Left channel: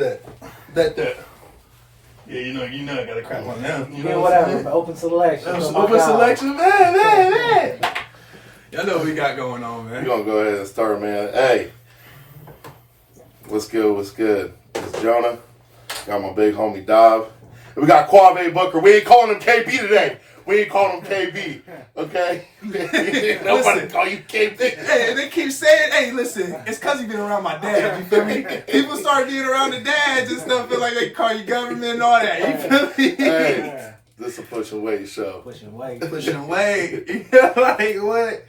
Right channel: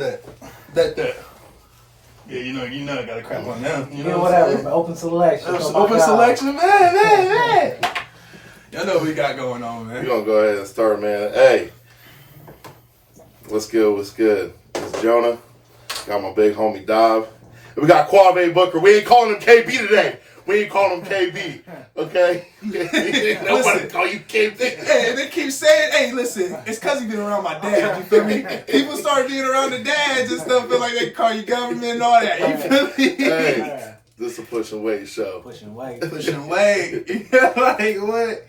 Bet that. Yeah, you know, I gotta crap on them. You know whatever. Open selection. Open selection, man. Y'all know what we got going on, man. We're gonna go ahead and start, man. Hey, what's good? It's Jonah. Got my big homie Dov. We got Quave Booker. We ain't calling him KB today. We ain't calling him KB. Okay? Nobody call you KB. They keep saying, hey, listen, it's because you been around my dad. You feel me? People start getting around the dads and stuff, feel like they call you government and all that. You feel me? Hey, this is a push and wait show. Pushing weight. Yeah, like what?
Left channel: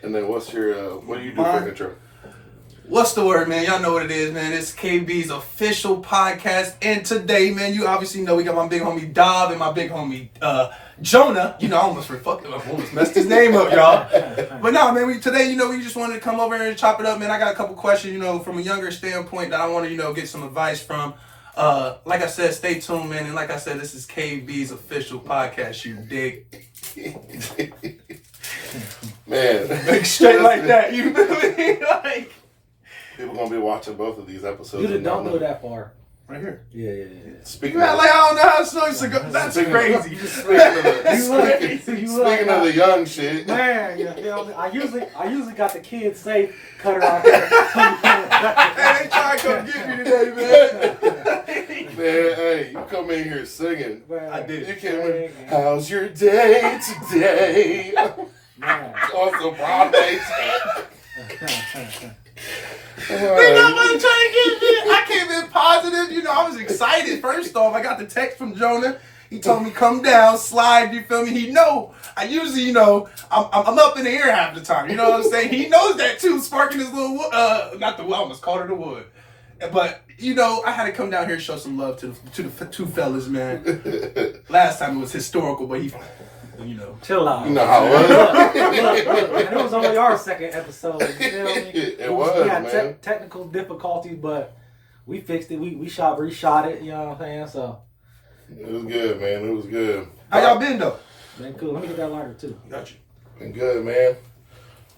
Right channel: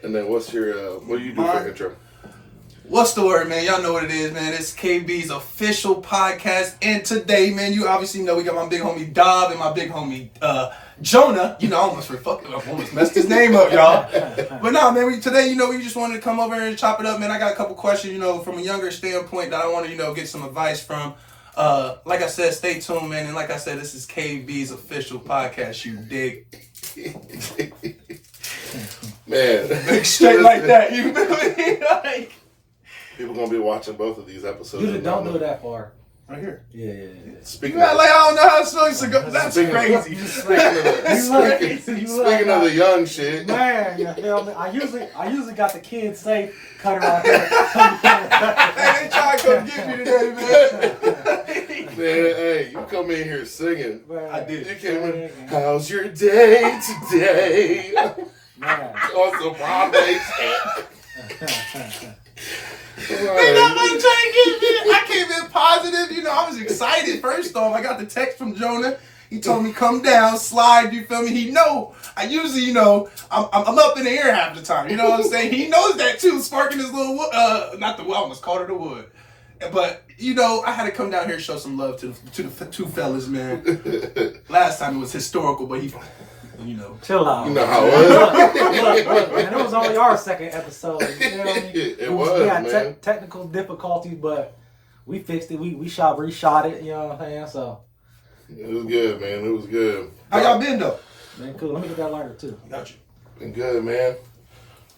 And then what do you do for intro? What's the word, man? Y'all know what it is, man. It's KB's official podcast. And today, man, you obviously know we got my big homie Dov and my big homie Jonah. You know, I almost messed his name up, y'all. But no, man, today, we just wanted to come over here and chop it up, man. I got a couple questions, from a younger standpoint that I want to, get some advice from. Like I said, stay tuned, man. And like I said, this is KB's official podcast, you dig? Man. Like straight like that, you feel me? Like, people gonna be watching both of these episodes. Don't go that far. Right here. Yeah. Speaking of, like, I don't know how songs to go. That's crazy. Speaking of the young shit. Man, you feel me? I usually got the kids safe cutter out there. They trying to come get you today, man. Man, hey, you come in here singing. Man, I did. You came in, how's your day today? Man. On some Broadway shit. They not about to try and get me. I came in positive, I was excited. First off, I got the text from Jonah. He told me come down, slide, you feel me? He know. I usually, I'm up in the air half the time. You know what I'm saying? He knows that too, sparking his little wood. Not the wood, I almost called her the wood. But, I had to come down here and show some love to the two fellas, man. Last time it was historical, but he... Chill out. You know how it was. And it was only our second episode. You feel me? It was, we had man. Technical difficulties, but we fixed it. We reshot it. You know what I'm saying? So it was good, man. It was good. How y'all been though? been cool. Let me get that lighter too. Got you. Been good, man.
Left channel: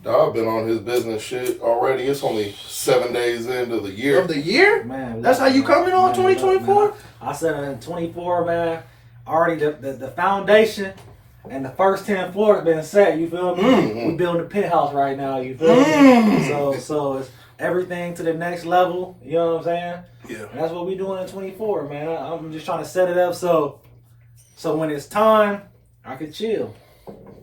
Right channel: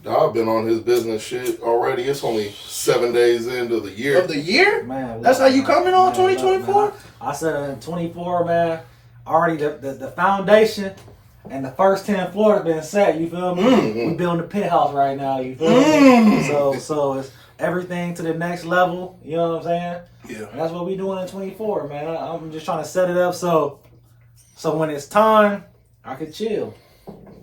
Dog been on his business shit already. It's only 7 days into the year. Of the year? Man, that's how you coming on 2024? I said in 24, man. Already the foundation. And the first 10 floors have been set, you feel me? Mm-hmm. We building a penthouse right now, you feel me? So it's everything to the next level, you know what I'm saying? Yeah. And that's what we doing in 24, man. I'm just trying to set it up so when it's time, I can chill.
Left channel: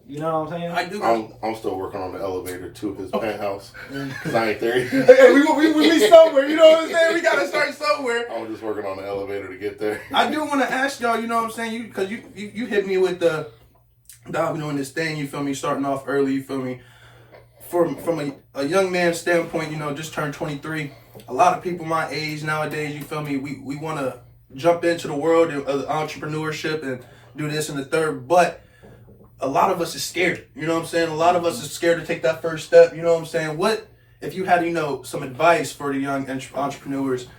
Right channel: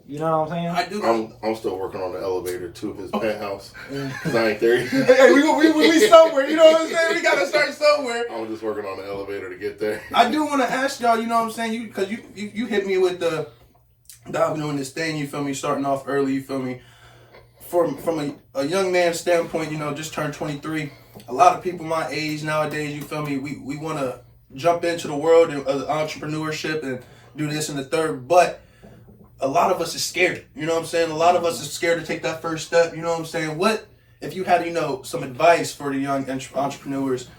You know what I'm saying? I do. I'm still working on the elevator to his penthouse. Cause I ain't there yet. Hey, we somewhere, you know what I'm saying? We gotta start somewhere. I'm just working on the elevator to get there. I do want to ask y'all, you know what I'm saying? Because you hit me with the... I've been doing this thing, you feel me, starting off early, you feel me. From a young man's standpoint, just turned 23. A lot of people my age nowadays, you feel me, we want to jump into the world of entrepreneurship and do this and the third, but a lot of us is scared, you know what I'm saying? A lot of us is scared to take that first step, you know what I'm saying? What, if you had, some advice for the young entrepreneurs,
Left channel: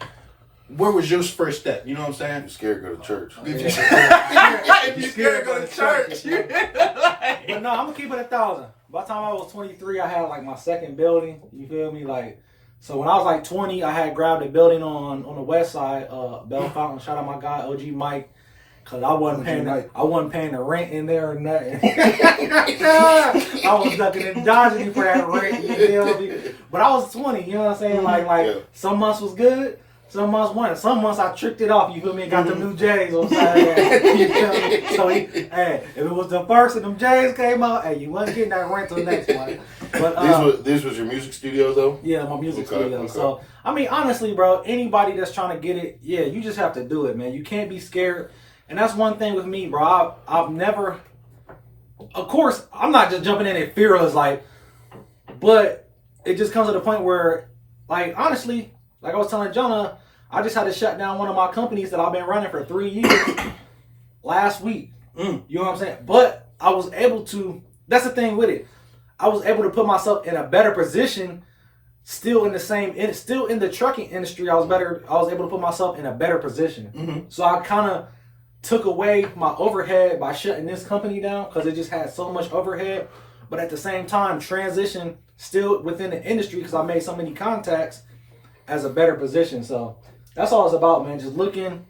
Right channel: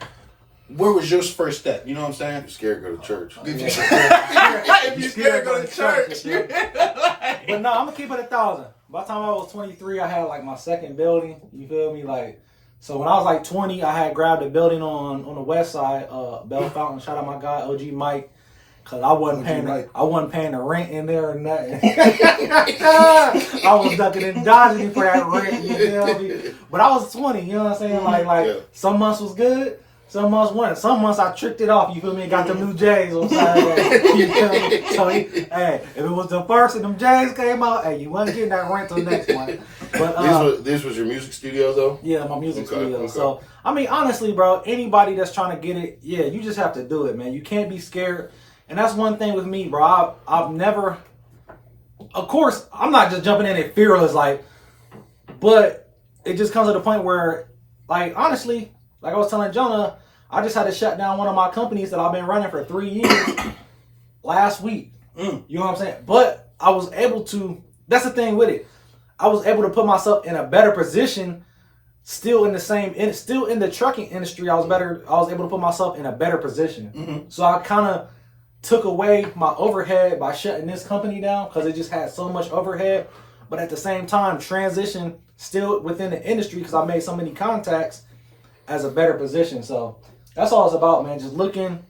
where was your first step? You know what I'm saying? You're scared to go to church. If you're scared to go to church. But no, I'm going to keep it 1,000. By the time I was 23, I had like my second building. You feel me? So when I was like 20, I had grabbed a building on the west side, Bell Fountain. Shout out my guy, OG Mike. Cause I wasn't paying the rent in there or nothing. I was ducking and dodging for that rent, you feel me? But I was 20, you know what I'm saying? Like some months was good. Some months weren't. Some months I tricked it off, you feel me? Got them new J's on Saturday. You feel me? So, hey, if it was the first and them J's came out, hey, you wasn't getting that rent till next month. But These was your music studios, though? Yeah, my music studio. Okay. So, I mean, honestly, bro, anybody that's trying to get it, yeah, you just have to do it, man. You can't be scared. And that's one thing with me, bro. I've never, of course, I'm not just jumping in it fearless, but it just comes to the point where, honestly, like I was telling Jonah, I just had to shut down one of my companies that I've been running for 3 years last week. You know what I'm saying? But I was able to, that's the thing with it. I was able to put myself in a better position, still in the trucking industry. I was able to put myself in a better position. So I kind of took away my overhead by shutting this company down because it just had so much overhead. But at the same time, transition still within the industry because I made so many contacts as a better position. So that's all it's about, man. Just looking,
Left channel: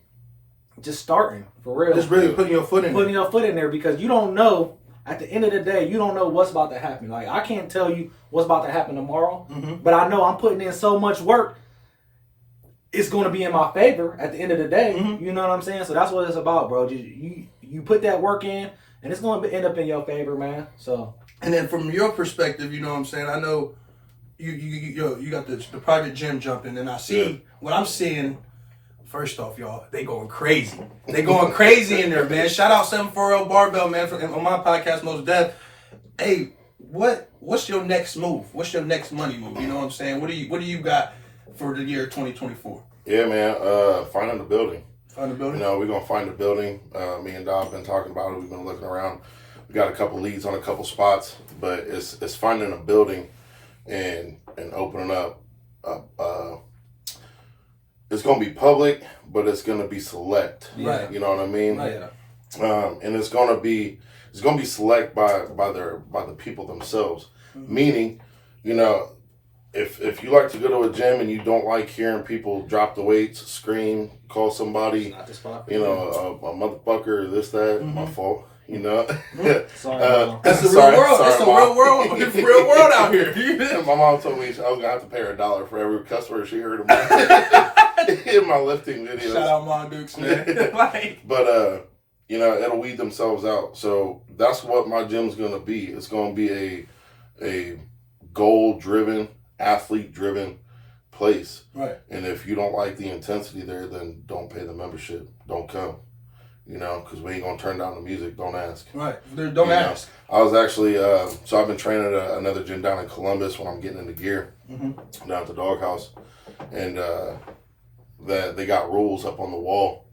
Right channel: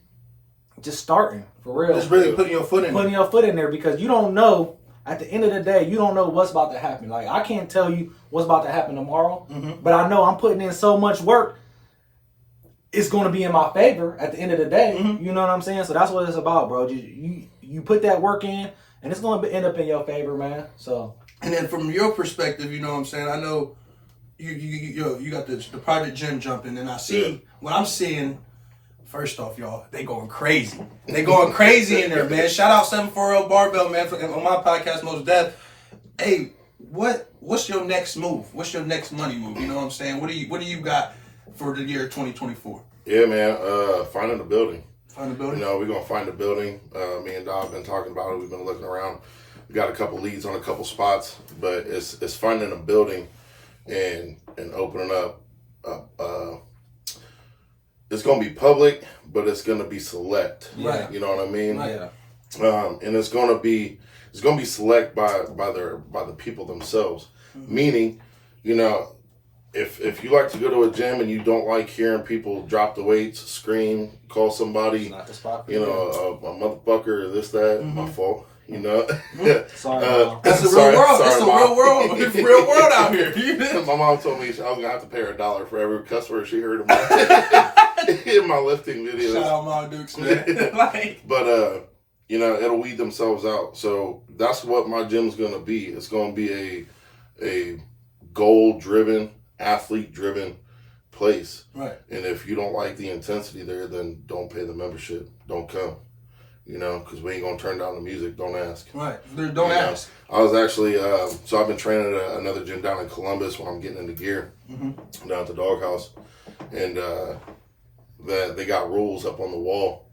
just starting for real. Just really putting your foot in Putting your foot in there because you don't know, at the end of the day, you don't know what's about to happen. Like, I can't tell you what's about to happen tomorrow, but I know I'm putting in so much work. It's going to be in my favor at the end of the day. You know what I'm saying? So that's what it's about, bro. Just, you put that work in, and it's going to end up in your favor, man. So. And then from your perspective, you know what I'm saying? I know you got the private gym jumping, and I see what I'm seeing. First off, y'all, they going crazy. They going crazy in there, man. Shout out 740 Barbell, man, on my podcast, Most Death. Hey, what's your next move? What's your next money move? You know what I'm saying? What do you got for the year 2024? Yeah, man. Finding a building. Find a building? You know, we're gonna find a building. Me and Dom have been talking about it. We've been looking around. We got a couple leads on a couple spots, but it's finding a building and opening up. It's gonna be public, but it's gonna be select. Right. You know what I mean? Right. And it's gonna be select by the people themselves. Meaning, you know, if you like to go to a gym and you don't like hearing people drop the weights, scream, call somebody, Not the spot for you know, a motherfucker, this, that, my fault. You know, Sorry, that's the real world. That's the real world. It's the real world out here. My mom told me I was gonna have to pay her $1 for every customer she heard in my lifting videos. Shout out Mom Dukes, man. But you know, it'll weed themselves out. So that's what my gym's gonna be. It's gonna be a goal-driven, athlete-driven place. Right. And if you don't like the intensity there, then don't pay the membership. Don't come. You know, because we ain't gonna turn down the music. Don't ask. Right. Don't ask. I was actually so I've been training at another gym down in Columbus when I'm getting into gear down at the doghouse, and that they got rules up on the wall,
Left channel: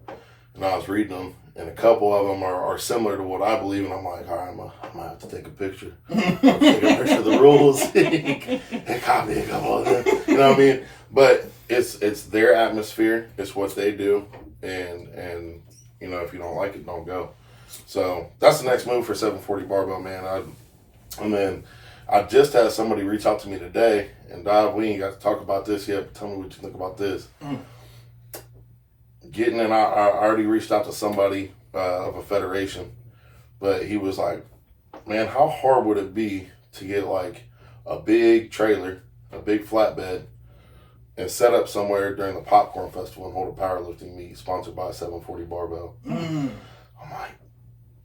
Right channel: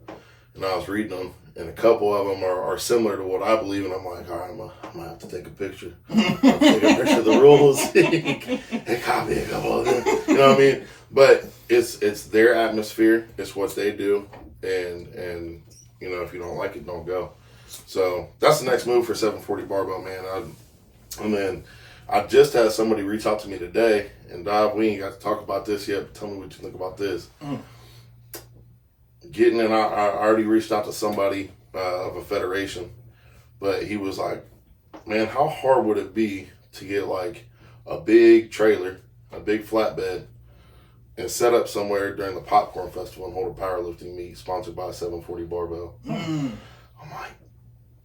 and I was reading them, and a couple of them are similar to what I believe, and I'm like, all right, I'm gonna have to take a picture. Take a picture of the rules. And copy a couple of them. You know what I mean? But it's their atmosphere. It's what they do, and you know, if you don't like it, don't go. So that's the next move for 740 Barbell, man. And then I just had somebody reach out to me today, and Dive, we ain't got to talk about this yet, but tell me what you think about this. Getting in, I already reached out to somebody of a federation, but he was like, man, how hard would it be to get like a big trailer, a big flatbed, and set up somewhere during the Popcorn Festival and hold a powerlifting meet sponsored by 740 Barbell. I'm like,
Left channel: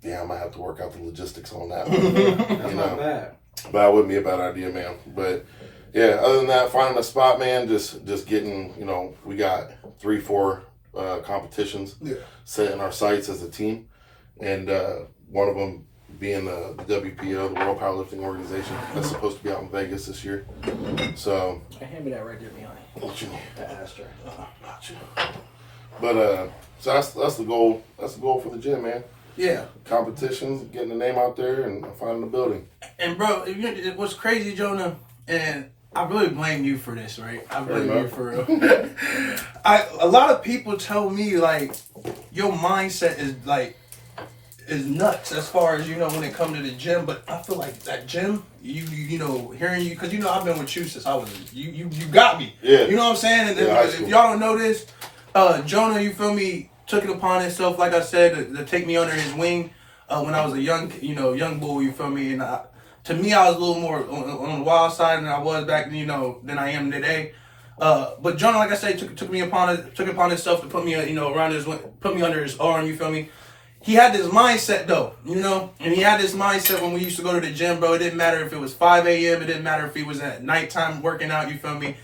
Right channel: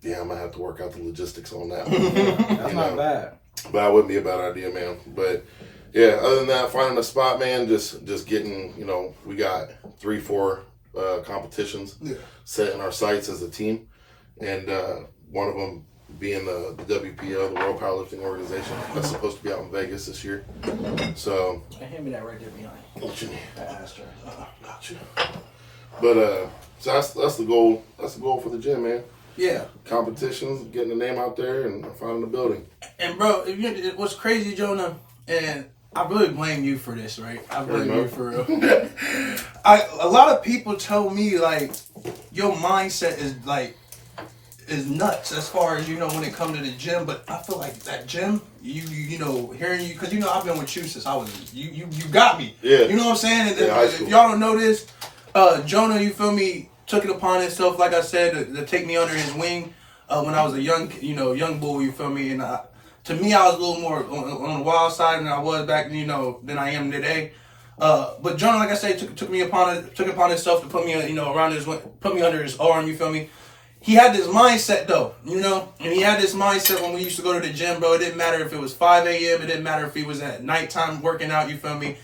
yeah, I might have to work out the logistics on that one. That's not bad. But that wouldn't be a bad idea, man. But yeah, other than that, finding a spot, man, just getting, you know, we got 3-4 competitions set in our sights as a team. And one of them being the WPO, the World Powerlifting Organization, that's supposed to be out in Vegas this year. So, Hey, hand me that right there behind you. what you need? That ashtray. Gotcha. But so that's the goal. That's the goal for the gym, man. Yeah. Competitions, getting the name out there, and finding the building. And bro, it was crazy, Jonah, and I really blame you for this, right? I blame you for real. A lot of people tell me like your mindset is nuts as far as, you know, when it comes to the gym, but I feel like that gym, you know, hearing you, because, you know, I've been with you since I was, you got me. Yeah. You know what I'm saying? And Yeah, if y'all don't know this, Jonah, you feel me, took it upon himself, like I said, to take me under his wing when I was a young bull, you feel me? And to me, I was a little more on the wild side than I was back, you know, than I am today. But Jonah, like I said, took upon himself to put me, you know, put me under his arm, you feel me? He had this mindset though, you know, and he had this mindset when we used to go to the gym, bro. It didn't matter if it was 5 a.m. It didn't matter if he was at nighttime working out, you feel me?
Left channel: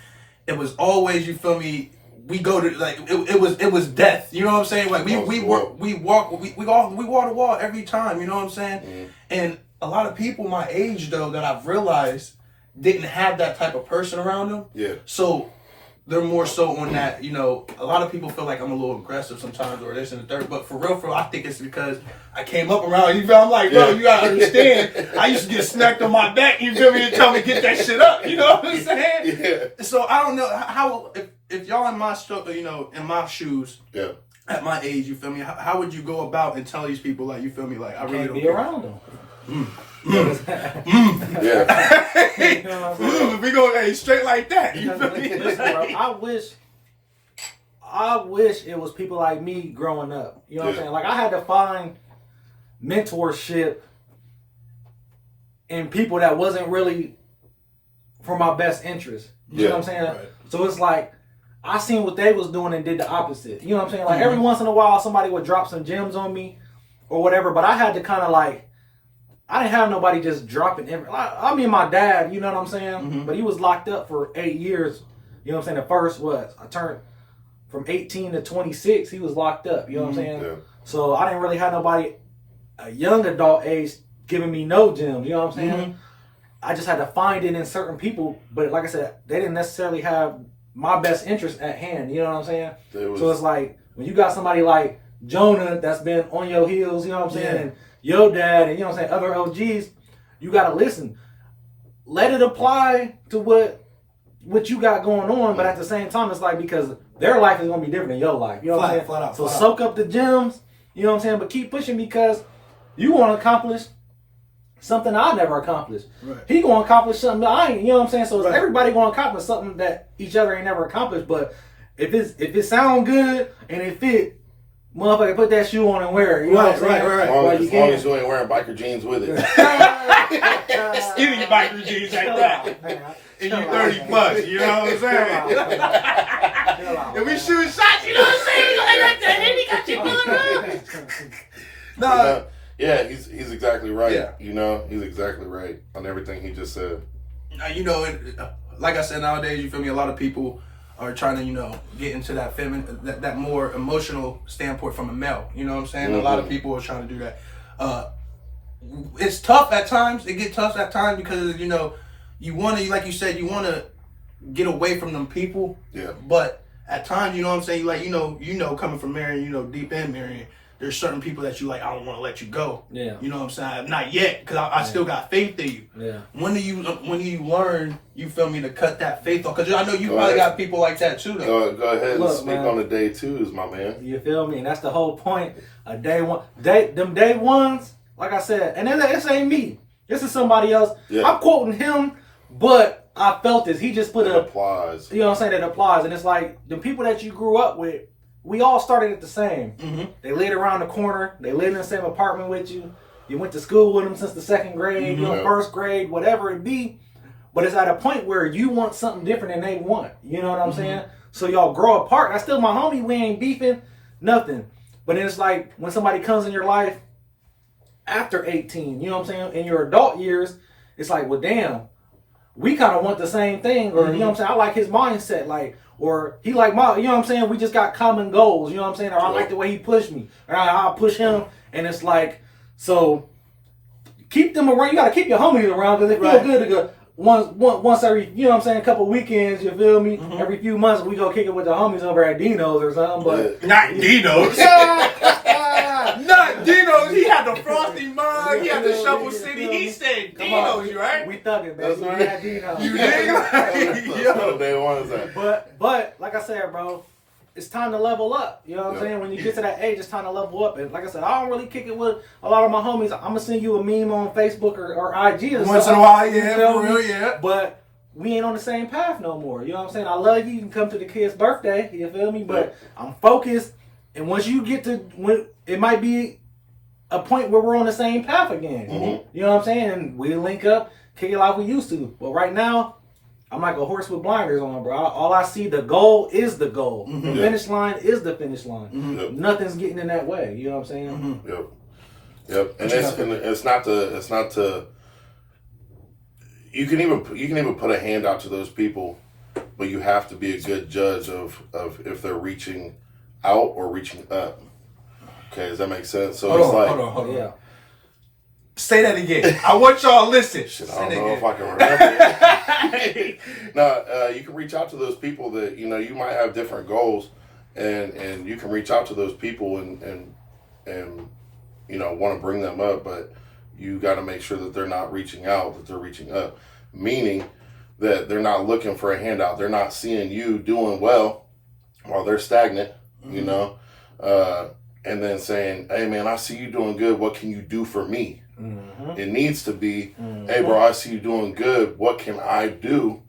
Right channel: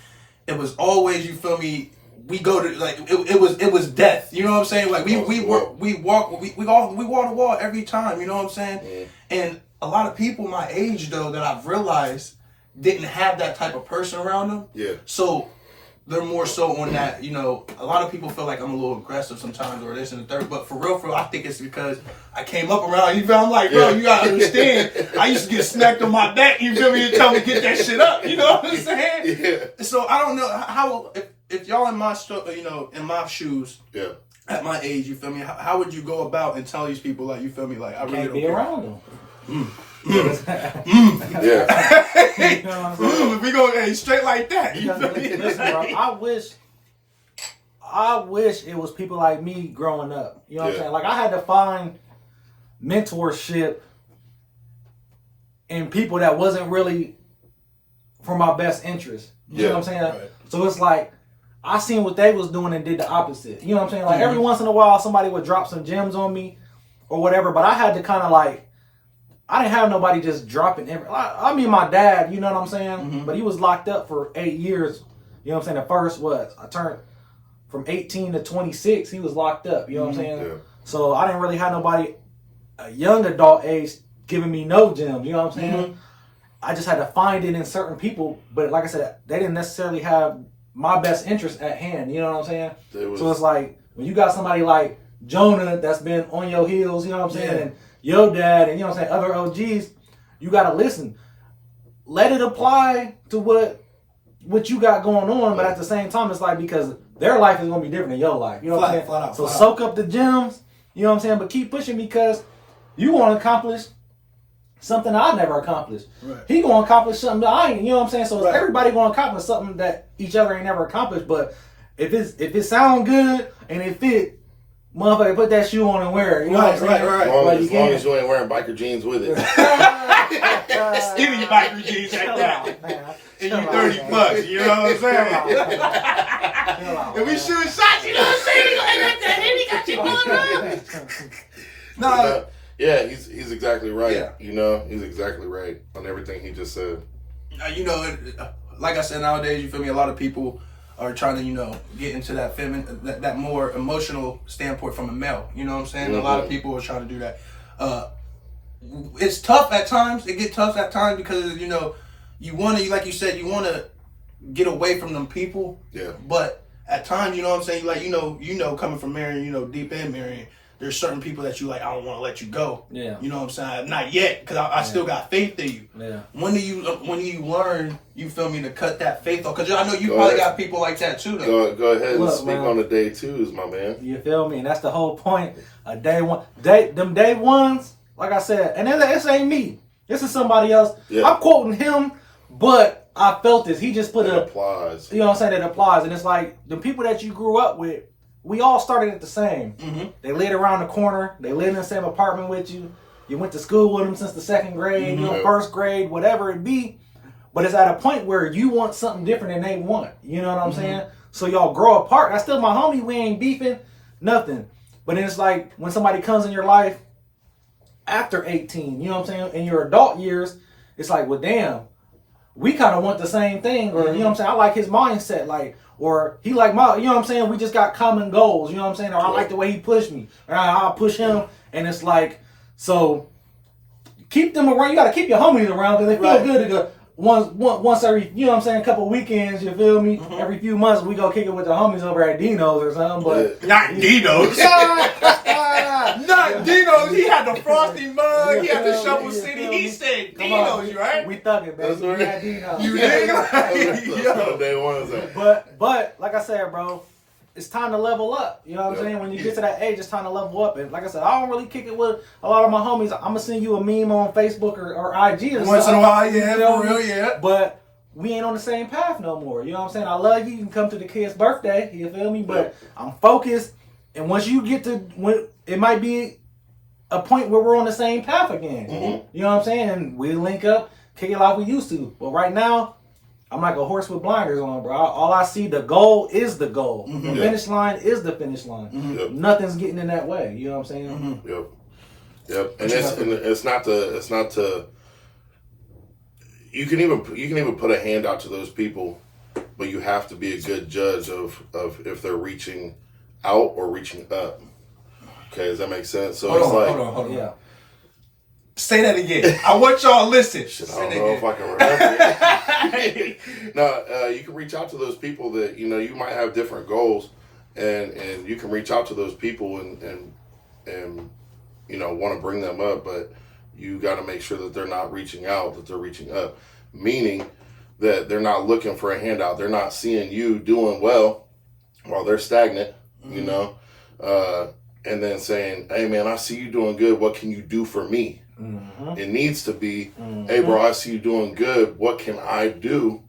It was always, you feel me? We go to like it was death, you know what I'm saying? Like we walk the wall every time, you know what I'm saying? Mm. And a lot of people my age though that I've realized didn't have that type of person around them. Yeah. So they're more so on that, you know, a lot of people feel like I'm a little aggressive sometimes or this and the third, but for real, I think it's because I came up around, you feel, I'm like, bro, you gotta understand, I used to get smacked on my back, you feel me, and tell me to get that shit up, you know what I'm saying? Yeah. So I don't know how, if y'all in my, you know, in my shoes, yeah, at my age, you feel me? How would you go about and tell these people, like, you feel me? Like, I really Can't don't be care. around them. Yeah. You know what I'm saying? We go straight like that. You feel me? Listen, bro, I wish it was people like me growing up. You know what I'm saying? Like, I had to find mentorship in people that wasn't really for my best interest. You know what I'm saying? Right. So it's like, I seen what they was doing and did the opposite. You know what I'm saying? Like, every once in a while, somebody would drop some gems on me or whatever, but I had to kind of like, I didn't have nobody just dropping I mean, my dad, you know what I'm saying? But he was locked up for 8 years. You know what I'm saying? The first I turned from 18 to 26, he was locked up. You know what I'm saying? Yeah. So I didn't really have nobody a young adult age giving me no gems. You know what I'm saying? I just had to find it in certain people. But like I said, they didn't necessarily have my best interest at hand. You know what I'm saying? So it's like, when you got somebody like Jonah that's been on your heels, you know what I'm saying? And your dad and, you know what I'm saying, other OGs, you got to listen. Let it apply to what you got going on, but at the same time, it's like, because their life is going to be different than your life. You know what I'm saying? Flat out, so flat soak up the gems, you know what I'm saying? But keep pushing, because you want to accomplish something I never accomplished. Right. He going to accomplish something that I ain't, you know what I'm saying? So Right. everybody going to accomplish something that each other ain't never accomplished. But if it sound good and it fit, motherfucker, put that shoe on and wear it. You know what I'm saying? Right. As long, Like, as, long as you ain't wearing biker jeans with it. Skinny biker jeans like that. And you 30 plus, you know what I'm saying? And we shooting shots, you know what I'm saying? Like that, and he got you pulling around. No. Yeah, he's exactly right. Yeah. You know, he's exactly right on everything he just said. You know, like I said, nowadays, you feel me, a lot of people are trying to, you know, get into that that more emotional standpoint from a male. You know what I'm saying? A lot of people are trying to do that. It's tough at times. It gets tough at times because, you know, you want to, like you said, you want to get away from them people. Yeah. But at times, you know what I'm saying? Like, you know, coming from Marion, you know, deep in Marion, there's certain people that you like, I don't want to let you go. Yeah. You know what I'm saying? Not yet, because I still got faith in you. Yeah. When do you learn, you feel me, to cut that faith off? Because I know you probably got people like that too, though. Go ahead and Look, speak man. on the day twos, my man. You feel me? And that's the whole point of day one. Them day ones, like I said, and this ain't me. This is somebody else. Yeah. I'm quoting him, but I felt this. He just put It applies. You know what I'm saying? It applies. And it's like, the people that you grew up with, we all started at the same. They lived around the corner. They lived in the same apartment with you. You went to school with them since the second grade, you know, first grade, whatever it be. But it's at a point where you want something different than they want. You know what I'm saying? So y'all grow apart. That's still my homie. We ain't beefing, nothing. But then it's like, when somebody comes in your life after 18, you know what I'm saying, in your adult years, it's like, well, damn, we kind of want the same thing. Or, you know what I'm saying, I like his mindset, like, or he like my, you know what I'm saying, we just got common goals, you know what I'm saying, or I like the way he pushed me, or I'll push him. And it's like, so keep them around. You got to keep your homies around, because it feels good to go once every, you know what I'm saying, a couple weekends, you feel me? Every few months we go kick it with the homies over at Dino's or something. But Not Dino's. Not Dino's. He had the frosty mug. He had the Shovel City. He said Dino's, right? We thugging, baby. That's right. We at Dino's. You dig? That's day one is that. But like I said, bro, it's time to level up. You know what I'm saying? When you get to that age, it's time to level up. And like I said, I don't really kick it with a lot of my homies. I'm gonna send you a meme on Facebook or IG or Once in a while, yeah, for real, yeah. But we ain't on the same path no more. You know what I'm saying? I love you. You can come to the kid's birthday. You feel me? But I'm focused. And once you get to, when it might be a point where we're on the same path again. You know what I'm saying? And we'll link up, kick it like we used to. But right now, I'm like a horse with blinders on, bro. All I see, the goal is the goal. The finish line is the finish line. Nothing's getting in that way. You know what I'm saying? Yep. And it's not to. You can even put a hand out to those people, but you have to be a good judge of if they're reaching out or reaching up. Okay, does that make sense? So Hold on. Yeah. Say that again. I want y'all to listen. Shit, I don't know if I can remember it. No, you can reach out to those people that, you know, you might have different goals, and you can reach out to those people and you know, want to bring them up, but you got to make sure that they're not reaching out, that they're reaching up, meaning that they're not looking for a handout. They're not seeing you doing well while they're stagnant, you know. and then saying, hey man, I see you doing good. What can you do for me? Mm-hmm. It needs to be, hey bro, I see you doing good. What can I do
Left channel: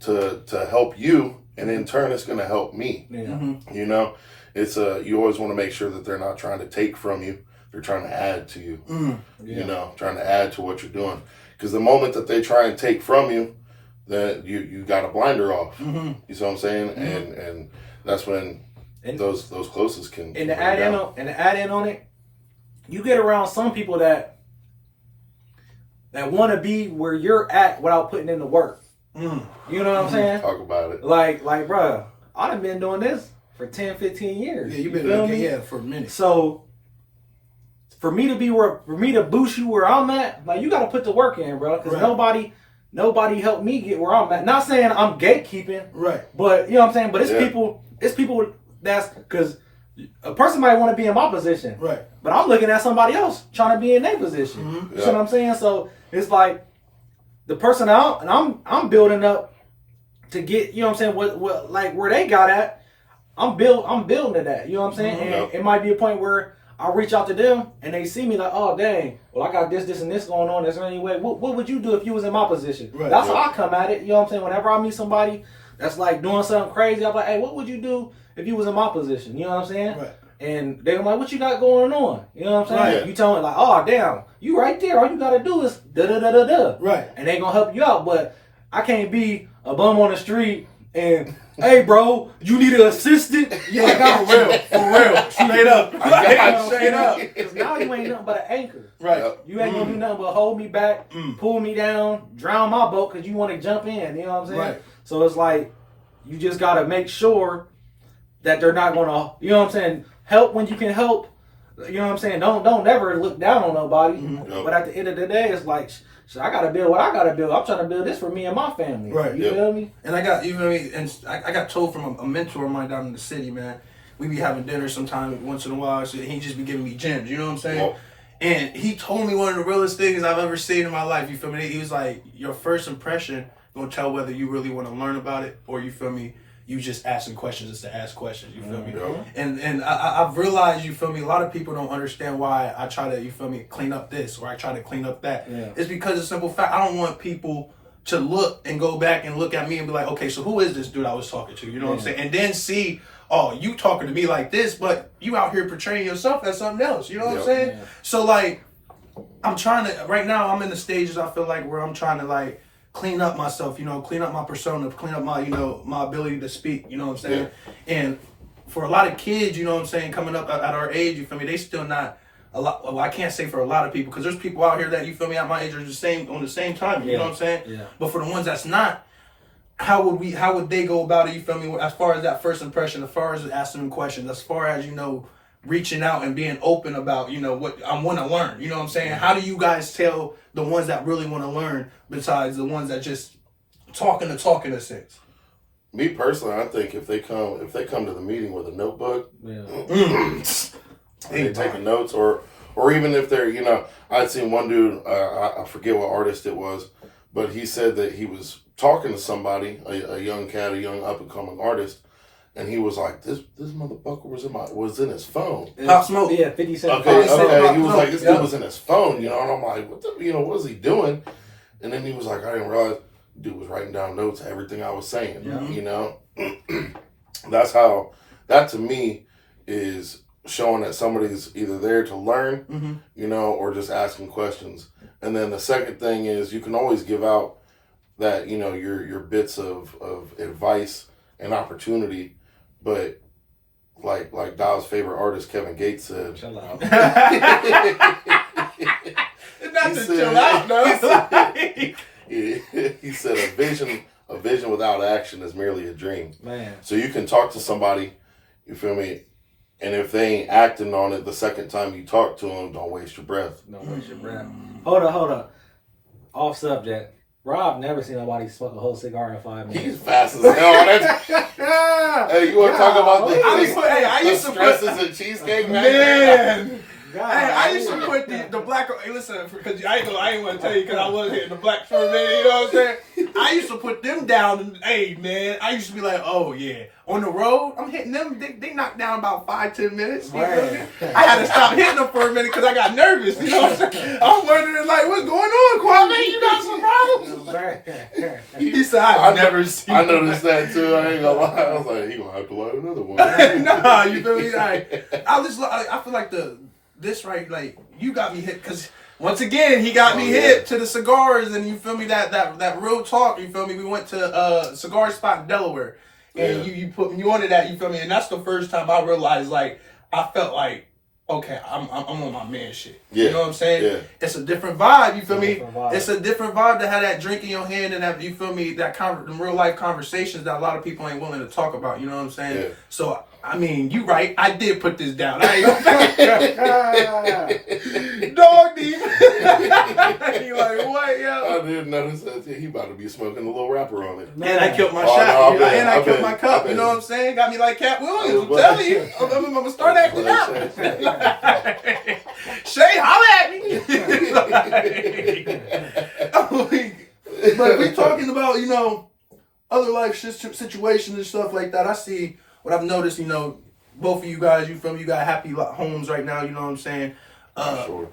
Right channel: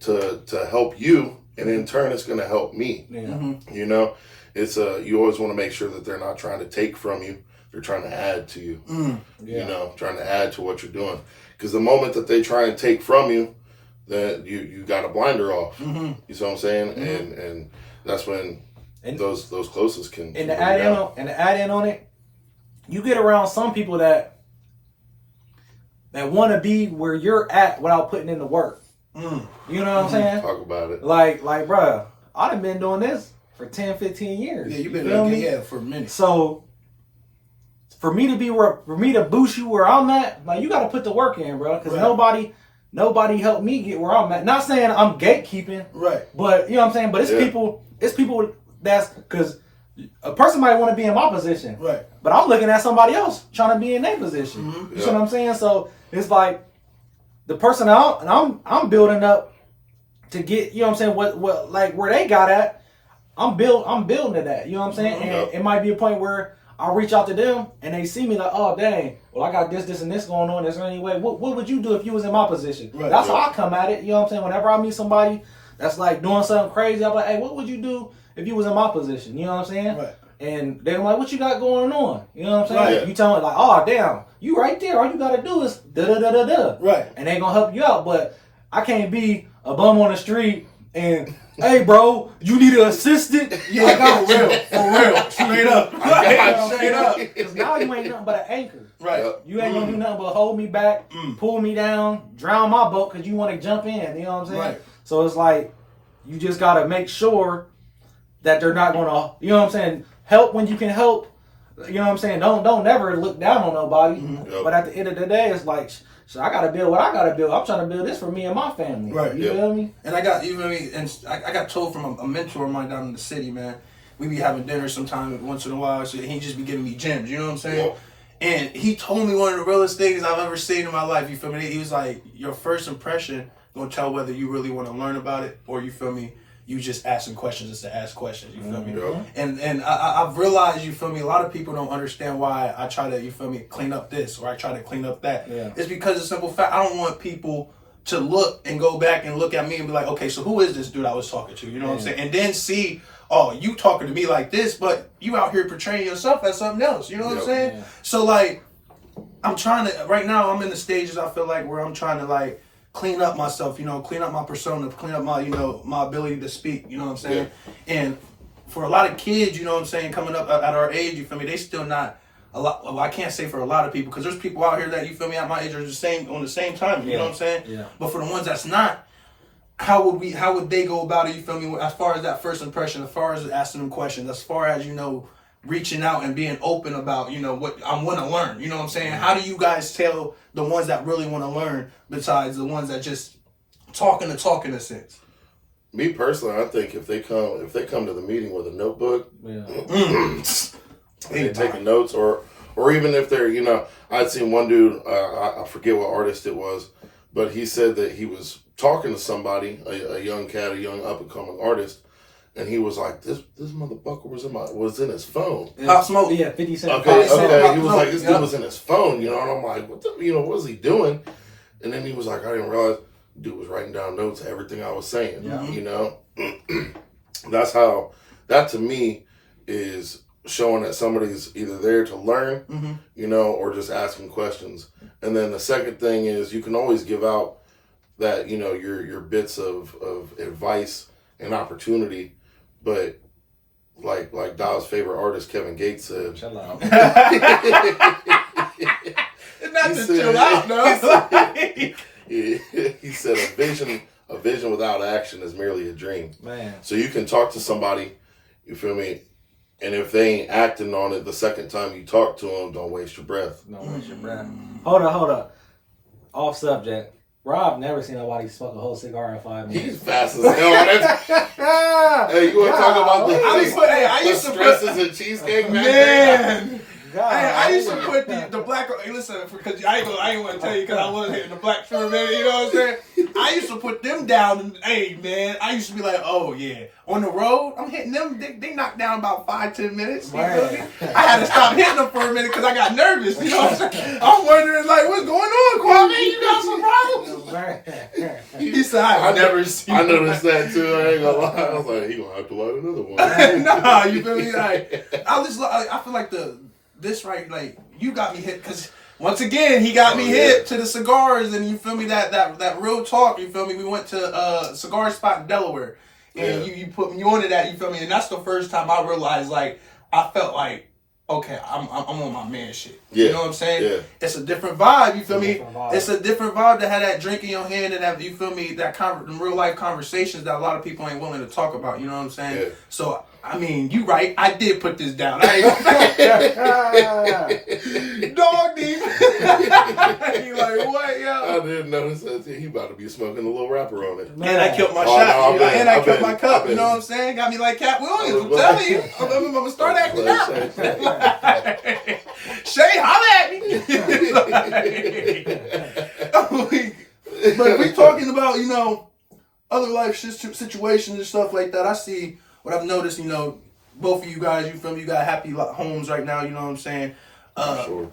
to help you? And in turn, it's going to help me. Yeah. Mm-hmm. You know, it's you always want to make sure that they're not trying to take from you. They're trying to add to you. Yeah. You know, trying to add to what you're doing. Because the moment that they try and take from you, then you got a blinder off. Mm-hmm. You see what I'm saying? Mm-hmm. And that's when those closest can. And to add in on it, you get around some people that want to be where you're at without putting in the work. Mm. You know what I'm saying? Talk about it. Like, bruh, I done been doing this for 10, 15 years. Yeah, you've been doing it for a minute. So, for me to boost you where I'm at, like, you got to put the work in, bro. Because nobody helped me get where I'm at. Not saying I'm gatekeeping. Right. But, you know what I'm saying? But it's people that's, because a person might want to be in my position. Right. But I'm looking at somebody else trying to be in their position. Mm-hmm. You see what I'm saying? So, it's like, the person I'm building up to get, you know what I'm saying, what like where they got at, I'm building to that, you know what I'm saying? Mm-hmm. And it might be a point where I'll reach out to them and they see me like, oh dang, well I got this and this going on. Is there any way? What would you do if you was in my position? Right, that's how I come at it, you know what I'm saying? Whenever I meet somebody that's like doing something crazy, I'm like, hey, what would you do if you was in my position? You know what I'm saying? Right. And they're like, what you got going on? You know what I'm saying? Right. You tell me like, oh damn, you right there. All you gotta do is da-da-da-da-da. Right. And they gonna help you out. But I can't be a bum on the street and, hey bro, you need an assistant? Yeah, I got for real. Straight up. Straight up. Because now you ain't nothing but an anchor. Right. You ain't gonna do nothing but hold me back, pull me down, drown my boat because you want to jump in. You know what I'm saying? Right. So it's like, you just gotta make sure that they're not gonna, you know what I'm saying, help when you can help. You know what I'm saying? Don't never look down on nobody. Mm-hmm. But at the end of the day, it's like, I gotta build what I gotta build. I'm trying to build this for me and my family. Right. You feel me? And I got, you know what I mean? And I got told from a mentor of mine down in the city, man. We be having dinner sometime once in a while. So he just be giving me gems. You know what I'm saying? Yep. And he told me one of the realest things I've ever seen in my life. You feel me? He was like, your first impression gonna tell whether you really want to learn about it or, you feel me, you just asking questions just to ask questions, you feel me? Mm-hmm. And I've realized, you feel me, a lot of people don't understand why I try to, you feel me, clean up this or I try to clean up that. Yeah. It's because of the simple fact, I don't want people to look and go back and look at me and be like, okay, so who is this dude I was talking to? You know what I'm saying? And then see, oh, you talking to me like this, but you out here portraying yourself as something else. You know what I'm saying? Yeah. So like, I'm trying to, right now I'm in the stages I feel like where I'm trying to like, clean up myself, you know, clean up my persona, clean up my, you know, my ability to speak, you know what I'm saying? Yeah. And for a lot of kids, you know what I'm saying, coming up at our age, you feel me, they still not a lot, well, I can't say for a lot of people, because there's people out here that, you feel me, at my age are the same, on the same time, you know what I'm saying? Yeah. But for the ones that's not, how would they go about it, you feel me, as far as that first impression, as far as asking them questions, as far as, you know, reaching out and being open about, you know, what I want to learn. You know what I'm saying? How do you guys tell the ones that really want to learn besides the ones that just talk in a sense? Me personally, I think if they come to the meeting with a notebook, and taking notes, or even if they're, you know, I'd seen one dude, I forget what artist it was, but he said that he was talking to somebody, a young cat, a young up and coming artist. And he was like, "This motherfucker was in his phone." Pop Smoke, 50 Cent. Okay. He was like, "This dude was in his phone," you know. And I'm like, "What was he doing?" And then he was like, "I didn't realize the dude was writing down notes, everything I was saying." Mm-hmm. You know, that to me is showing that somebody's either there to learn, you know, or just asking questions. And then the second thing is you can always give out that, you know, your bits of advice and opportunity. But like Daw's favorite artist Kevin Gates said, chill out. Not to chill out, no. He said a vision without action is merely a dream. Man. So you can talk to somebody, you feel me, and if they ain't acting on it the second time you talk to them, don't waste your breath. Don't waste your breath. Hold on. Off subject. Bro, I've never seen nobody smoke a whole cigar in 5 minutes. He's fast as hell. Hey, you want to talk about the I used to stresses and cheesecake, man? God. Hey, I used to put the black. Hey, listen, because I ain't want to tell you because I was hitting the black from man. You know what I'm saying? I used to put them down. And, hey, man, I used to be like, oh yeah, on the road, I'm hitting them. They knocked down about 5-10 minutes. You feel me? I had to stop hitting them for a minute because I got nervous. You know what I'm saying? I'm wondering like, what's going on, Kwame? You got some problems? He said, I've never seen. I noticed that too. I ain't gonna lie. I was like, he gonna have to light another one. Nah, you feel me? Like, I feel like this right, like you got me hit because once again he got me hit to the cigars, and you feel me that real talk. You feel me? We went to a cigar spot in Delaware, and you put me onto that. You feel me? And that's the first time I realized like I felt like. Okay, I'm on my man shit. Yeah. You know what I'm saying? Yeah. It's a different vibe. You feel me? Vibe. It's a different vibe to have that drink in your hand and have, you feel me, that real life conversations that a lot of people ain't willing to talk about. You know what I'm saying? Yeah. So I mean, you right. I did put this down. I ain't gonna dog deep. You like what, yo? I didn't notice that. He about to be smoking a little wrapper on it. And I killed my Oh, shot. no, and I killed my I cup. bet. You know what I'm saying? Got me like Cat Williams. I'm telling you. I'm gonna start acting out. Shay, holla at me. But we talking about, you know, other life situations and stuff like that. I see what I've noticed, you know, both of you guys, you feel me, you got happy homes right now, you know what I'm saying? Sure.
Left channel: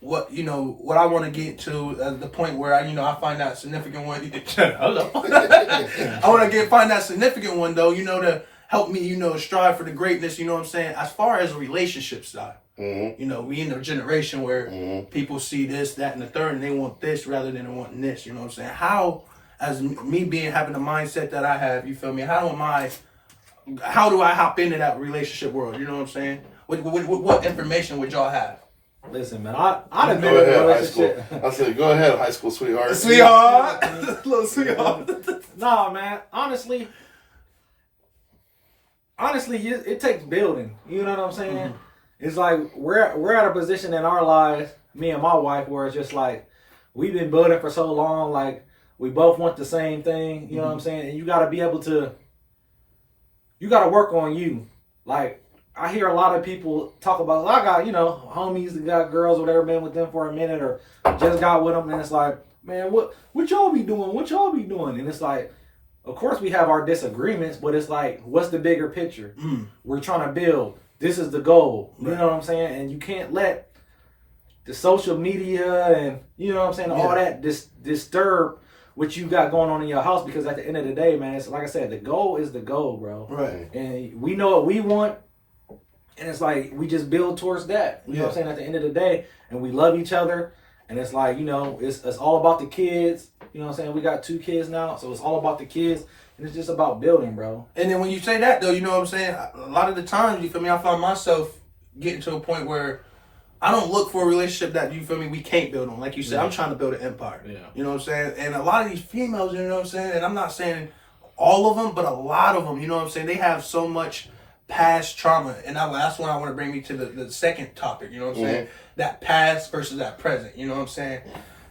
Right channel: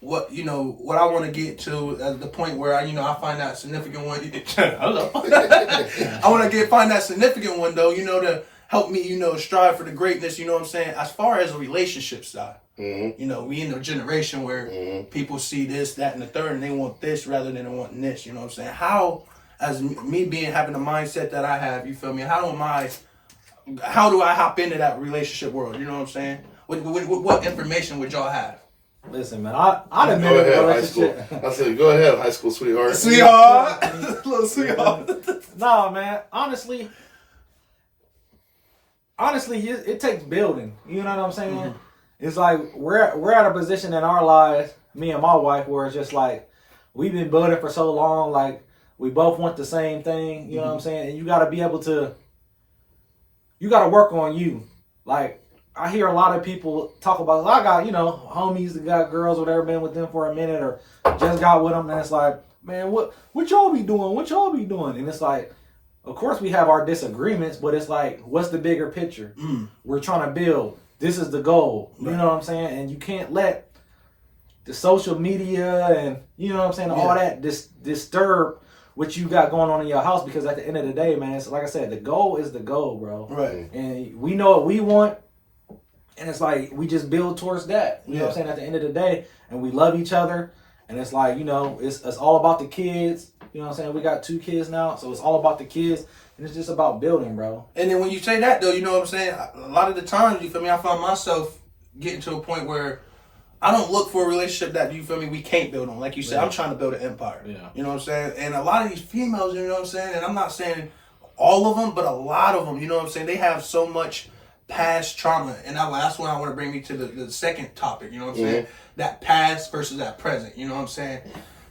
What I want to get to at the point where I find that significant one. Hello. I want to find that significant one though, you know, to help me, you know, strive for the greatness, you know what I'm saying? As far as a relationship side. Mm-hmm. You know, we in a generation where people see this, that, and the third, and they want this rather than wanting this. You know what I'm saying? How, as me having the mindset that I have, you feel me? How do I hop into that relationship world? You know what I'm saying? What information would y'all have? Listen, man, I done been Go in a ahead, high school. relationship. I said, go ahead, high school sweetheart. Sweetheart, little sweetheart. Nah, man. Honestly, it takes building. You know what I'm saying? Mm-hmm. It's like we're at a position in our lives, me and my wife, where it's just like we've been building for so long. Like we both want the same thing. You know what I'm saying? And you got to be able to. You got to work on you. Like I hear a lot of people talk about. I got homies that got girls, whatever, been with them for a minute or just got with them, and it's like, man, what y'all be doing? What y'all be doing? And it's like. Of course, we have our disagreements, but it's like, what's the bigger picture? We're trying to build. This is the goal. You know what I'm saying? And you can't let the social media and, you know what I'm saying, all that disturb what you got going on in your house, because at the end of the day, man, it's like I said, the goal is the goal, bro. Right. And we know what we want, and it's like we just build towards that. You know what I'm saying? At the end of the day, and we love each other. And it's like, it's all about the kids. You know what I'm saying? We got 2 kids now, so it's all about the kids. And it's just about building, bro. And then when you say that, though, you know what I'm saying? A lot of the times, you feel me, I found myself getting to a point where I don't look for a relationship that, you feel me, we can't build on. Like you said, I'm trying to build an empire. Yeah. You know what I'm saying? And a lot of these females, you know what I'm saying? And I'm not saying all of them, but a lot of them, you know what I'm saying? They have so much past trauma. And that's when I want to bring me to the second topic, you know what I'm saying? That past versus that present, you know what I'm saying?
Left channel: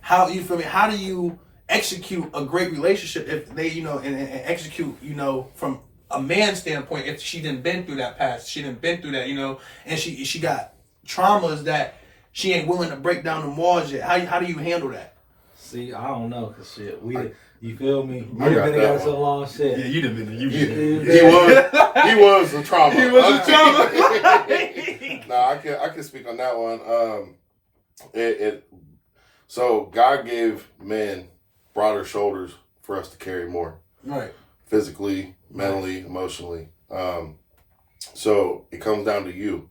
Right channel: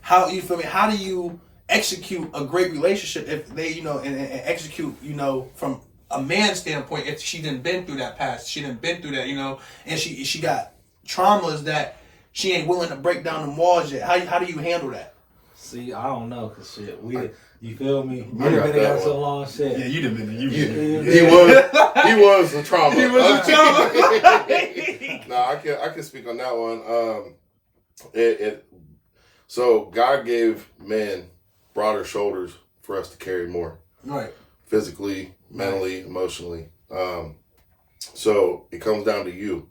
How, you feel me? How do you execute a great relationship if they, and execute, from a man's standpoint, if she didn't been through that past, she didn't been through that, and she got traumas that she ain't willing to break down the walls yet. How do you handle that? See, I don't know, cause shit, you feel me? I got been that so long, shit. Yeah, you done been He was a trauma. He was a trauma. Nah, I can speak on that one. So God gave men broader shoulders for us to carry more. Right. Physically, mentally, emotionally. So it comes down to you.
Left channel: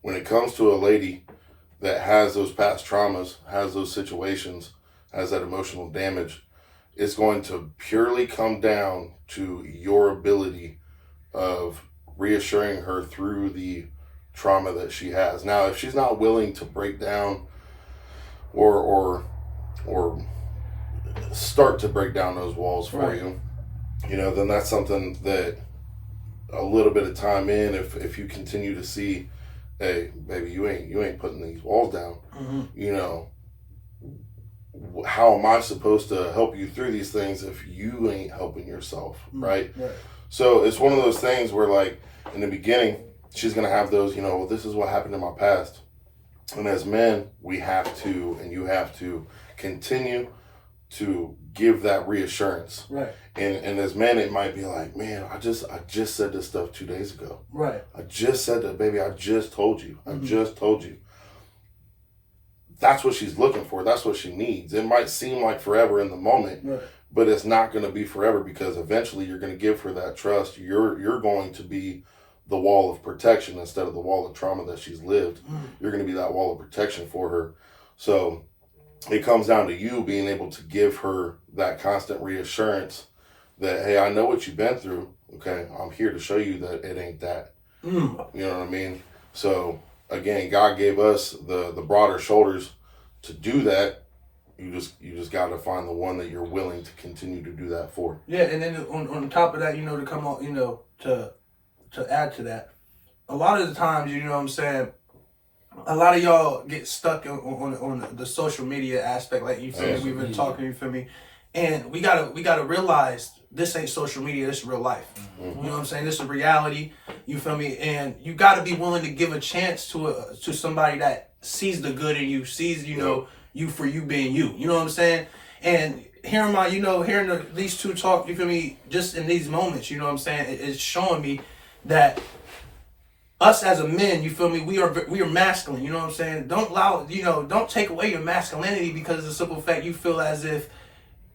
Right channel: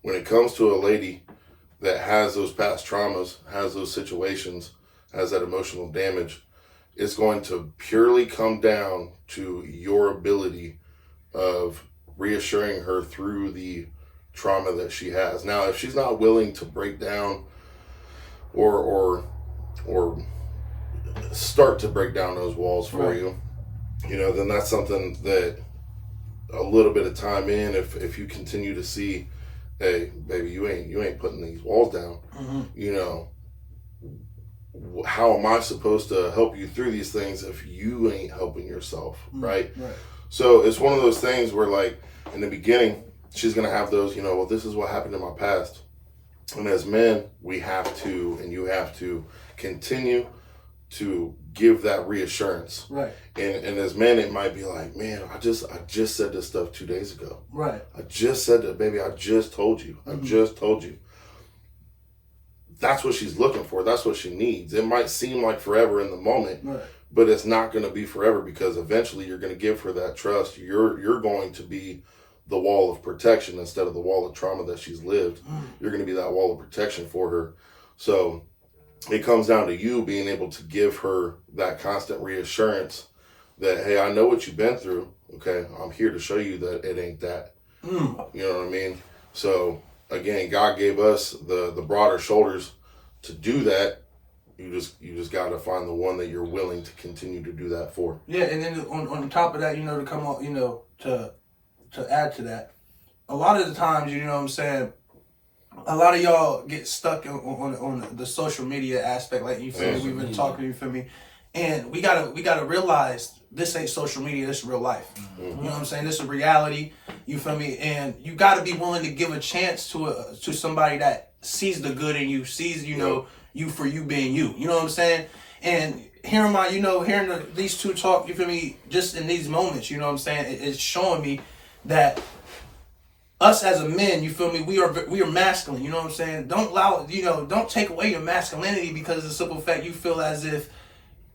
When it comes to a lady that has those past traumas, has those situations, has that emotional damage, it's going to purely come down to your ability of reassuring her through the trauma that she has. Now, if she's not willing to break down or start to break down those walls for you, then that's something that a little bit of time in, if you continue to see, hey, baby, you ain't putting these walls down, how am I supposed to help you through these things if you ain't helping yourself, right? So it's one of those things where, like, in the beginning, she's going to have those, well, this is what happened in my past. And as men, we have to, and you have to continue to give that reassurance. Right. And as men, it might be like, man, I just said this stuff 2 days ago. Right. I just said that, baby. I just told you. I just told you. That's what she's looking for. That's what she needs. It might seem like forever in the moment, Right. but it's not going to be forever, because eventually you're going to give her that trust. You're going to be the wall of protection instead of the wall of trauma that she's lived. You're going to be that wall of protection for her. So it comes down to you being able to give her that constant reassurance that, hey, I know what you've been through. Okay, I'm here to show you that it ain't that. You know what I mean? So again, God gave us the broader shoulders to do that. You just got to find the one that you're willing to continue to do that for. Yeah, and then on top of that, to come on, to add to that, a lot of the times, you know what I'm saying, a lot of y'all get stuck on the social media aspect, like you feel me, we've been talking, you feel me, and we gotta realize this ain't social media, this is real life. You know what I'm saying? This is reality, you feel me, and you gotta be willing to give a chance to somebody that sees the good in you, sees you for you being you. You know what I'm saying? And hearing these two talk, you feel me, just in these moments, you know what I'm saying, it's showing me that us as a men, you feel me, we are masculine, you know what I'm saying? Don't don't take away your masculinity because of the simple fact you feel as if,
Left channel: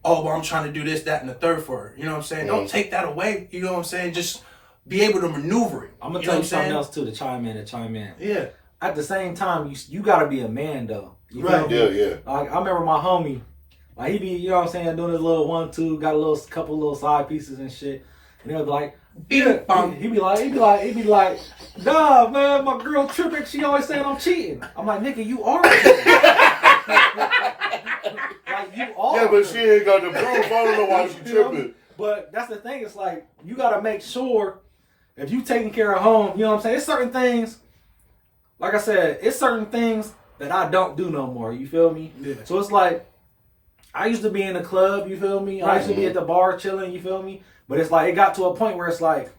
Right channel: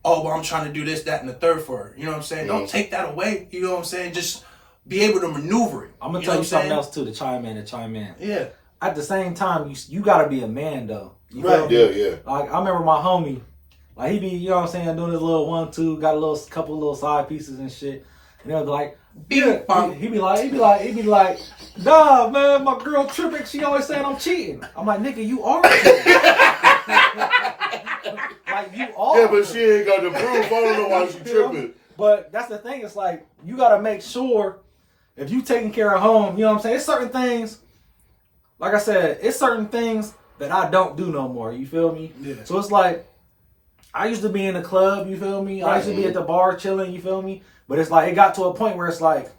oh, well, I'm trying to do this, that, and the third for her. You know what I'm saying? Don't take that away, you know what I'm saying? Just be able to maneuver it. I'm going to tell you something else too, to chime in. Yeah. At the same time, you got to be a man though. You Right. feel me? Yeah. Like, I remember my homie, like, he be, you know what I'm saying, doing his little 1-2, got a couple little side pieces and shit. And they was like, he be like, nah, man, my girl tripping. She always saying I'm cheating. I'm like, nigga, you are cheating. Like, you are. Yeah, but she ain't got the proof. I don't know why she tripping. But that's the thing. It's like, you got to make sure if you taking care of home, you know what I'm saying? It's certain things, like I said, it's certain things that I don't do no more. You feel me? Yeah. So it's like, I used to be in the club, you feel me? I used to be at the bar chilling, you feel me? But it's like, it got to a point where it's like,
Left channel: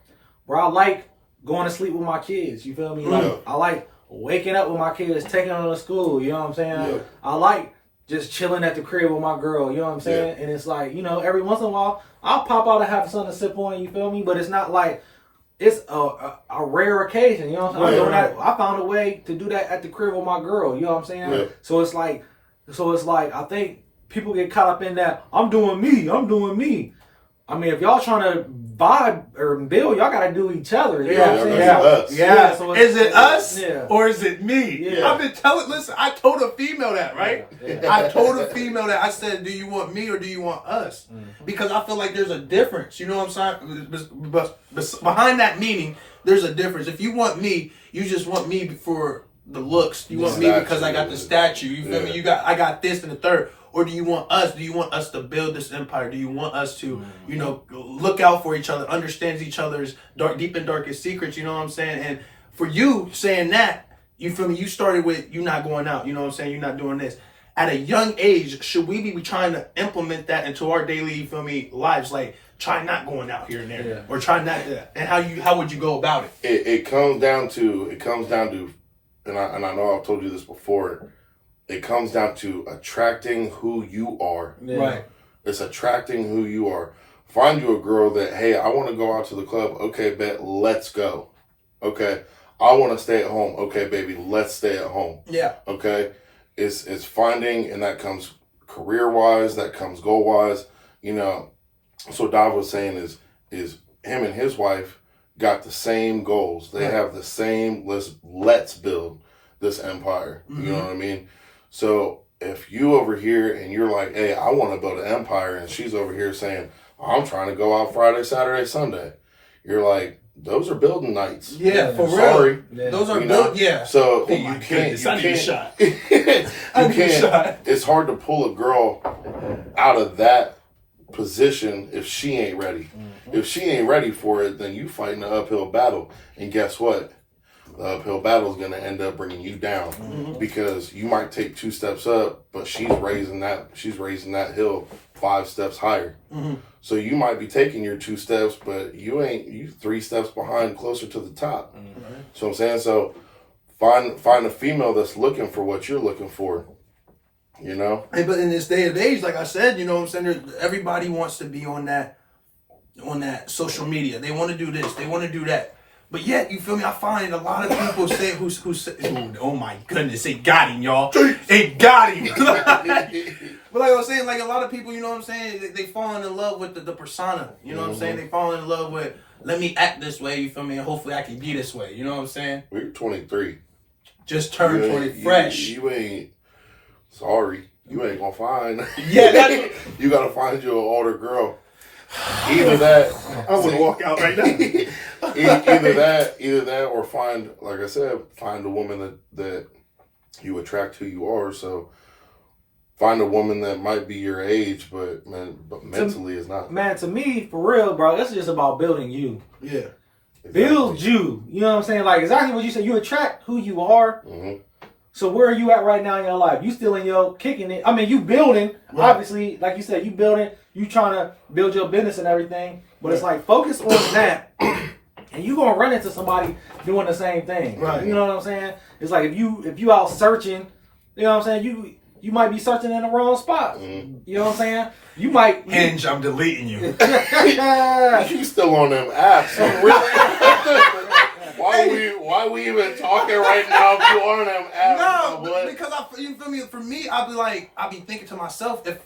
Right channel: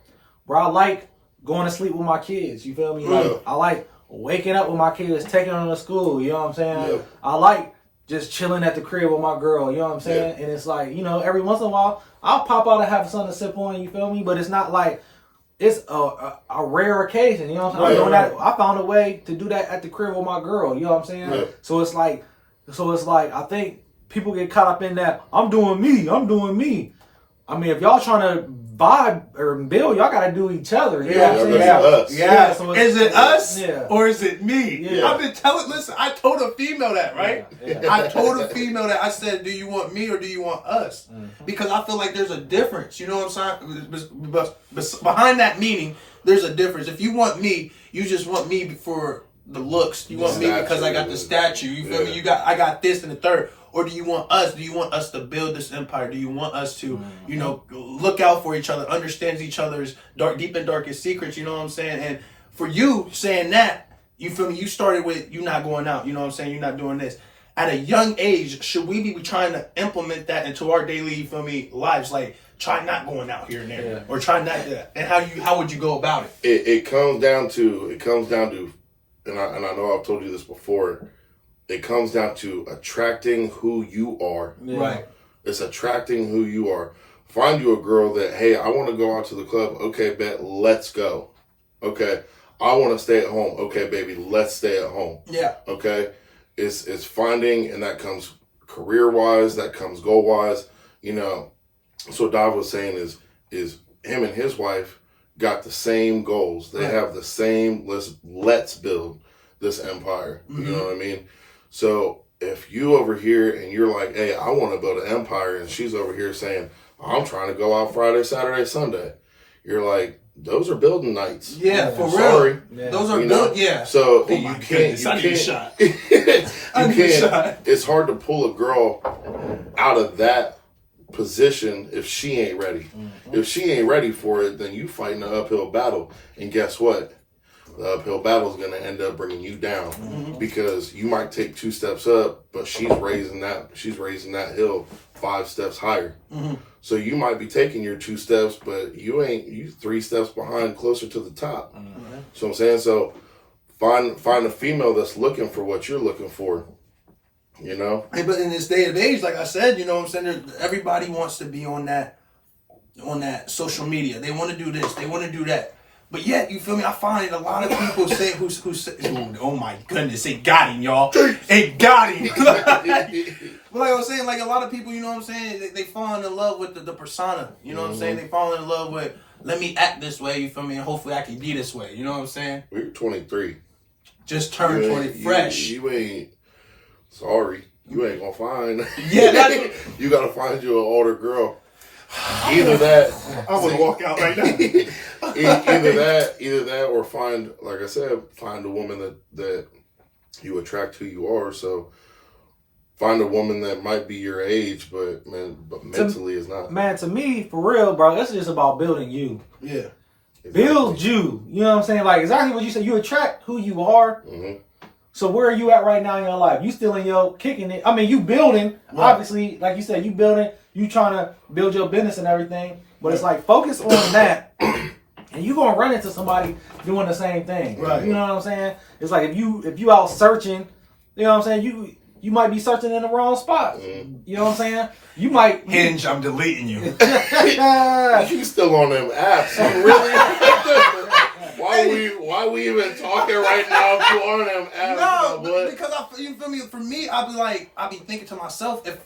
bro, I like going to sleep with my kids, you feel me? Like, I like waking up with my kids, taking them to school, you know what I'm saying? Yeah. I like just chilling at the crib with my girl, you know what I'm saying? Yeah. And it's like, every once in a while, I'll pop out and have something to sip on, you feel me? But it's not like, it's a rare occasion, you know what I'm saying? Right. I found a way to do that at the crib with my girl, you know what I'm saying? Yeah. So it's like, I think people get caught up in that, I'm doing me. I mean, if y'all trying to vibe or build, y'all gotta do each other. You know what I'm saying? us. Yeah. So Is it us or is it me? Yeah. I've been listen, I told a female that, right? Yeah. I told a female that. I said, do you want me or do you want us? Because I feel like there's a difference. You know what I'm saying? But behind that meaning, there's a difference. If you want me, you just want me for the looks. You want me because I got the statue. You feel me? I got this and the third. Or do you want us? Do you want us to build this empire? Do you want us to, look out for each other, understand each other's deep and darkest secrets? You know what I'm saying? And for you saying that, you feel me? You started with you not going out. You know what I'm saying? You're not doing this. At a young age, should we be trying to implement that into our daily, you feel me, lives? Like, try not going out here and there, or try not to. And how would you go about it? It comes down to, and I know I've told you this before. It comes down to attracting who you are. Yeah. Right. It's attracting who you are. Find you a girl that, hey, I want to go out to the club. Okay, bet, let's go. Okay, I want to stay at home. Okay, baby, let's stay at home. Yeah. Okay, it's finding, and that comes career wise, that comes goal wise. So Dav was saying is him and his wife got the same goals. They have the same. Let's build this empire. You know what I mean? So if you over here and you're like, hey, I want to build an empire, and she's over here saying, I'm trying to go out Friday, Saturday, Sunday, you're like, those are building nights. Yeah, for real. Sorry. Yeah. Those are built. Yeah. So Oh you my can't. goodness, I need a shot. You I need a can't. shot. It's hard to pull a girl out of that position if she ain't ready. If she ain't ready for it, then you fighting an uphill battle. And guess what? The uphill battle is going to end up bringing you down because you might take 2 steps up, but she's raising that hill 5 steps higher. So you might be taking your 2 steps, but you 3 steps behind, closer to the top. So I'm saying, so find a female that's looking for what you're looking for. You know? Hey, but in this day and age, like I said, you know what I'm saying, everybody wants to be on that social media. They want to do this, they want to do that. But yet, you feel me? I find a lot of people say who say, oh my goodness, it got him, y'all. It got him. But like I was saying, like a lot of people, you know what I'm saying, they fall in love with the persona. You know what I'm saying? They fall in love with, let me act this way, you feel me? And hopefully I can be this way. You know what I'm saying? We're 23. Just turned 20 fresh. You ain't, sorry, you ain't gonna find. Yeah, you gotta find you an older girl. Either that, I would walk out right now. either that, or find, like I said, find a woman that you attract who you are. So find a woman that might be your age, but mentally is not. Man, to me, for real, bro, this is just about building you. Yeah, Exactly. Build you. You know what I'm saying? Like exactly what you said. You attract who you are. Mm-hmm. So where are you at right now in your life? You still in your kicking it. I mean, you building. Right. Obviously, like you said, you building. You trying to build your business and everything. But it's like focus on that, and you gonna run into somebody doing the same thing. Right. You know what I'm saying? It's like if you out searching, you know what I'm saying. You might be searching in the wrong spot. Mm-hmm. You know what I'm saying? You might Hinge. I'm deleting you. You still on them apps? Why we even talking right now if you on them apps? No, because you feel me? For me, I'll be thinking to myself, if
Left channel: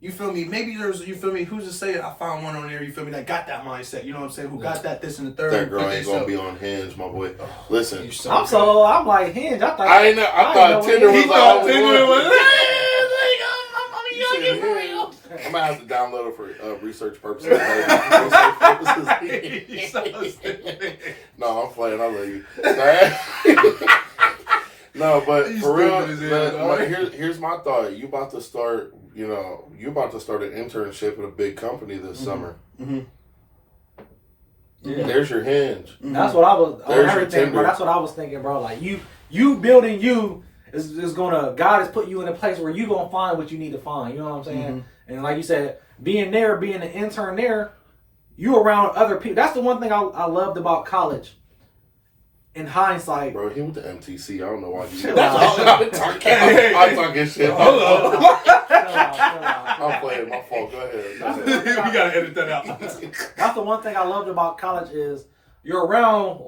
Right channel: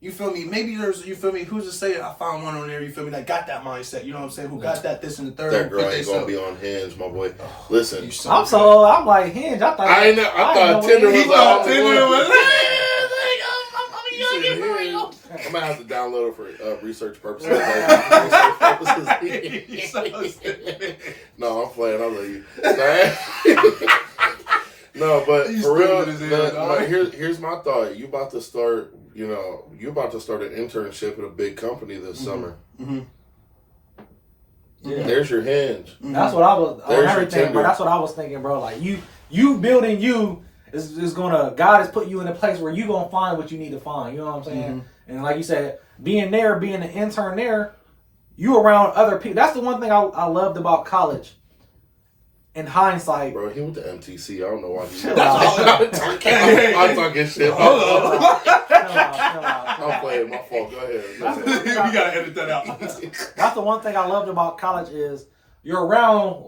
you feel me, maybe there's, you feel me, who's to say I found one on there, you feel me, that got that mindset, you know what I'm saying, who got that, this and the third. That girl ain't gonna be on Hinge, my boy. Listen, I'm like Hinge. I thought Tinder was all I'm gonna have to download it for research purposes. No, I'm playing. I'll leave you. No, but for real, here's my thought. You about to start an internship at a big company this summer. Mm-hmm. Yeah. There's your Hinge. That's what I was. There's your Tinder. Bro, that's what I was thinking, bro. Like you building you is gonna, God has put you in a place where you gonna find what you need to find. You know what I'm saying? Mm-hmm. And like you said, being an intern there, you around other people. That's the one thing I loved about college. In hindsight, bro, he went to MTC. I don't know why. I'm talking shit. I'm playing. My fault. Go ahead. You gotta edit that out. That's the one thing I loved about college is you're around.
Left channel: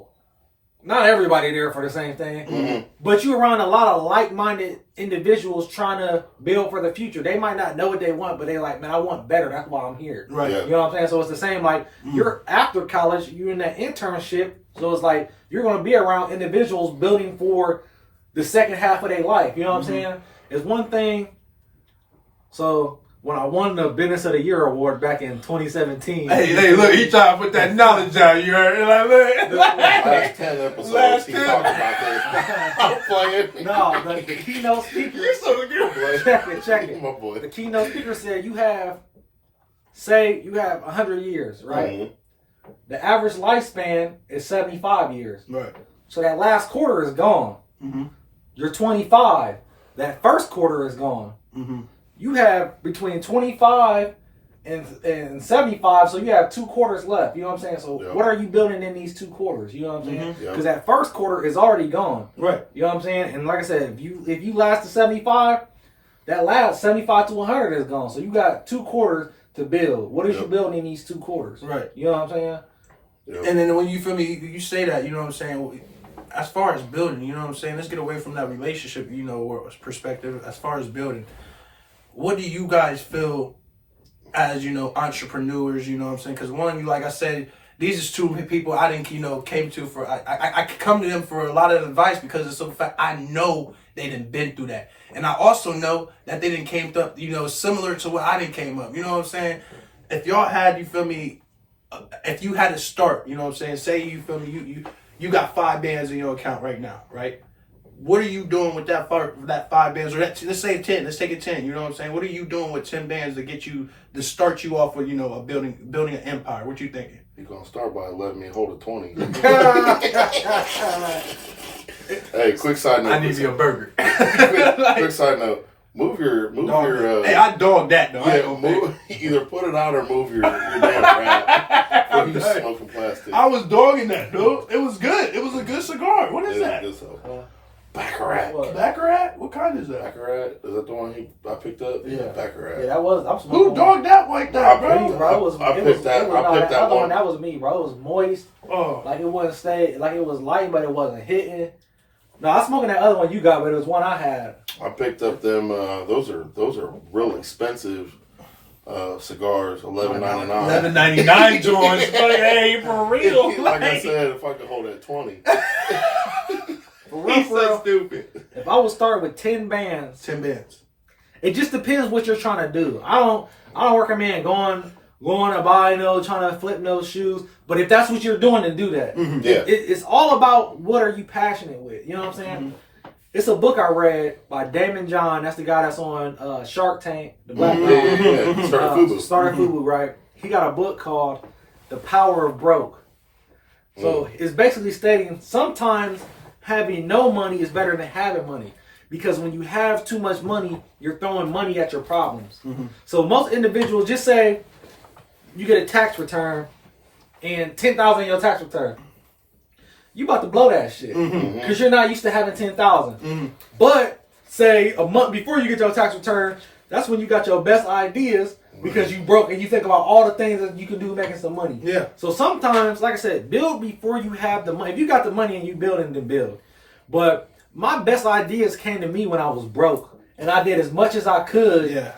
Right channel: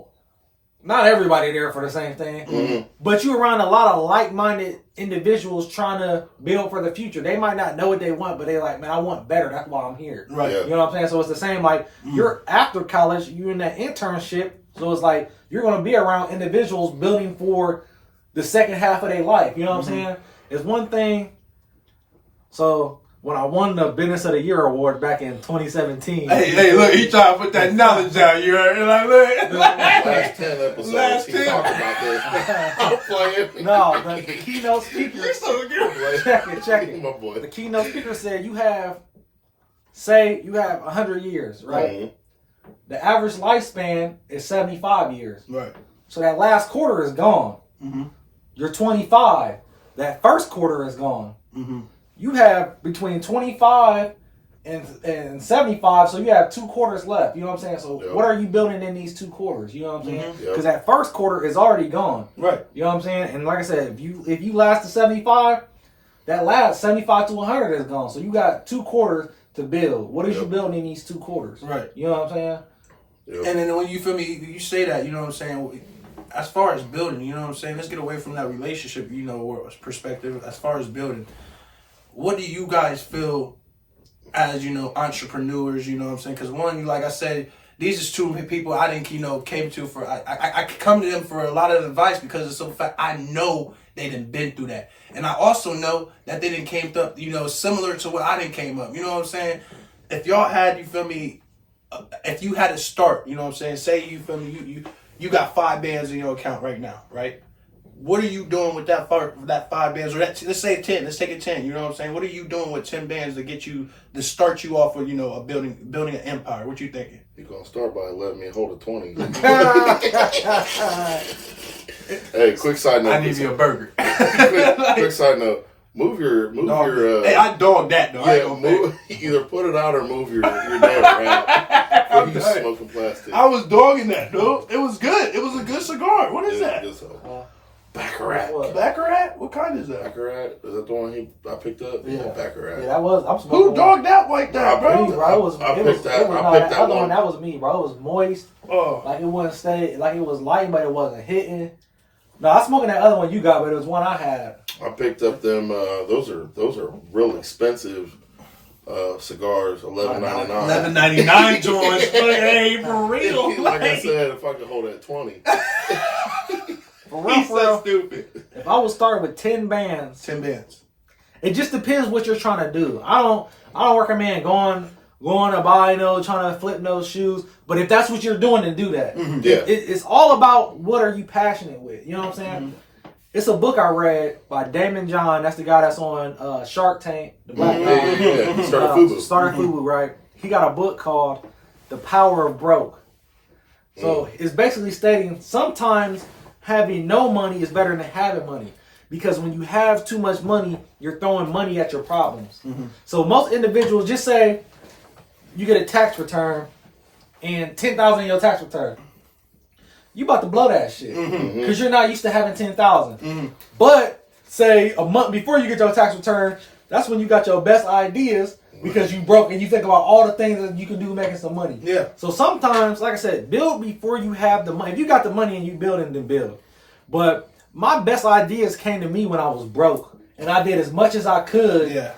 Not everybody there for the same thing, mm-hmm. but you're around a lot of like-minded individuals trying to build for the future. They might not know what they want, but they like, man, I want better. That's why I'm here. Right. Yeah. You know what I'm saying? So it's the same. Like you're after college, you're in that internship. So it's like you're going to be around individuals building for the second half of their life. You know what I'm saying? It's one thing. So when I won the Business of the Year award back in 2017. Hey, look, he trying to put that knowledge out. You heard? Like, look. Last 10 episodes, he talked about this. I'm playing. No, the keynote speaker. You're so good. Check it. My boy. The keynote speaker said you have 100 years, right? Mm-hmm. The average lifespan is 75 years. Right. So that last quarter is gone. Mm-hmm. You're 25. That first quarter is gone. Mm-hmm. You have between 25 and 75, so you have 2 quarters left. You know what I'm saying? So what are you building in these 2 quarters? You know what I'm saying? Because that first quarter is already gone. Right. You know what I'm saying? And like I said, if you last to 75, that last 75 to 100 is gone. So you got 2 quarters to build. What is you building in these 2 quarters? Right. You know what I'm saying? Yep. And then when you feel me, you say that, you know what I'm saying? As far as building, you know what I'm saying? Let's get away from that relationship, or perspective. As far as building, what do you guys feel as, entrepreneurs, you know what I'm saying? Because one, like I said, these is 2 people I didn't, came to for, I come to them for a lot of advice because it's so fact I know they done been through that. And I also know that they done came up, similar to what I done came up. You know what I'm saying? If y'all had, you feel me, if you had to start, you know what I'm saying? Say, you feel me, you got 5 bands in your account right now, right? What are you doing with that 5 bands? Or let's say 10. Let's take it 10. You know what I'm saying? What are you doing with 10 bands to start you off with, a building an empire? What you thinking? You're gonna start by letting me hold a 20. Hey, quick side note. I need you a burger. quick side note. Move your. Hey, I dog that though. Yeah, either put it out or move your damn wrap. Or you smoking plastic. I was dogging that, dude. It was good. It was a good cigar. What is that? Baccarat. Baccarat? What kind is that? Baccarat? Is that the one I picked up? Yeah. Baccarat. Yeah, that was. I'm Who smoking. dogged out like that, bro? I picked that other one. That was me, bro. It was moist. Oh. Like it wasn't stay. Like it was light, but it wasn't hitting. No, I was smoking that other one you got, but it was one I had. I picked up them. Those are real expensive cigars. $11.99. $11.99 joints. Hey, for real. Like I said, if I could hold that 20. For real, He's so stupid. if I would start with 10 bands, 10 bands. it just depends what you're trying to do. I don't recommend going to buy, trying to flip those shoes. But if that's what you're doing, then do that. Mm-hmm. Yeah. It's all about what are you passionate with. You know what I'm saying? Mm-hmm. It's a book I read by Damon John. That's the guy that's on Shark Tank. The black guy. Yeah. Started Fubu. Started Fubu, right? He got a book called The Power of Broke. So it's basically stating sometimes having no money is better than having money. Because when you have too much money, you're throwing money at your problems. Mm-hmm. So most individuals, just say you get a tax return and $10,000 in your tax return. You about to blow that shit. Because you're not used to having $10,000. Mm-hmm. But say a month before you get your tax return, that's when you got your best ideas because you broke and you think about all the things that you can do making some money. Yeah. So sometimes, like I said, build before you have the money. If you got the money and you building, then build. But my best ideas came to me when I was broke. And I did as much as I could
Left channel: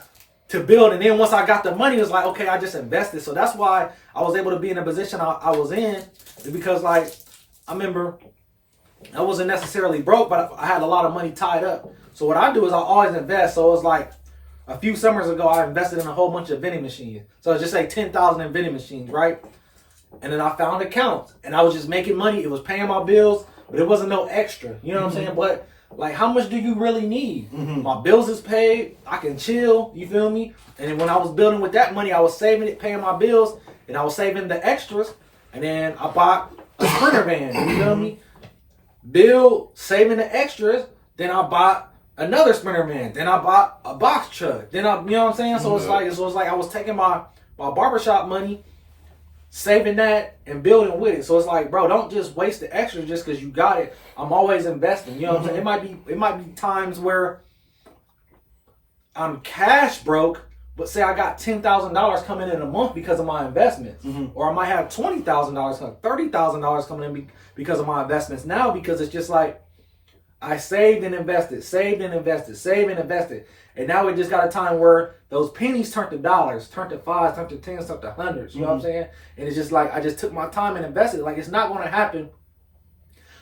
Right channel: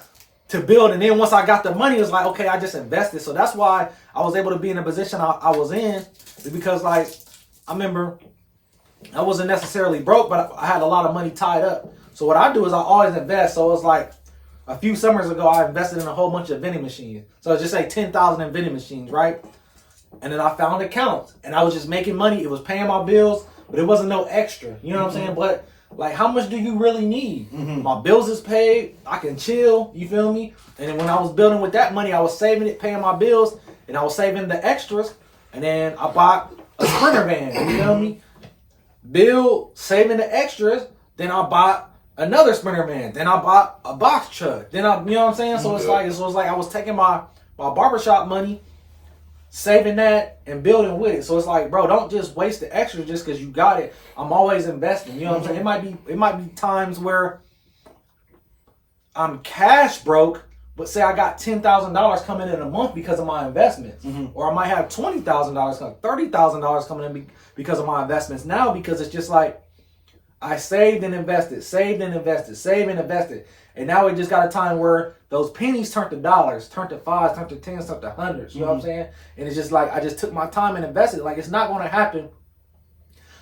to build. And then once I got the money, it was like, okay, I just invested. So that's why I was able to be in the position I was in. Because, like, I remember I wasn't necessarily broke, but I had a lot of money tied up. So what I do is I always invest. So it's like a few summers ago, I invested in a whole bunch of vending machines. So just say 10,000 in vending machines, right? And then I found accounts, and I was just making money. It was paying my bills, but it wasn't no extra. You know what I'm saying? But like, how much do you really need? My bills is paid. I can chill. You feel me? And then when I was building with that money, I was saving it, paying my bills, and I was saving the extras. And then I bought a Sprinter van. You feel me? Build, saving the extras. Then I bought another Sprinter van. Then I bought a box truck. Then you know what I'm saying? So it's like I was taking my barbershop money, saving that, and building with it. So it's like, bro, don't just waste the extra just because you got it. I'm always investing. You know what I'm saying? It might be times where I'm cash broke, but say I got $10,000 coming in a month because of my investments. Or I might have $20,000, $30,000 coming in because of my investments now, because it's just like I saved and invested, saved and invested, saved and invested. And now we just got a time where those pennies turned to dollars, turned to fives, turned to tens, turned to hundreds. You know what I'm saying? And it's just like I just took my time and invested. Like, it's not going to happen.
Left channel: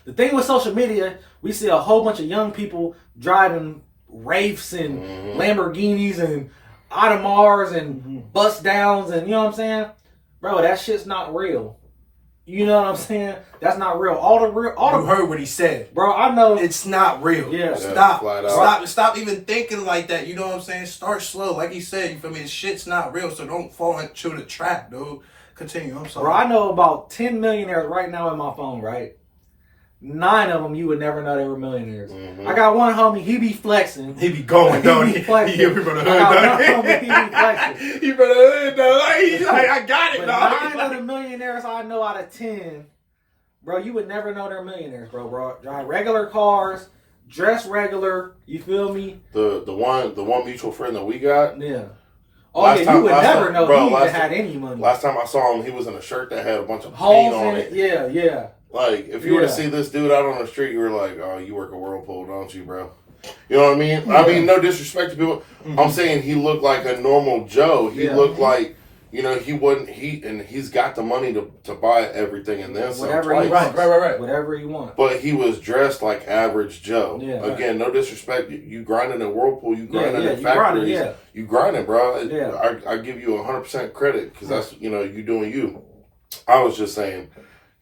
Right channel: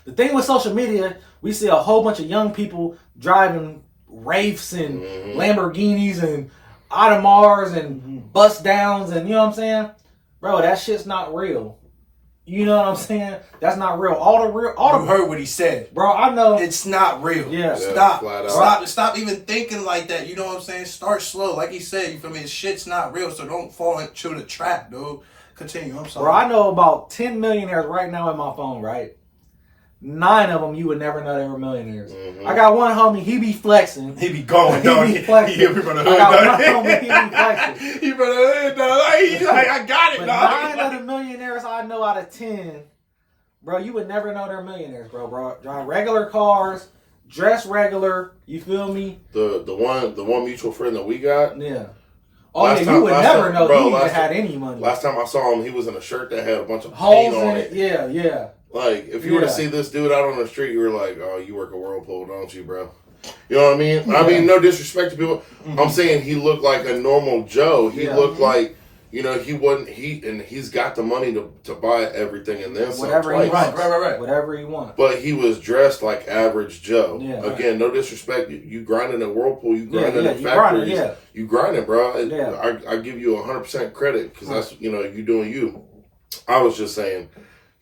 The thing with social media, we see a whole bunch of young people driving Wraiths and Lamborghinis and Audemars and bust downs, and you know what I'm saying? Bro, that shit's not real. You know what I'm saying? That's not real. You heard what he said. Bro, I know. It's not real. Yeah. Stop even thinking like that. You know what I'm saying? Start slow. Like he said, you feel me? Shit's not real, so don't fall into the trap, dude. Continue. I'm sorry. Bro, I know about 10 millionaires right now in my phone, right? 9 of them you would never know they were millionaires. I got one homie, he be flexing. He be going, don't he? He be flexing. He be from the hood, I got one homie, he be flexing. He from the hood, though. He's like, I got it, But dog. 9 of the millionaires I know out of 10, bro, you would never know they're millionaires, bro. Drive regular cars, dress regular, you feel me? The one mutual friend that we got. Yeah. Oh, you would never know he even had any money. Last time I saw him, he was in a shirt that had a bunch of holes paint on in it. Yeah. Like, if you were to see this dude out on the street, you were like, oh, you work a Whirlpool, don't you, bro? You know what I mean? I mean, no disrespect to people. I'm saying he looked like a normal Joe. He looked like, he's got the money to buy everything and then some. Whatever he wants. Right. Whatever he wants. But he was dressed like average Joe. Yeah, Again, no disrespect. You grinding in Whirlpool, you grinding in you factories. grinding, You grinding, bro. Yeah. I give you 100% credit because that's, you doing you. I was just saying,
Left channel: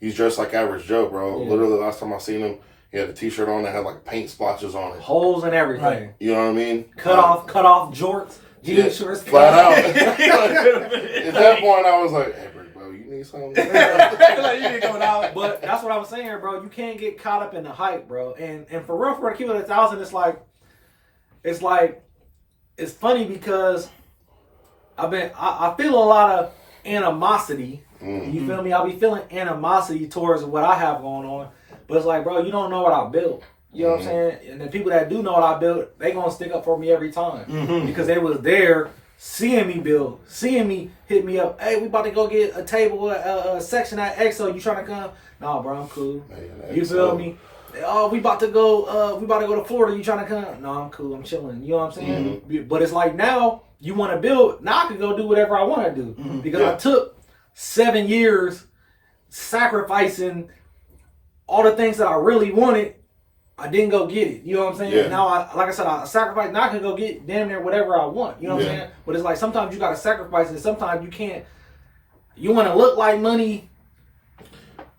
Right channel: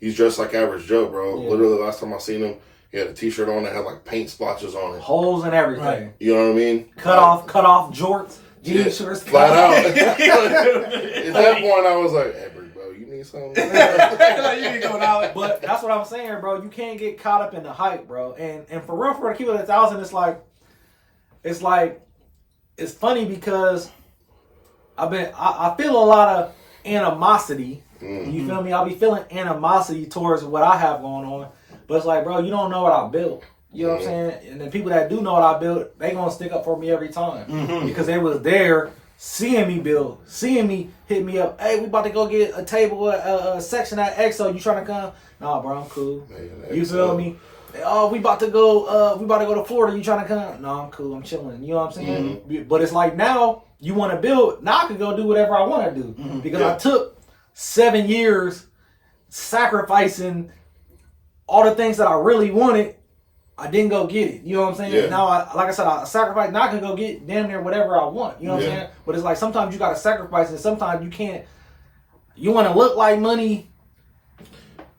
he's dressed like average Joe, bro. Yeah. Literally, last time I seen him, he had a t-shirt on that had like paint splotches on it. Holes and everything. Right. You know what I mean? Cut off jorts. Jeans shorts. Flat out. At that point, I was like, hey, bro, you need something? You need going out. But that's what I'm saying, bro. You can't get caught up in the hype, bro. And for real, to keep it 1,000, it's funny because I feel a lot of animosity. You feel me? I'll be feeling animosity towards what I have going on. But it's like, bro, you don't know what I built. You know what I'm saying? And the people that do know what I built, they gonna stick up for me every time because they was there, seeing me build, seeing me hit me up. Hey, we about to go get a table, a section at EXO. You trying to come? Nah, bro, I'm cool. Man, You feel me? Oh, we about to go to Florida. You trying to come? No, I'm cool. I'm chilling. You know what I'm saying? But it's like now you want to build. Now I can go do whatever I want to do because I took 7 years sacrificing all the things that I really wanted. I didn't go get it. You know what I'm saying? Yeah. Now, like I said, I sacrificed. Now I can go get damn near whatever I want. You know what I'm saying? But it's like sometimes you got to sacrifice and sometimes you can't. You want to look like money,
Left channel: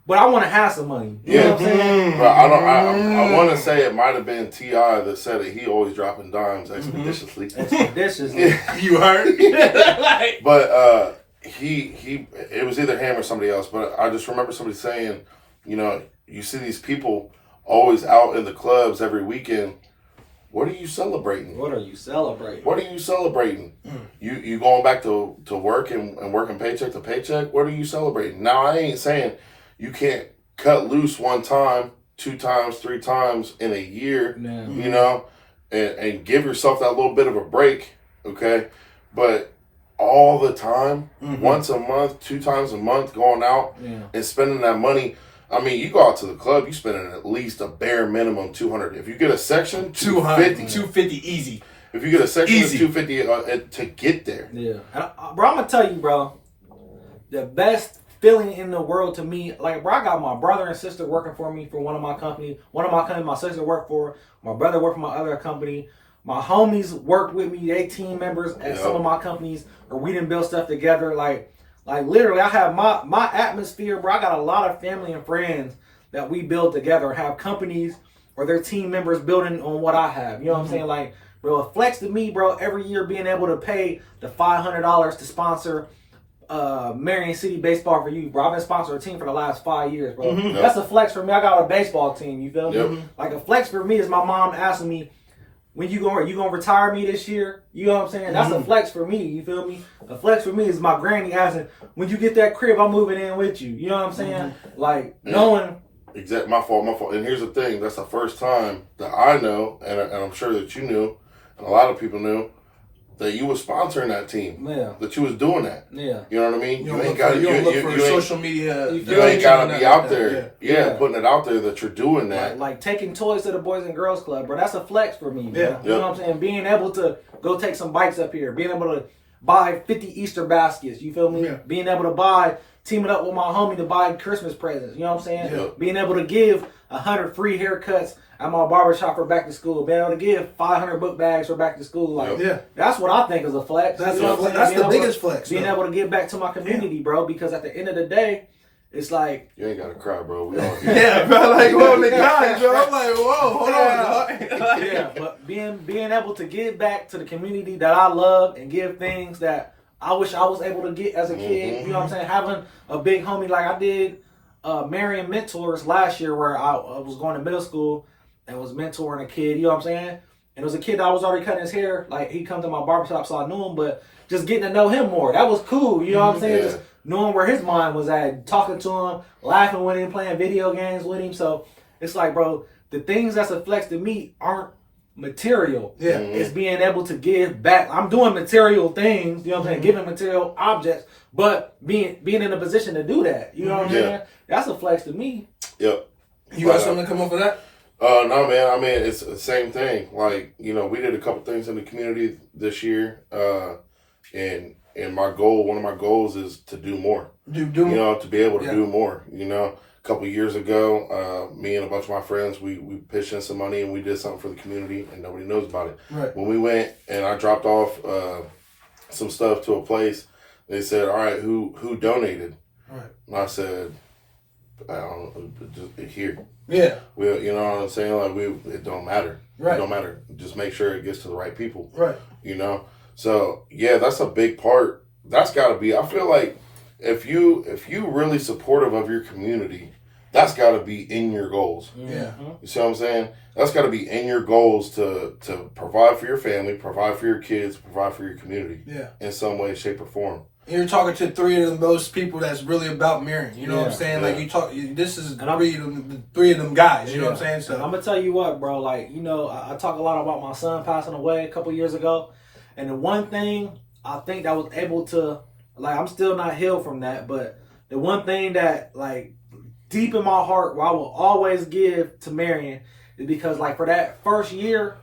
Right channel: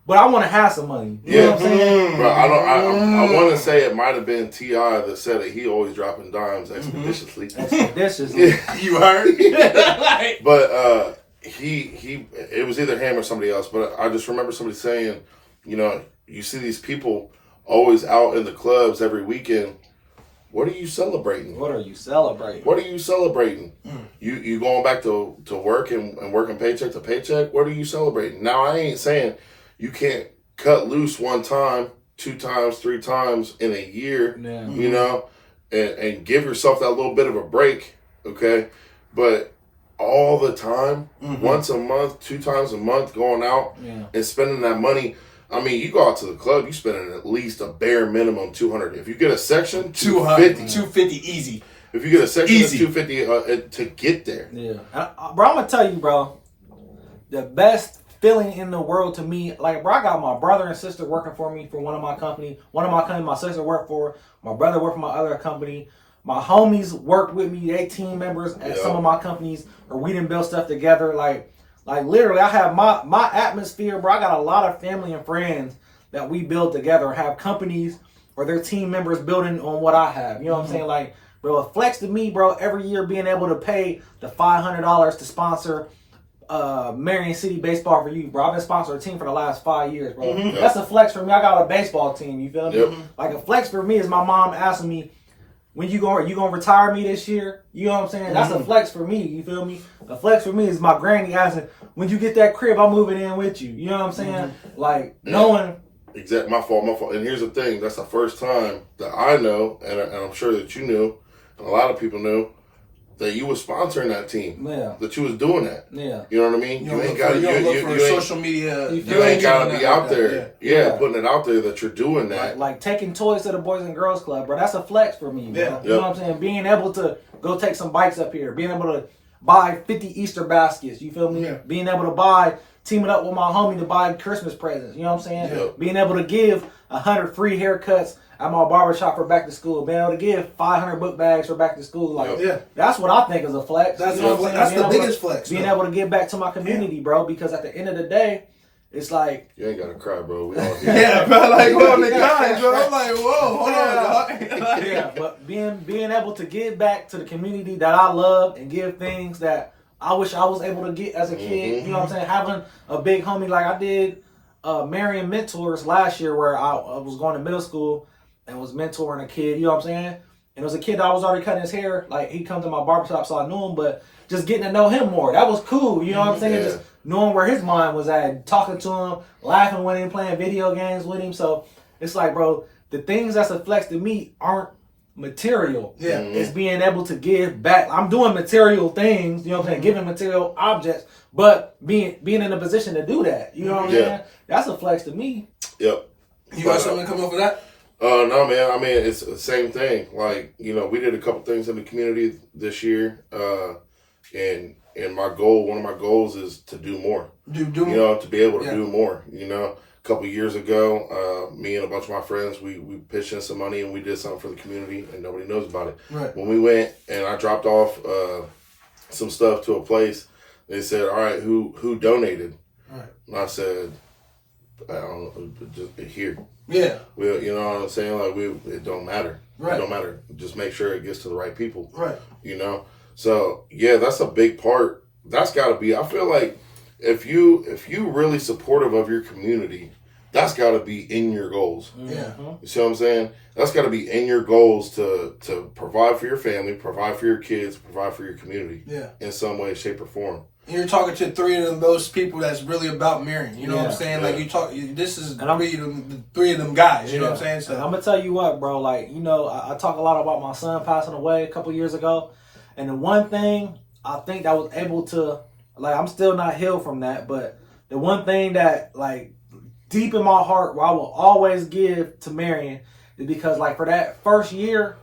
but I want to have some money. You know what I'm saying? Bro, I want to say it might have been T.I. that said it. He always dropping dimes expeditiously. Expeditiously. You heard? But it was either him or somebody else. But I just remember somebody saying, you know, you see these people always out in the clubs every weekend. What are you celebrating? What are you celebrating? What are you celebrating? You going back to work and working paycheck to paycheck? What are you celebrating? Now, I ain't saying you can't cut loose 1 time, 2 times, 3 times in a year, you know, and give yourself that little bit of a break, okay? But all the time, once a month, 2 times a month, going out and spending that money. I mean, you go out to the club, you spending at least a bare minimum $200. If you get a section, $250. $250 easy. If you get a section, Easy. it's $250 to get there. Yeah. Bro, I'm going to tell you, bro, the best feeling in the world to me, like, bro, I got my brother and sister working for me for one of my companies. One of my companies my sister worked for. My brother worked for my other company. My homies worked with me. They team members at some of my companies, or we didn't build stuff together. Like literally, I have my atmosphere, bro. I got a lot of family and friends that we build together, have companies or their team members building on what I have. You know what I'm saying? Like, bro, it flex to me, bro, every year being able to pay the $500 to sponsor Marion City Baseball for You, bro. I've been sponsoring a team for the last 5 years, bro. That's a flex for me. I got a baseball team, you feel me? Like, a flex for me is my mom asking me, when you gonna retire me this year? You know what I'm saying? That's a flex for me. You feel me? A flex for me is my granny asking, when you get that crib, I'm moving in with you. You know what I'm saying? Like, knowing. Exactly. My fault. And here's the thing. That's the first time that I know, and I'm sure that you knew, and a lot of people knew, that you was sponsoring that team. Yeah. That you was doing that. Yeah. You know what I mean? You ain't got to look for social media. You ain't got to be out there. Yeah, putting it out there that you're doing that. Like taking toys to the Boys and Girls Club, bro. That's a flex for me, bro. Yeah. You know what I'm saying? Being able to go take some bikes up here. Being able to buy 50 Easter baskets. You feel me? Yeah. Being able to teaming up with my homie to buy Christmas presents. You know what I'm saying? Yeah. Being able to give 100 free haircuts at my barbershop for back to school. Being able to give 500 book bags for back to school. Like, that's what I think is a flex. That's, you know what I'm saying? that's the Being biggest flex. Being able to give back to my community, bro. Because at the end of the day, it's like, You ain't got to cry, bro. We all here. Yeah, bro. Like, whoa, the guys, bro. I'm like, whoa, hold on, dog. yeah, but being able to give back to the community that I love and give things that I wish I was able to get as a kid. You know what I'm saying? Having a big homie like I did, Marion Mentors last year, where I was going to middle school and was mentoring a kid. You know what I'm saying? And it was a kid that I was already cutting his hair. Like, he come to my barbershop, so I knew him, but just getting to know him more. That was cool. You know what I'm saying? Yeah. Just knowing where his mind was at, talking to him, laughing with him, playing video games with him. So it's like, bro, the things that's a flex to me aren't material. Yeah. It's being able to give back. I'm doing material things, you know what I'm saying, giving material objects, but being in a position to do that. You know what I'm saying? That's a flex to me. Yep. You got something to come up for that? No, man. I mean, it's the same thing. Like, you know, we did a couple things in the community this year, and my goal, one of my goals, is to do more. Do you know, to be able to do more. You know, a couple of years ago, me and a bunch of my friends, we pitched in some money and we did something for the community, and nobody knows about it. Right. When we went and I dropped off some stuff to a place, they said, "All right, who donated?" Right. And I said, "I don't know, just here." Yeah. You know what I'm saying? Like, it don't matter. Right. It don't matter. Just make sure it gets to the right people. Right. You know? So, yeah, that's a big part. That's got to be, I feel like if you really supportive of your community, that's got to be in your goals. Yeah. You see what I'm saying? That's got to be in your goals to provide for your family, provide for your kids, provide for your community. Yeah. In some way, shape, or form. You're talking to three of those people that's really about marrying. You know what I'm saying? Yeah. Like you talk. This is three of them guys. You know what I'm saying? So I'm gonna tell you what, bro. Like I talk a lot about my son passing away a couple years ago, and the one thing I think that was able to, like, I'm still not healed from that, but the one thing that, like, deep in my heart, where I will always give to Marion is because, like, for that first year,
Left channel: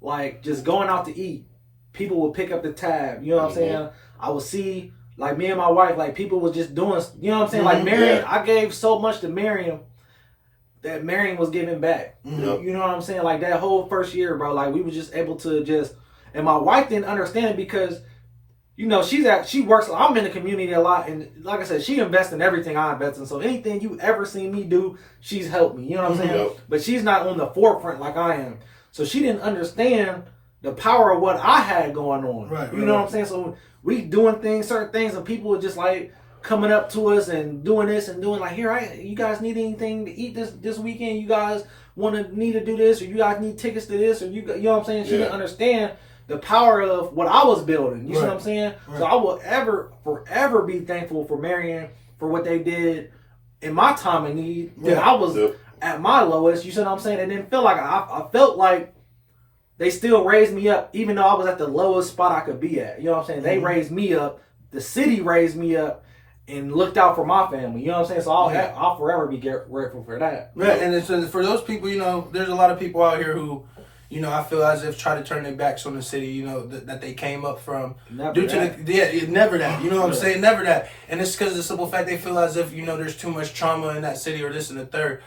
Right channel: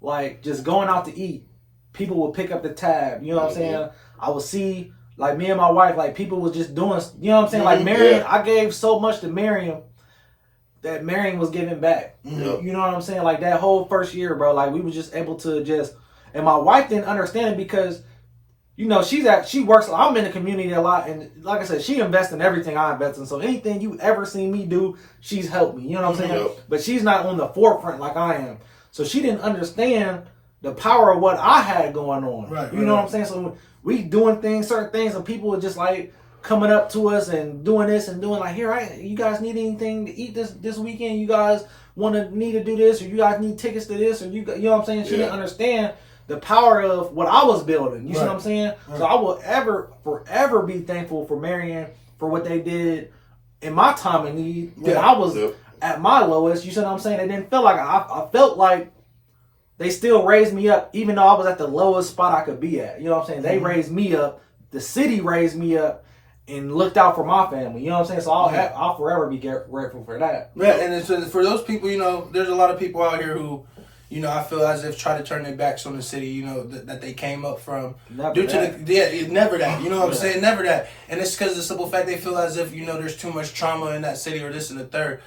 like, just going out to eat, people would pick up the tab. You know what I'm saying? I would see, like, me and my wife, like, people was just doing, you know what I'm saying? Like, Marion, I gave so much to Marion that Marion was giving back. Yep. You know what I'm saying? Like, that whole first year, bro, like, we was just able to just, and my wife didn't understand it because, you know, she works, I'm in the community a lot, and like I said, she invests in everything I invest in, so anything you ever seen me do, she's helped me, you know what I'm saying? Yep. But she's not on the forefront like I am. So she didn't understand the power of what I had going on. You know what I'm saying? So we doing things, certain things, and people were just like coming up to us and doing this and doing like, here, you guys need anything to eat this weekend? You guys need to do this, or you guys need tickets to this, or you know what I'm saying? She didn't understand the power of what I was building. You see what I'm saying? So I will forever be thankful for Marion for what they did in my time of need when I was at my lowest. You see what I'm saying? It didn't feel like I felt like they still raised me up, even though I was at the lowest spot I could be at. You know what I'm saying? They raised me up. The city raised me up and looked out for my family. You know what I'm saying? So I'll forever be grateful for that. Yeah, and it's, for those people, you know, there's a lot of people out here who, you know, I feel as if try to turn their backs on the city, you know, that they came up from. Never that. Never that. You know what I'm saying? Never that. And it's because of the simple fact they feel as if, you know, there's too much trauma in that city or this and the third.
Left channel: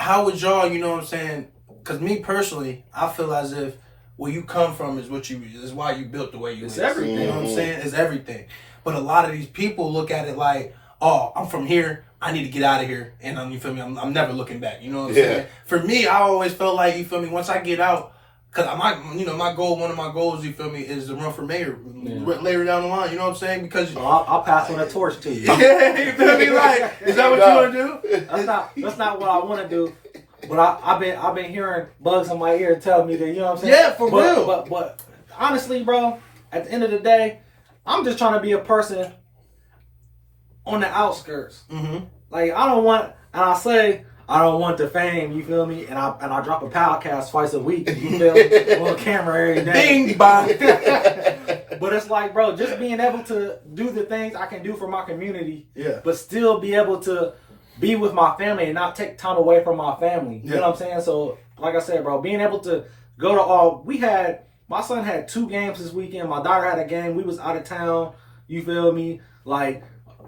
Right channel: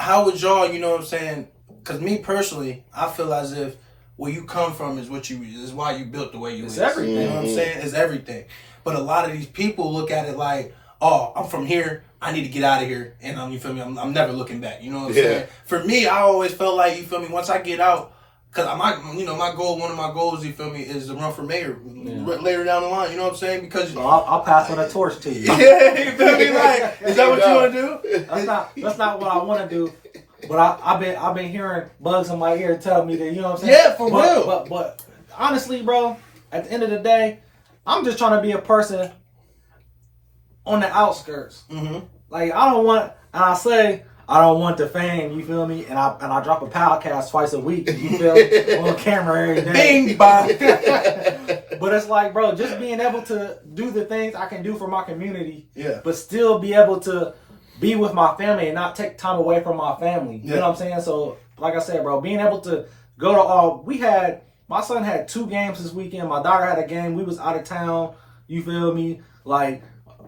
How would y'all, you know what I'm saying? Because me personally, I feel as if where you come from is why you built the way you is. Everything. You know what I'm saying? It's everything. But a lot of these people look at it like, oh, I'm from here, I need to get out of here, and you feel me? I'm never looking back. You know what I'm saying? For me, I always felt like, you feel me? Once I get out, cause my goal, one of my goals, you feel me, is to run for mayor later down the line. You know what I'm saying? Because so I'll pass on a torch to you. Yeah, you feel me? Like, is that what you want to do? That's not what I want to do. But I've been hearing bugs in my ear tell me that, you know what I'm saying? Yeah, for real. But honestly, bro, at the end of the day, I'm just trying to be a person on the outskirts. Mm-hmm. Like, I don't want the fame, you feel me? And I drop a podcast twice a week, you feel me? On camera every day. Bing bong. But it's like, bro, just being able to do the things I can do for my community, but still be able to be with my family and not take time away from my family. You know what I'm saying? So, like I said, bro, being able to go to my son had 2 games this weekend. My daughter had a game. We was out of town. You feel me? Like,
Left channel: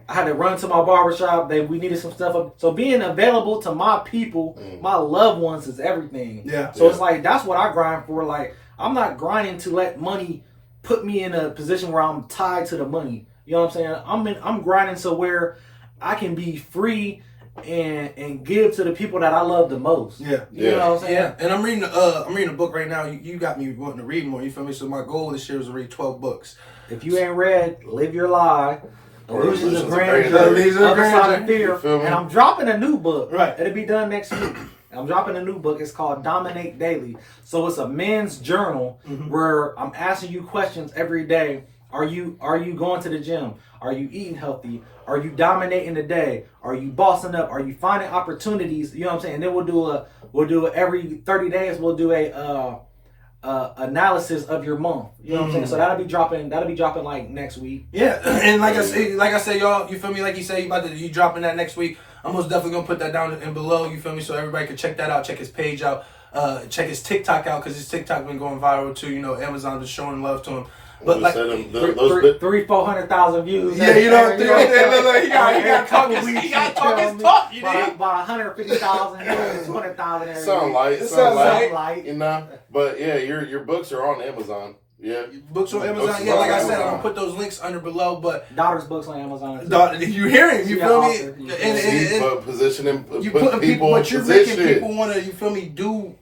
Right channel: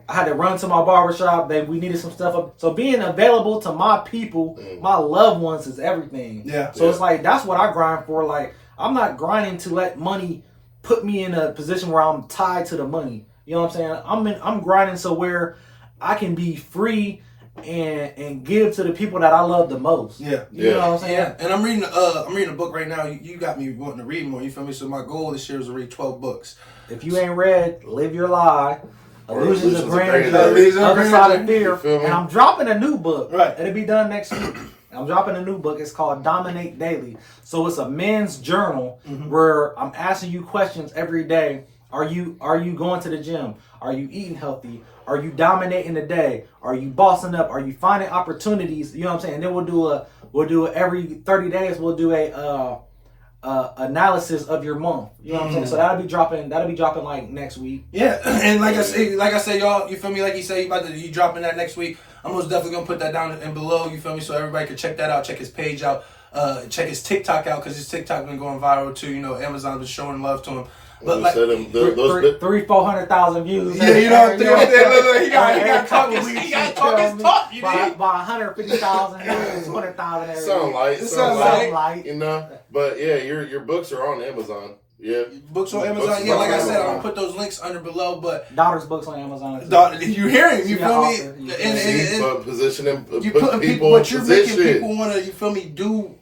I had to run to my barbershop. We needed some stuff up. So being available to my people, my loved ones, is everything. So it's like, that's what I grind for. Like, I'm not grinding to let money put me in a position where I'm tied to the money. You know what I'm saying? I'm grinding so where I can be free and give to the people that I love the most. You know what I'm saying? Yeah. And I'm reading a book right now. You got me wanting to read more, you feel me? So my goal this year is to read 12 books. If you ain't read Live Your Lie, Illusions of Grandeur, Other Side of Fear, and I'm dropping a new book. Right. It'll be done next week. I'm dropping a new book. It's called Dominate Daily. So it's a men's journal where I'm asking you questions every day. Are you going to the gym? Are you eating healthy? Are you dominating the day? Are you bossing up? Are you finding opportunities? You know what I'm saying? And then we'll do every 30 days. We'll do a analysis of your month. You know what I'm saying? So that'll be dropping like next week. Yeah, and like I say, y'all, you feel me? Like you say, you dropping that next week. I'm most definitely gonna put that down in below. You feel me? So everybody can check that out. Check his page out. Check his TikTok out because his TikTok been going viral too. You know, Amazon been showing love to him. But like 300,000-400,000 views. Yeah, you know what I'm saying? He got talk his talk. You know, about 150,000 views, 200,000 every Sound like, you know. But yeah, your books are on Amazon. Yeah, books on Amazon. Yeah, like I said, I'm gonna put those links under below. But daughter's books on Amazon. You hear him? You feel me? And positioning, you put people, but you're making people want to. You feel me? Do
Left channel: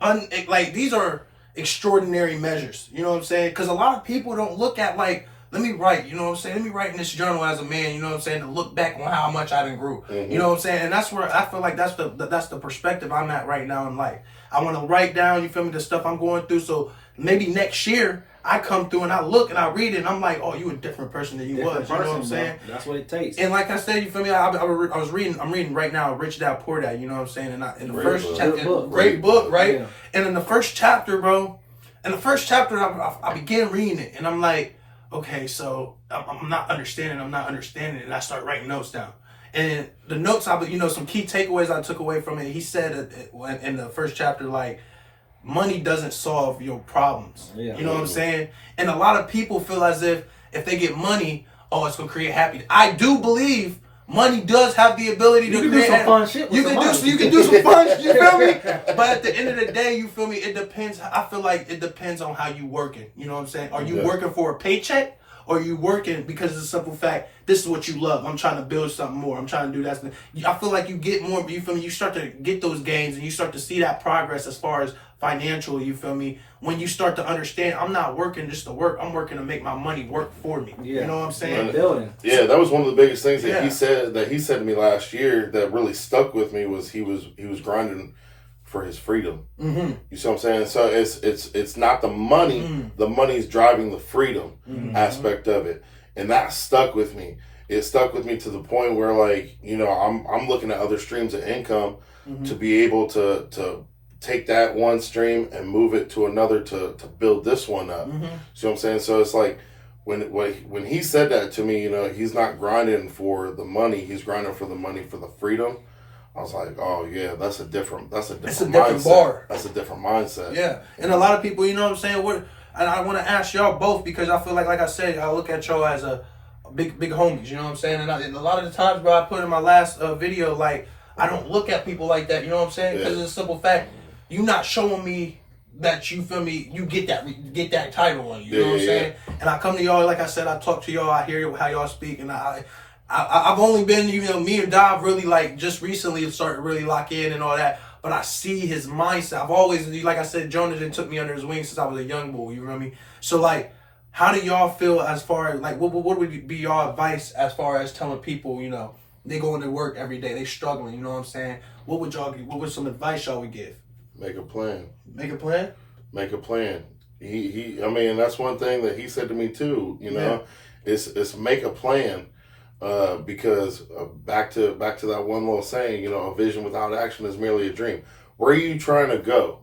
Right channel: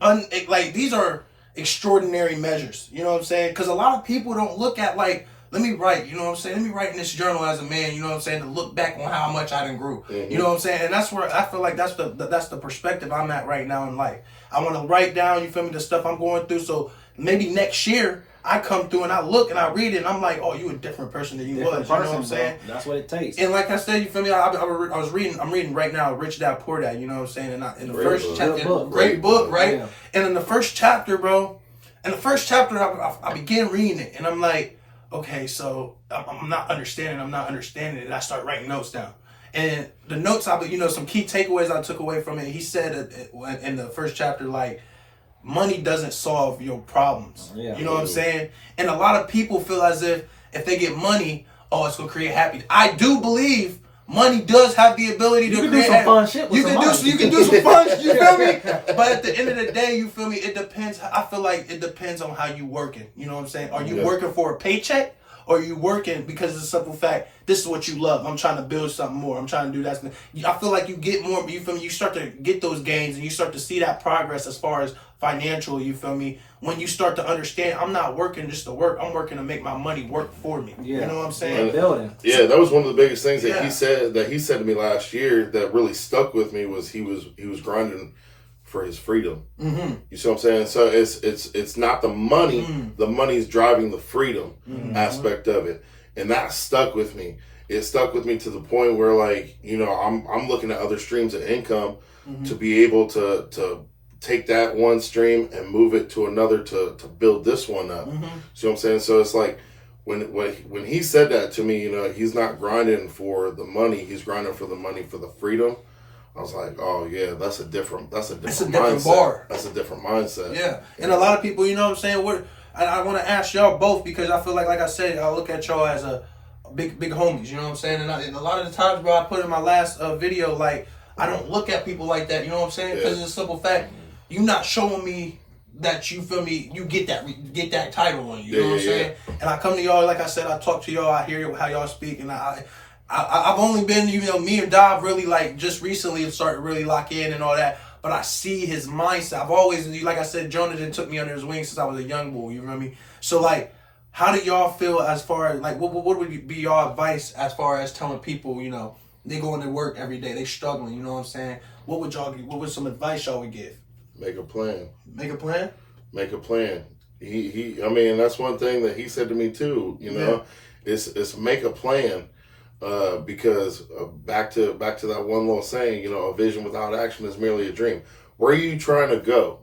like these are extraordinary measures. You know what I'm saying? Because a lot of people don't look at like, let me write. You know what I'm saying? Let me write in this journal as a man. You know what I'm saying? To look back on how much I done grew. You know what I'm saying? And that's where I feel like that's the perspective I'm at right now in life. I want to write down. You feel me? The stuff I'm going through. So maybe next year I come through and I look and I read it and I'm like, oh, you a different person than you was. You know what I'm saying? That's what it takes. And like I said, you feel me? I was reading. I'm reading right now, Rich Dad Poor Dad. You know what I'm saying? And in the Great first book. chapter, Book. great book, right? Yeah. And in the first chapter, bro. In the first chapter, I began reading it, and I'm like, okay, so I'm not understanding. And I start writing notes down. And the notes, some key takeaways I took away from it. He said in the first chapter, like, money doesn't solve your problems. Yeah. You know what I'm saying? And a lot of people feel as if they get money, oh, it's gonna create happiness. I do believe money does have the ability to create some fun shit with you some can money. do some fun shit, you feel me? But at the end of the day, you feel me? It depends. I feel like it depends on how you working. You know what I'm saying? Are you working for a paycheck? Or are you working because of the simple fact, this is what you love. I'm trying to build something more. I'm trying to do that. I feel like you get more, you feel me? You start to get those gains and you start to see that progress as far as financial, you feel me? When you start to understand, I'm not working just to work. I'm working to make my money work for me. Yeah. You know what I'm saying? Building. Yeah, that was one of the biggest things that Yeah. he said to me last year that really stuck with me was he was grinding for his freedom. Mm-hmm. You see what I'm saying? So it's not the money. The money's driving the freedom aspect of it, and that stuck with me. It stuck with me to the point where, like, you know, I'm looking at other streams of income to be able to take that one stream and move it to another to build this one up. See what I'm saying? So it's like when he said that to me, you know, he's not grinding for the money. He's grinding for the money for the freedom. I was like, oh yeah, that's a different It's a different mindset. bar. That's a different mindset. Yeah, and a lot of people, you know what I'm saying? And I want to ask y'all both because I feel like I said, I look at y'all as a big homies. You know what I'm saying? And a lot of the times, bro, I put in my last video, like, I don't look at people like that. You know what I'm saying? Because it's a simple fact, you not showing me that you feel me. You get that title on you. You know what I'm saying? And I come to y'all, like I said, I talk to y'all. I hear how y'all speak, and I've only been, you know, me and Dov really, like, just recently started to really lock in and all that. But I see his mindset. I've always, like I said, Jonathan took me under his wing since I was a young boy. You know what I mean? So, like, how do y'all feel as far as, like, what would be y'all advice as far as telling people, you know, they going to work every day, they struggling, you know what I'm saying? What would some advice y'all would give? Make a plan. Make a plan? Make a plan. I mean, that's one thing that he said to me too, you know, it's make a plan. Because back to that one little saying, you know, a vision without action is merely a dream. Where are you trying to go?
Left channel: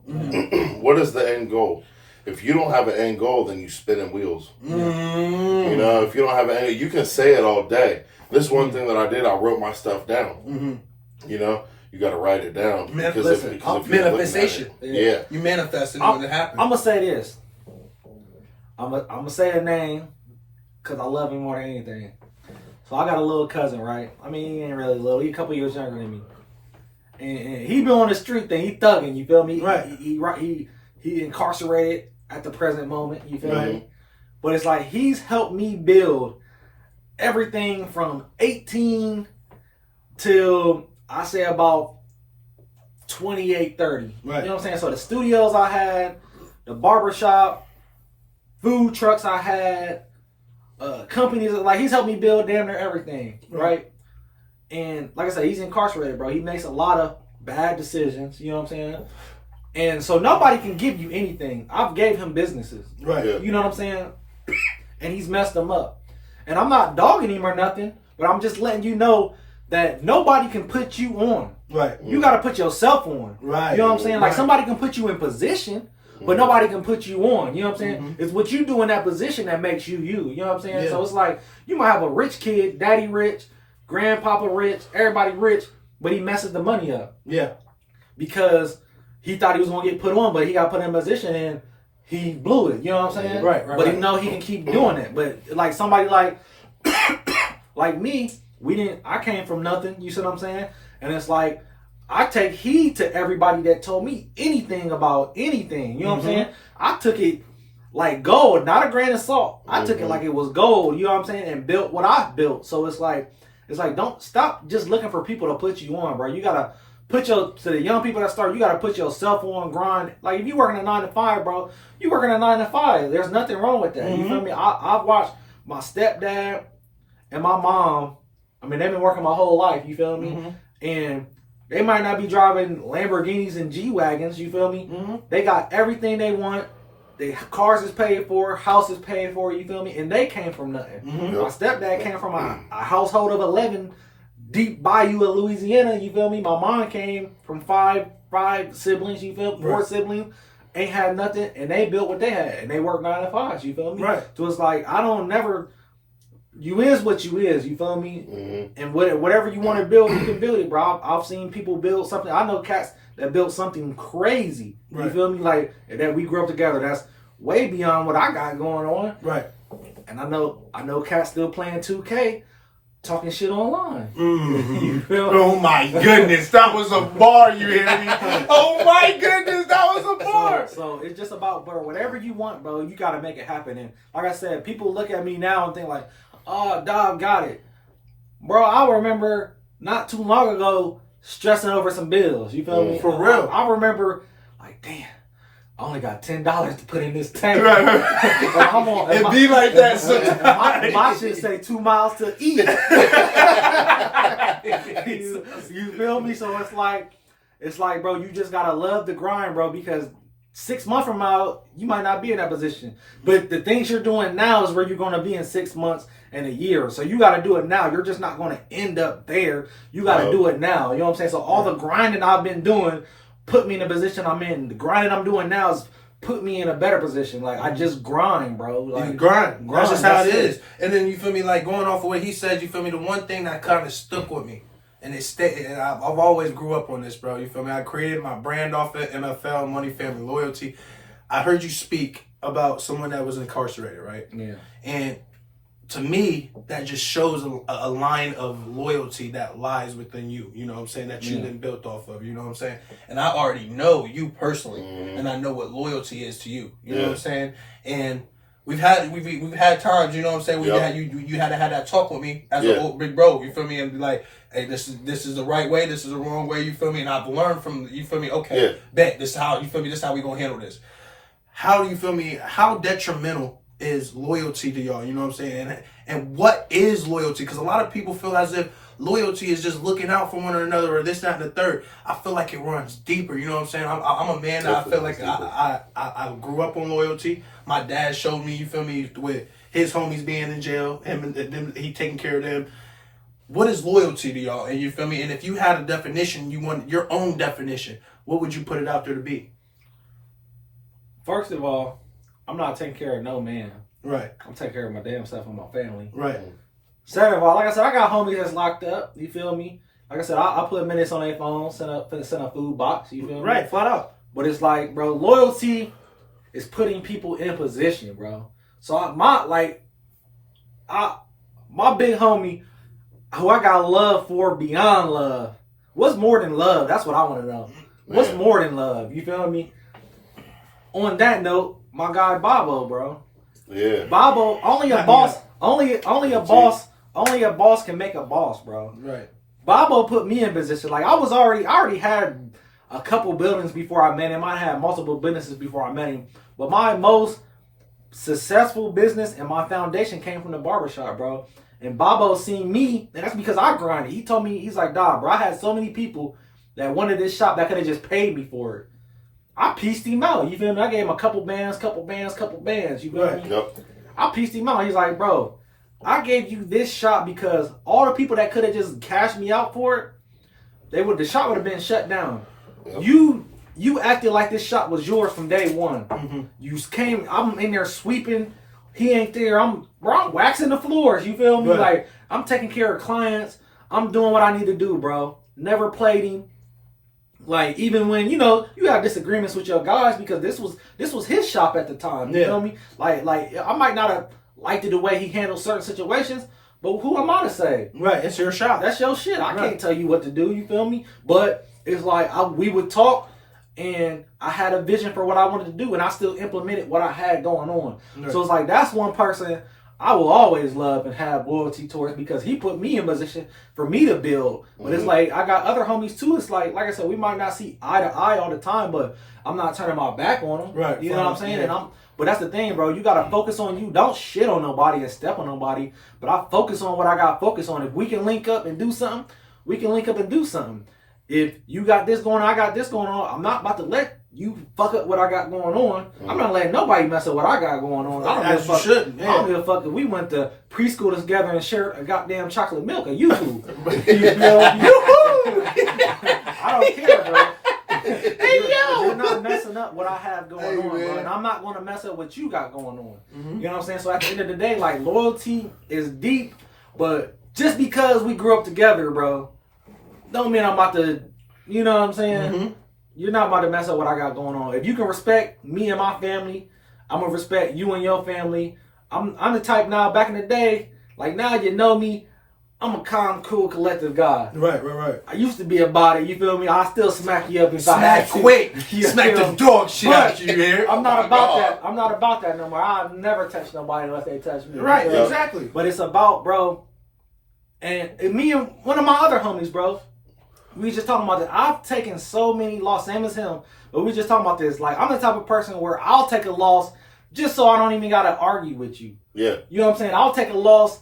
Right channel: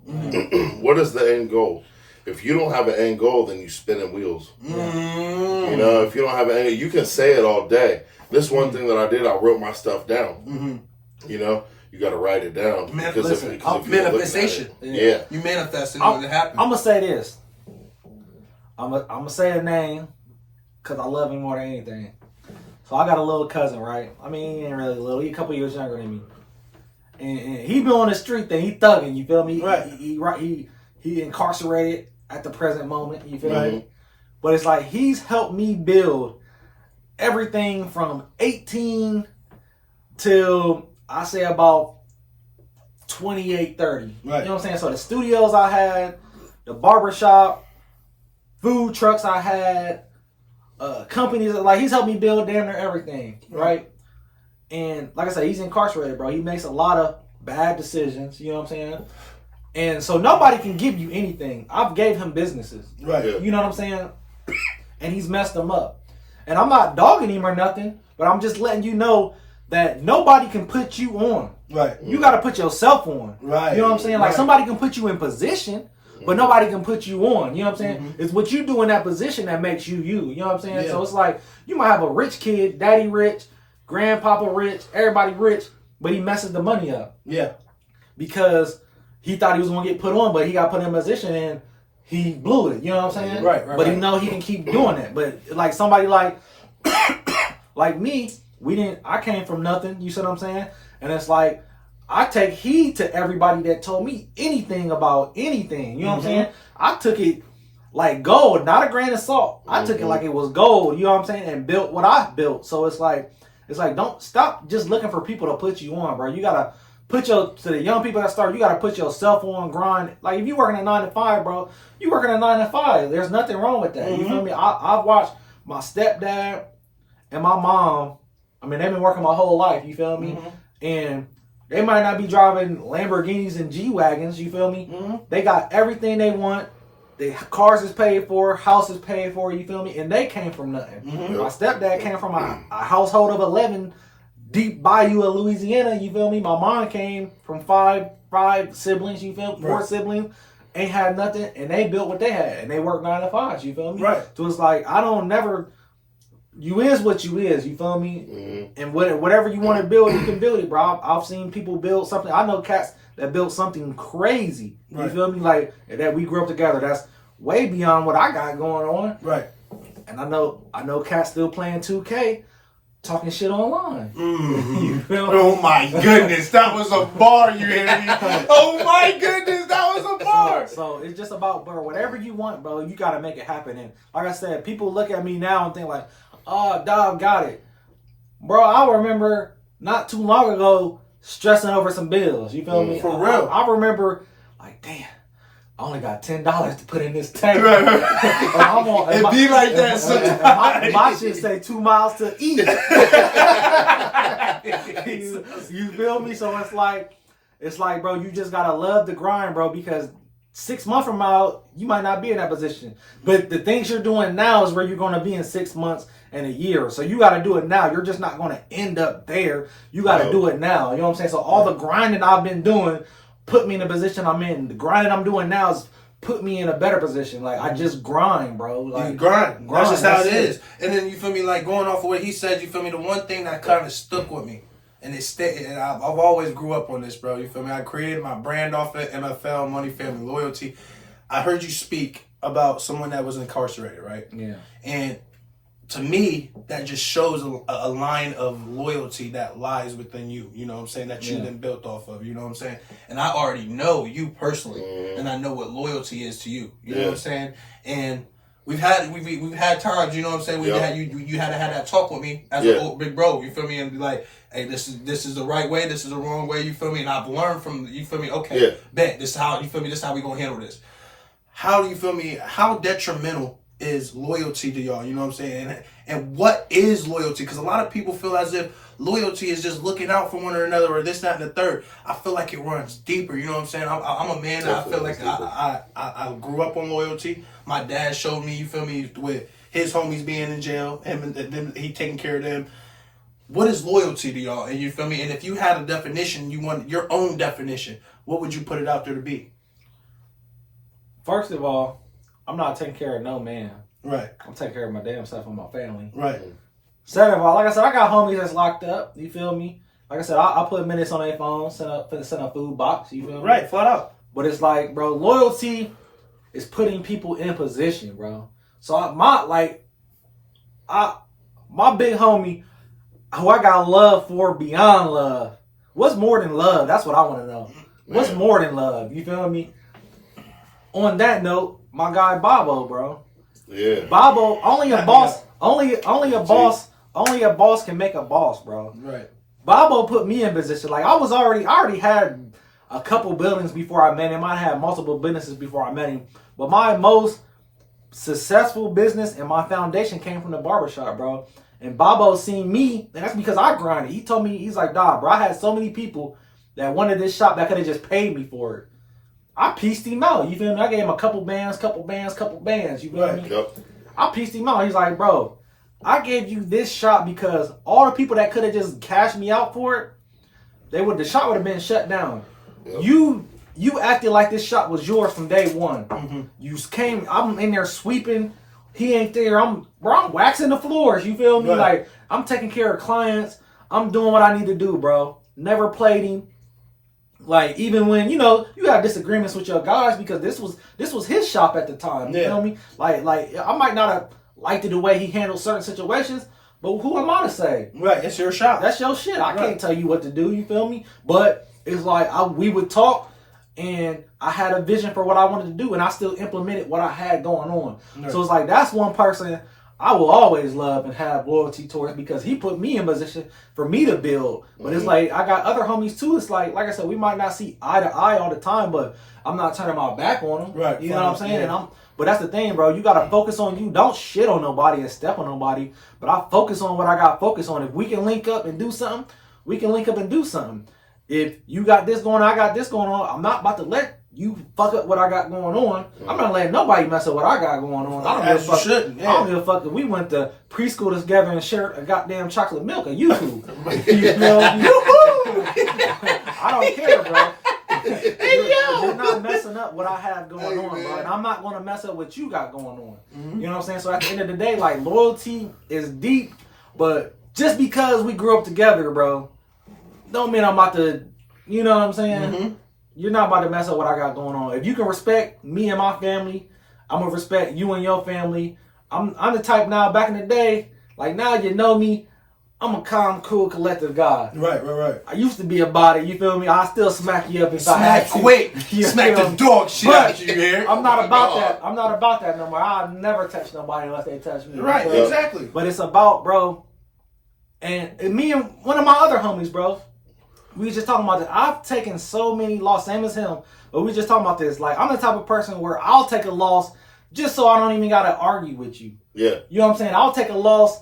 What is the end goal? If you don't have an end goal, then you spinning wheels. You know, if you don't have an end, you can say it all day. This one thing that I did, I wrote my stuff down. You know, you got to write it down. Manifestation. Yeah. You manifesting it when it happens. I'm gonna say this. I'm gonna say a name because I love him more than anything. So I got a little cousin, right? I mean, he ain't really little. He a couple years younger than me. And he been on the street thing. He thugging, you feel me? Right. He incarcerated at the present moment, you feel Right. me? But it's like he's helped me build everything from 18 till I say about 28, 30. Right. You know what I'm saying? So the studios I had, the barbershop, food trucks I had, companies, like, he's helped me build damn near everything, right? And like I said, he's incarcerated, bro. He makes a lot of bad decisions, you know what I'm saying? And so nobody can give you anything. I've gave him businesses, Right. Yeah. you know what I'm saying? And he's messed them up. And I'm not dogging him or nothing, but I'm just letting you know that nobody can put you on. Right. You got to put yourself on. Right. You know what I'm saying? Like, Right. somebody can put you in position, but nobody can put you on. You know what I'm saying? It's what you do in that position that makes you you. You know what I'm saying? Yeah. So it's like, you might have a rich kid, daddy rich, grandpapa rich, everybody rich, but he messes the money up Yeah. because he thought he was going to get put on, but he got put in a position and he blew it. You know what I'm saying? Right. But he know he can keep doing that. But like somebody like me, I came from nothing. You see what I'm saying? And it's like, I take heed to everybody that told me anything about anything. You know what I'm saying? I took it like gold, not a grain of salt. I took it like it was gold. You know what I'm saying? And built what I built. So it's like don't stop just looking for people to put you on, bro. You gotta to the young people that start, you gotta put yourself on grind. Like, if you working a 9 to 5, bro, you working a 9 to 5. There's nothing wrong with that. You feel me? I've watched my stepdad and my mom. I mean, they've been working my whole life. You feel me? And they might not be driving Lamborghinis and G-Wagons, you feel me? They got everything they want. the cars is paid for, house is paid for, you feel me? And they came from nothing. Mm-hmm. My stepdad came from a household of 11, deep bayou of Louisiana, you feel me? My mom came from five siblings, you feel me? 4 siblings, ain't had nothing, and they built what they had, and they worked 9 to 5, you feel me? Right. So it's like, I don't never, you is what you is, you feel me? Mm-hmm. And whatever you want to build, you can build it, bro. I've seen people build something. I know cats that built something crazy, you feel me? Like, that we grew up together, that's way beyond what I got going on. Right. And I know cats still playing 2K, talking shit online. Mm-hmm. You feel me? Oh my goodness, that was a bar, you hear me? Oh my goodness, that was a bar. So it's just about, bro, whatever you want, bro, you got to make it happen. And like I said, people look at me now and think like, oh, dog got it. Bro, I remember not too long ago stressing over some bills. You feel me? For real. I remember, like, damn, I only got $10 to put in this tank. It be like that sometimes. My shit say 2 miles to eat. you feel me? So it's like, bro, you just gotta love the grind, bro, because 6 months from now, you might not be in that position. But the things you're doing now is where you're gonna be in 6 months and a year. So you gotta do it now. You're just not gonna end up there. You gotta do it now. You know what I'm saying? So all the grinding I've been doing put me in the position I'm in. The grinding I'm doing now is put me in a better position. Like, I just grind, bro. Like, grind. That's just how it is. it. And then, you feel me, like, going off of what he said, you feel me, the one thing that kind of stuck with me, and it stayed, and I've always grew up on this, bro, you feel me? I created my brand off of NFL, Money, Family, Loyalty. I heard you speak about someone that was incarcerated, right? Yeah. And to me, that just shows a line of loyalty that lies within you, you know what I'm saying, that you then built off of, you know what I'm saying? And I already know you personally, and I know what loyalty is to you, you know what I'm saying? And we've had times, you know what I'm saying, you had to have that talk with me as an old big bro, you feel me, and be like, hey, this is the right way, this is the wrong way, you feel me, and I've learned from, you feel me, okay, bet, this is how, you feel me, this is how we gonna handle this. How do you feel me, how detrimental is loyalty to y'all, you know what I'm saying? And what is loyalty? Because a lot of people feel as if loyalty is just looking out for one another or this, that, and the third. I feel like it runs deeper, you know what I'm saying? I'm a man that I feel like I grew up on loyalty. My dad showed me, you feel me, with his homies being in jail, he taking care of them. What is loyalty to y'all? And you feel me? And if you had a definition, you want your own definition, what would you put it out there to be? First of all, I'm not taking care of no man. Right. I'm taking care of my damn self and my family. Right. Second of all, like I said, I got homies that's locked up. You feel me? Like I said, I put minutes on their phone, send a food box. You feel me? Right, flat out. But it's like, bro, loyalty is putting people in position, bro. So my big homie, who I got love for beyond love. What's more than love? That's what I want to know. What's more than love? You feel me? On that note, my guy Bobo, bro. Yeah. Bobo, only a boss can make a boss, bro. Right. Bobo put me in position. Like, I already had a couple buildings before I met him. I had multiple businesses before I met him. But my most successful business and my foundation came from the barbershop, bro. And Bobo seen me, and that's because I grinded. He told me, he's like, dog, bro, I had so many people that wanted this shop that could have just paid me for it. I pieced him out, you feel me? I gave him a couple bands, you feel me? Yep. I pieced him out. He's like, bro, I gave you this shop because all the people that could have just cashed me out for it, the shop would have been shut down. Yep. You acted like this shop was yours from day one. Mm-hmm. You came, I'm in there sweeping, he ain't there, I'm waxing the floors, you feel me? Right. Like, I'm taking care of clients, I'm doing what I need to do, bro. Never played him. Like, even when, you know, you have disagreements with your guys because this was his shop at the time. You feel me? Like I might not have liked it the way he handled certain situations, but who am I to say? Right, it's your shop. That's your shit. I can't tell you what to do, you feel me? But it's like we would talk and I had a vision for what I wanted to do and I still implemented what I had going on. Right. So it's like, that's one person I will always love and have loyalty towards because he put me in position for me to build. But it's like, I got other homies too. It's like I said, we might not see eye to eye all the time, but I'm not turning my back on them. Right. You know what I'm saying? Yeah. But that's the thing, bro. You got to focus on you. Don't shit on nobody and step on nobody. But I focus on what I got to focus on. If we can link up and do something, we can link up and do something. If you got this going on, I got this going on, I'm not about to let you fuck up what I got going on. I'm not letting nobody mess up what I got going on. I don't As give a you fuck. shouldn't, I don't give a fuck if we went to preschool together and shared a goddamn chocolate milk or yoo-hoo. You know? I don't care, bro. Hey, you're not messing up what I have going on, bro. And I'm not going to mess up what you got going on. You know what I'm saying? So at the end of the day, like, loyalty is deep, but just because we grew up together, bro, don't mean I'm about to, you know what I'm saying? You're not about to mess up what I got going on. If you can respect me and my family, I'm going to respect you and your family. I'm the type now, back in the day, like now you know me, I'm a calm, cool, collective guy. Right. I used to be about it, you feel me? I still smack you up if I Smack had to. quick. You Smack feel the me? dog shit But out you here. I'm not about that. I'm not about that no more. I'll never touch nobody unless they touch me. Right, So, exactly. But it's about, bro, and me and one of my other homies, bro, we was just talking about this. I've taken so many losses, same as him, but we just talking about this. Like, I'm the type of person where I'll take a loss just so I don't even gotta argue with you. Yeah. You know what I'm saying? I'll take a loss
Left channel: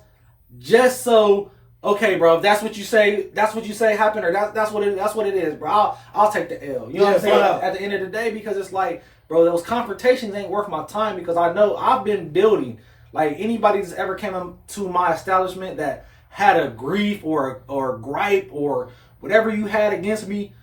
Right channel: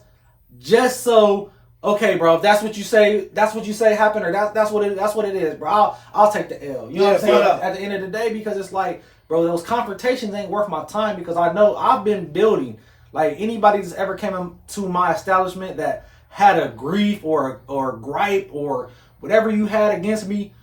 just so, okay, bro, if that's what you say happened, or that's what it is, bro. I'll take the L. You know what I'm saying? At the end of the day, because it's like, bro, those confrontations ain't worth my time, because I know I've been building. Like, anybody that's ever came into my establishment that had a grief or a gripe or whatever you had against me,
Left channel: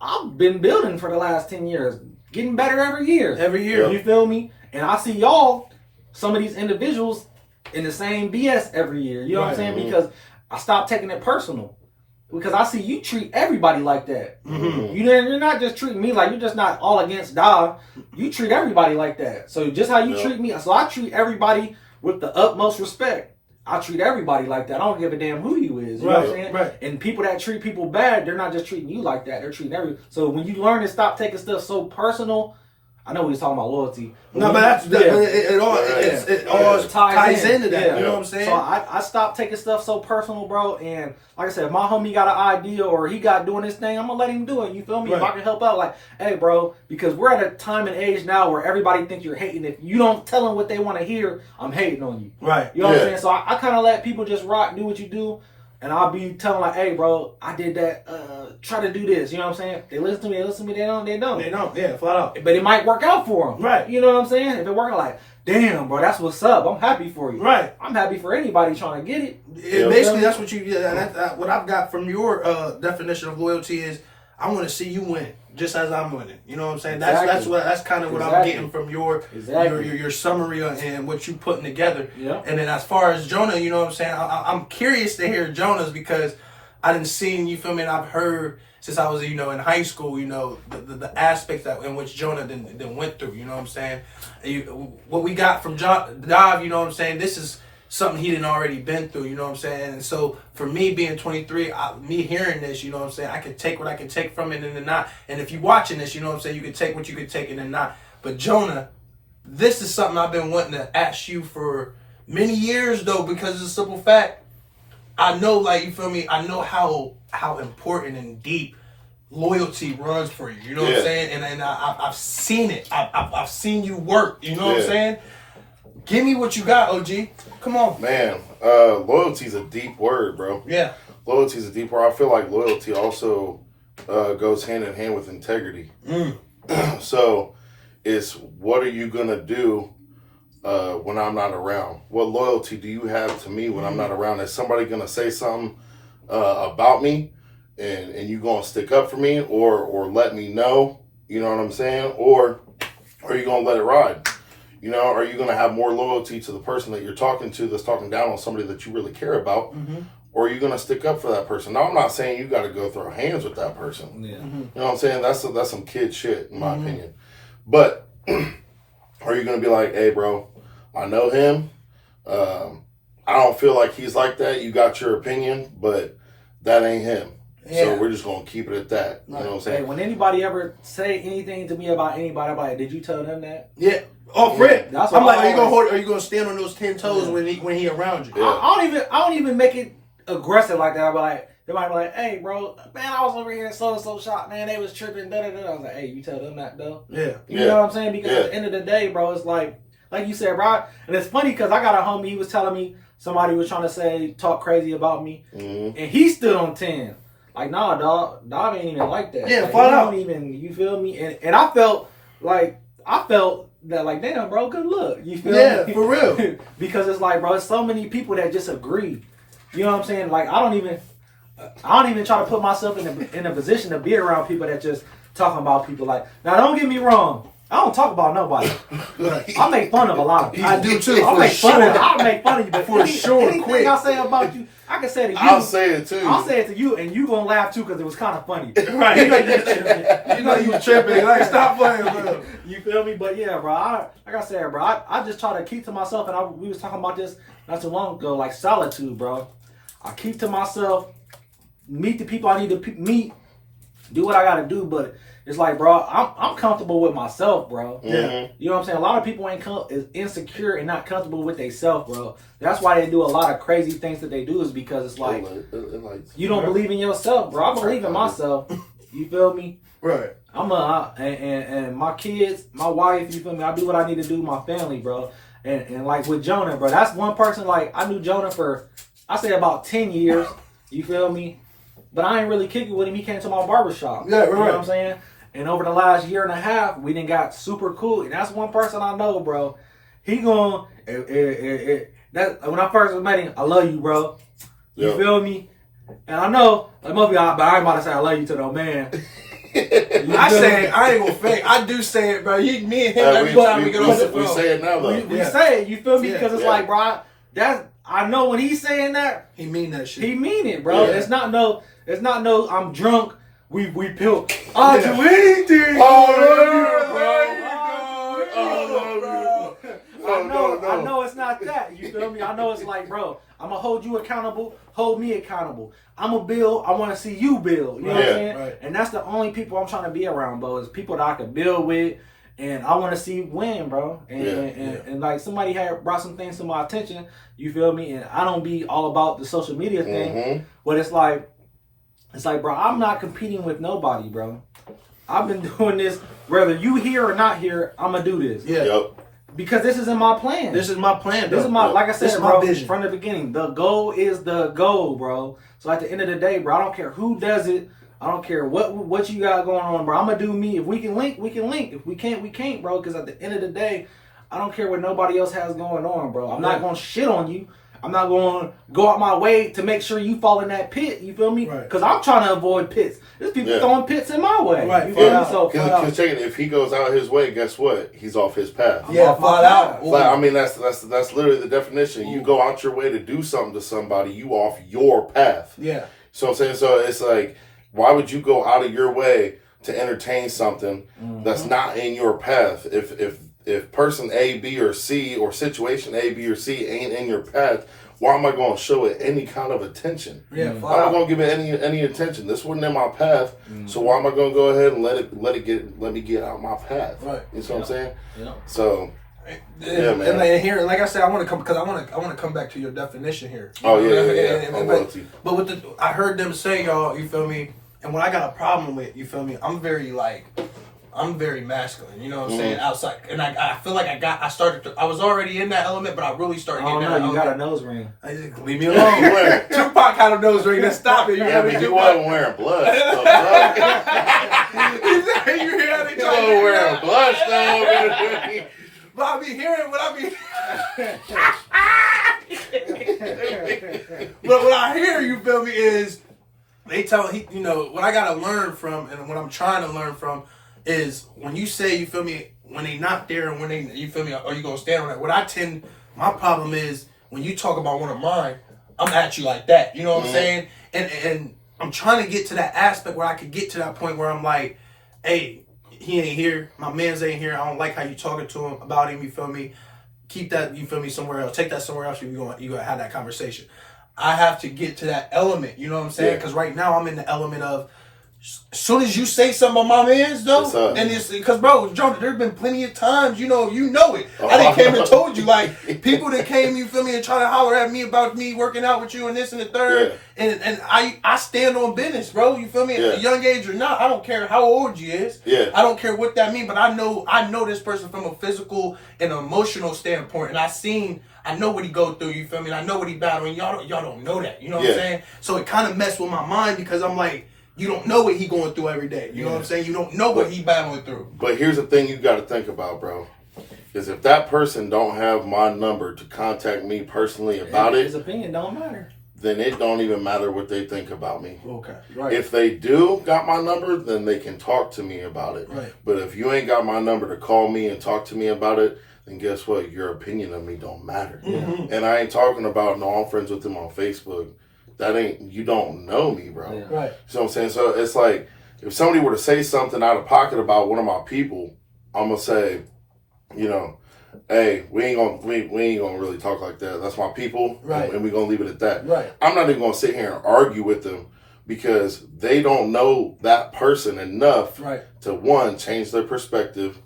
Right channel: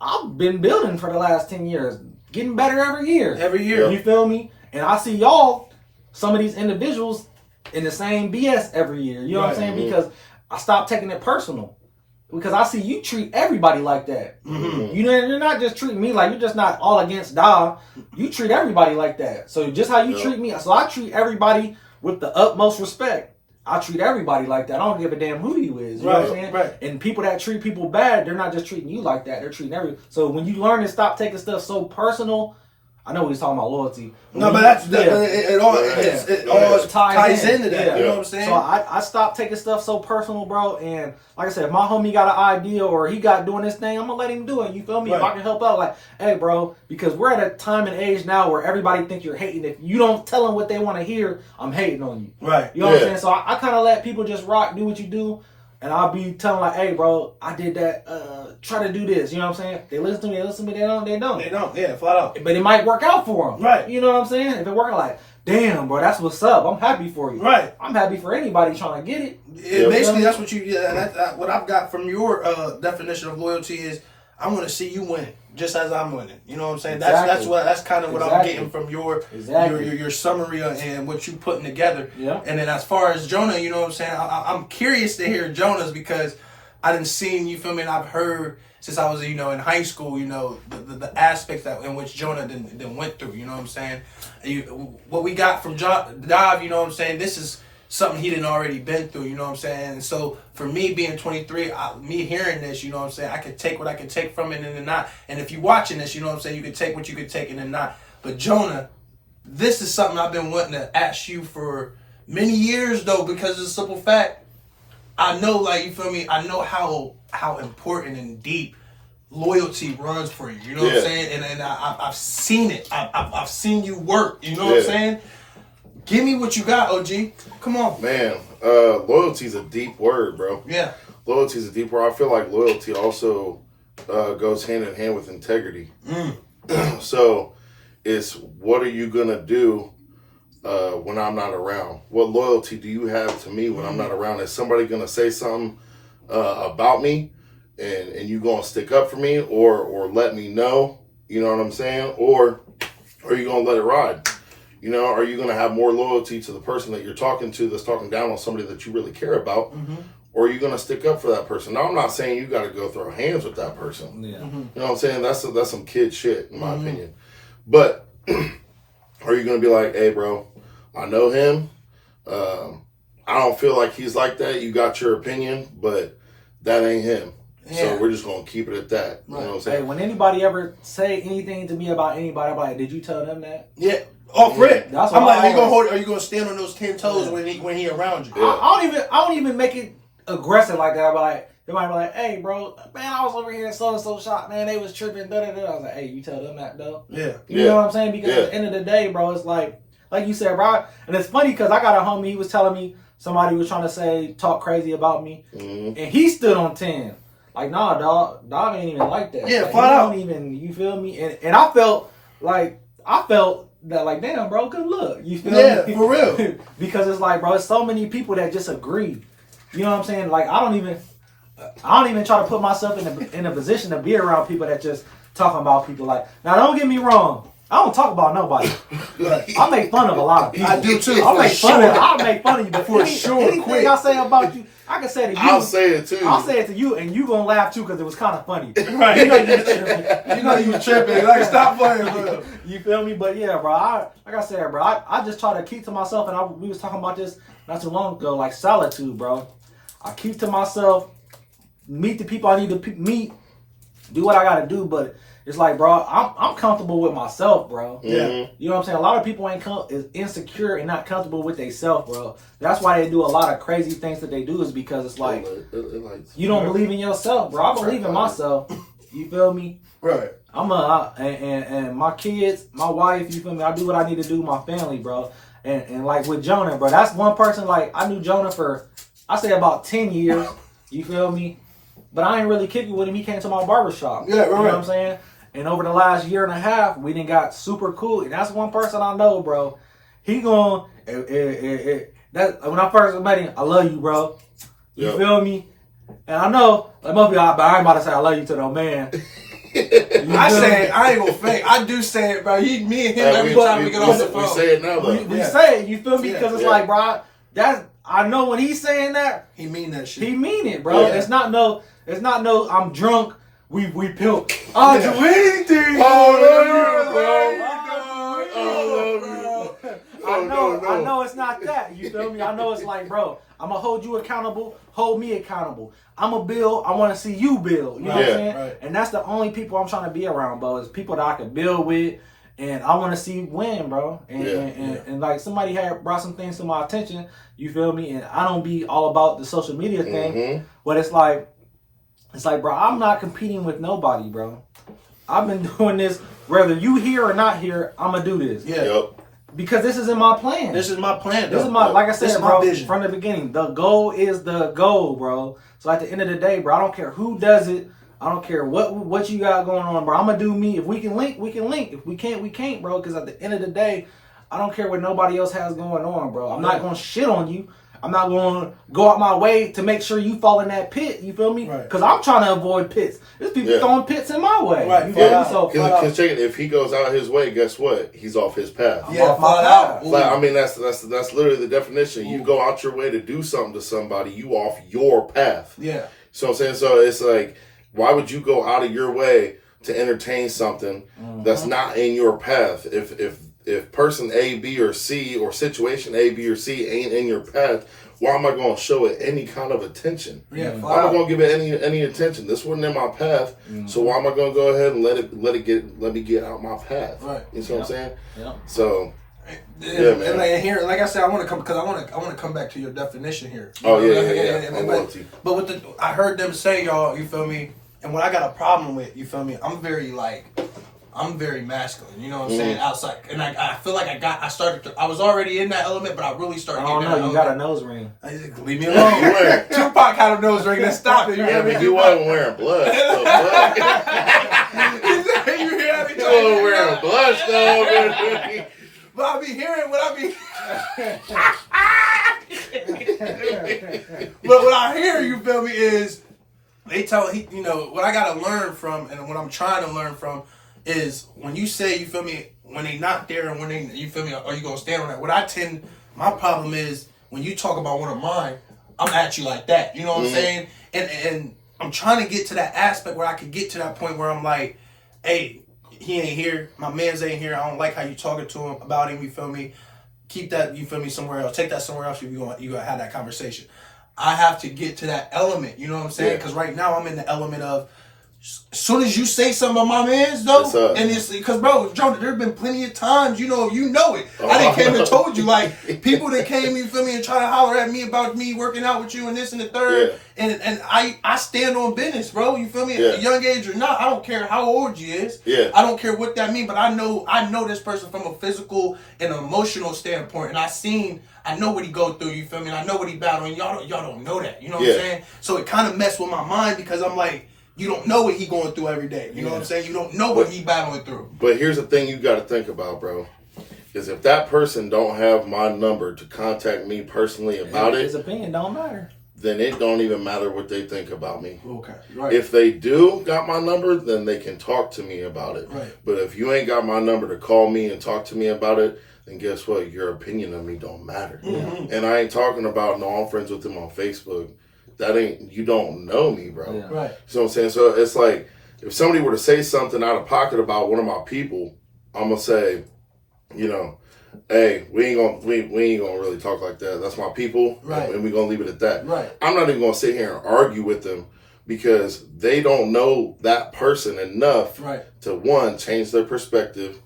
I've been building for the last 10 years, getting better every year. You feel me? And I see y'all, some of these individuals, in the same BS every year. You know what I'm saying? Because I stopped taking it personal. Because I see you treat everybody like that. You're not just treating me like, you're just not all against Dom. You treat everybody like that. So just how you treat me, so I treat everybody with the utmost respect. I treat everybody like that. I don't give a damn who you is. You know what I'm saying? Right. And people that treat people bad, they're not just treating you like that. They're treating everybody. So when you learn to stop taking stuff so personal, I know he's talking about loyalty. No, but it all ties into that. Yeah. You know what I'm saying? So I stopped taking stuff so personal, bro. And like I said, if my homie got an idea or he got doing this thing, I'm going to let him do it. You feel me? Right. If I can help out, like, hey, bro, because we're at a time and age now where everybody thinks you're hating. If you don't tell them what they want to hear, I'm hating on you. Right. You know what I'm saying? So I kind of let people just rock, do what you do. And I'll be telling like, hey, bro, I did that. Try to do this. You know what I'm saying? They listen to me. They don't. They don't. Yeah, flat out. But it might work out for them. Right. You know what I'm saying? If it working, like, damn, bro, that's what's up. I'm happy for you. Right. I'm happy for anybody trying to get it. Basically, that's what you. What I've got from your definition of loyalty is, I want to see you win, just as I'm winning. You know what I'm saying? Exactly. That's kind of what I'm getting from your summary and what you putting together. Yeah. And then as far as Jonah, you know what I'm saying? I'm curious to hear Jonah's, because I didn't see, you feel me, and I've heard since I was, in high school, the aspects that in which Jonah then went through, you know what I'm saying? What we got from Dive, you know what I'm saying? This is something he didn't already been through, you know what I'm saying? And so for me being 23, me hearing this, you know what I'm saying, I could take what I could take from it and then not. And if you're watching this, you know what I'm saying, you could take what you could take and then not. But Jonah, this is something I've been wanting to ask you for many years though, because of the simple fact, I know, like, you feel me, I know how important and deep loyalty runs for you, you know what I'm saying? And I've seen it. I've seen you work, you know what I'm saying? Give me what you got, OG. Come on. Man, loyalty's a deep word, bro. Yeah. Loyalty's a deep word. I feel like loyalty also goes hand in hand with integrity. So it's, what are you going to do when I'm not around? What loyalty do you have to me when I'm not around? Is somebody going to say something about me and you going to stick up for me or let me know? You know what I'm saying? Or are you going to let it ride? Are you going to have more loyalty to the person that you're talking to that's talking down on somebody that you really care about? Or are you going to stick up for that person? Now, I'm not saying you got to go throw hands with that person. Yeah. You know what I'm saying? That's some kid shit, in my opinion. But are you going to be like, hey, bro, I know him. I don't feel like he's like that. You got your opinion, but that ain't him. Yeah. So we're just going to keep it at that. You know what I'm saying? Hey, when anybody ever say anything to me about anybody, I'm like, did you tell them that? Yeah. Oh, Fred. That's I'm like, always, are you gonna stand on those 10 toes when he around you? Yeah. I don't even make it aggressive like that. But like, they might be like, hey, bro, man, I was over here in so shop, man. They was tripping. I was like, hey, you tell them that though. Yeah. You know what I'm saying? Because at the end of the day, bro, it's like you said, bro. And it's funny because I got a homie. He was telling me somebody was trying to talk crazy about me, and he stood on 10. like, nah, dog ain't even like that. Yeah, like, flat out. Don't even, you feel me? And I felt that, like, damn, bro, good look. You feel me? Yeah, for real. Because it's like, bro, there's so many people that just agree. You know what I'm saying? Like, I don't even try to put myself in a position to be around people that just talking about people. Like, now, don't get me wrong. I don't talk about nobody. I make fun of a lot of people. I do too. I make fun of you. But For sure, anything quick. I say about you, I can say to you. I'll say it too. I'll say it to you, and you gonna laugh too because it was kind of funny. Right. You know you tripping. Like, stop playing, bro. You feel me? But yeah, bro. Like I said, bro. I just try to keep to myself, and we was talking about this not too long ago, like solitude, bro. I keep to myself, meet the people I need to meet, do what I gotta do, but. It's like, bro, I'm comfortable with myself, bro. Yeah. You know what I'm saying? A lot of people is insecure and not comfortable with themselves, bro. That's why they do a lot of crazy things that they do is because it's like, you don't believe in yourself, bro. I believe in myself. You feel me? Right. And my kids, my wife, you feel me? I do what I need to do with my family, bro. And like with Jonah, bro, that's one person, like, I knew Jonah for, I say about 10 years. You feel me? But I ain't really kicking with him. He came to my barbershop. Yeah, right. You know what I'm saying? And over the last year and a half, we done got super cool. And that's one person I know, bro. He going, that when I first met him, I love you, bro. You feel me? And I know, like most people, but I ain't about to say I love you to no man. I say it. I ain't gonna fake. I do say it, bro. Me and him every time we get off the phone. We say it now, though. We say it, you feel me? Yeah. Because it's like, bro, I know when he's saying that, He mean that shit. he mean it, bro. Yeah. It's not no, I'm drunk. We pill. I'll do anything. I know it's not that. You feel me? I know it's like, bro, I'm gonna hold you accountable. Hold me accountable. I'm gonna build. I want to see you build. You know what I'm saying? Right. And that's the only people I'm trying to be around, bro. Is people that I can build with, and I want to see win, bro. And like somebody had brought some things to my attention. You feel me? And I don't be all about the social media thing, but it's like, bro, I'm not competing with nobody, bro. I've been doing this, whether you here or not here, I'm gonna do this. Yeah. Yep. Because this is in my plan. This is my plan, though. This is my, like I said, This is my bro, vision. from the beginning. The goal is the goal, bro. So at the end of the day, bro, I don't care who does it. I don't care what you got going on, bro. I'm gonna do me. If we can link, we can link. If we can't, we can't, bro. Because at the end of the day, I don't care what nobody else has going on, bro. I'm not gonna shit on you. I'm not going to go out my way to make sure you fall in that pit. You feel me? Right. Because I'm trying to avoid pits. There's people throwing pits in my way. Right. You feel Yeah. me? So, Because check it, if he goes out his way, guess what? He's off his path. Yeah, off my flat out. path. Like, I mean, that's literally the definition. You go out your way to do something to somebody, you off your path. Yeah. So I'm saying, so it's like, why would you go out of your way to entertain something that's not in your path? If person A, B, or C, or situation A, B, or C ain't in your path, why am I going to show it any kind of attention? Yeah, why am I going to give it any attention? This wasn't in my path, so why am I going to go ahead and let me get out my path? Right. You know what I'm saying? Yeah. So. Yeah, man. And here, like I said, I want to come because I want to come back to your definition here. Oh yeah. But with I heard them say, y'all, you feel me? And what I got a problem with, you feel me? I'm very masculine. You know what I'm saying? Outside, and I feel like I was already in that element, but I really started I getting don't that know. You got a element. nose ring. Leave me alone. Tupac had a nose ring. Let's stop it. You Yeah, hear but me? you wasn't wearing blood. So blood. You hear that? He You trying to wasn't figure wearing out. blood, though. But I be hearing what I be. But what I hear, you feel me, is they tell what I gotta learn from, and what I'm trying to learn from is when you say, you feel me, when they not there, and when they, you feel me, are you gonna stand on that? My problem is when you talk about one of mine, I'm at you like that. You know what I'm saying? And I'm trying to get to that aspect where I can get to that point where I'm like, hey, he ain't here. My man's ain't here. I don't like how you talking to him about him. You feel me? Keep that, you feel me, somewhere else. Take that somewhere else. You gonna have that conversation. I have to get to that element. You know what I'm saying? Because right now I'm in the element of, as soon as you say something about my man's though, and it's because bro, Jonah, there's been plenty of times, you know it. I done came and told you, like, people that came, you feel me, and try to holler at me about me working out with you and this and the third, and I stand on business, bro. You feel me? At a young age or not, I don't care how old you is. I don't care what that means, but I know this person from a physical and emotional standpoint, and I seen I know what he go through, you feel me? And I know what he battling. Y'all don't know that, you know what Yeah. I'm saying? So it kind of messed with my mind because I'm like, you don't know what he going through every day. You know what I'm saying? You don't know what he battling through. But here's the thing you got to think about, bro. Is if that person don't have my number to contact me personally about His it, opinion don't matter. then it don't even matter what they think about me. Okay, right. If they do got my number, then they can talk to me about it. Right. But if you ain't got my number to call me and talk to me about it, then guess what? Your opinion of me don't matter. Mm-hmm. And I ain't talking about, no, I'm friends with them on Facebook. That ain't, you don't know me, bro. Yeah. Right. You know what I'm saying? So it's like, if somebody were to say something out of pocket about one of my people, I'm going to say, you know, hey, we ain't gonna really talk like that. That's my people, Right. and we gonna leave it at that. Right. I'm not even gonna sit here and argue with them because they don't know that person enough Right. to, one, change their perspective,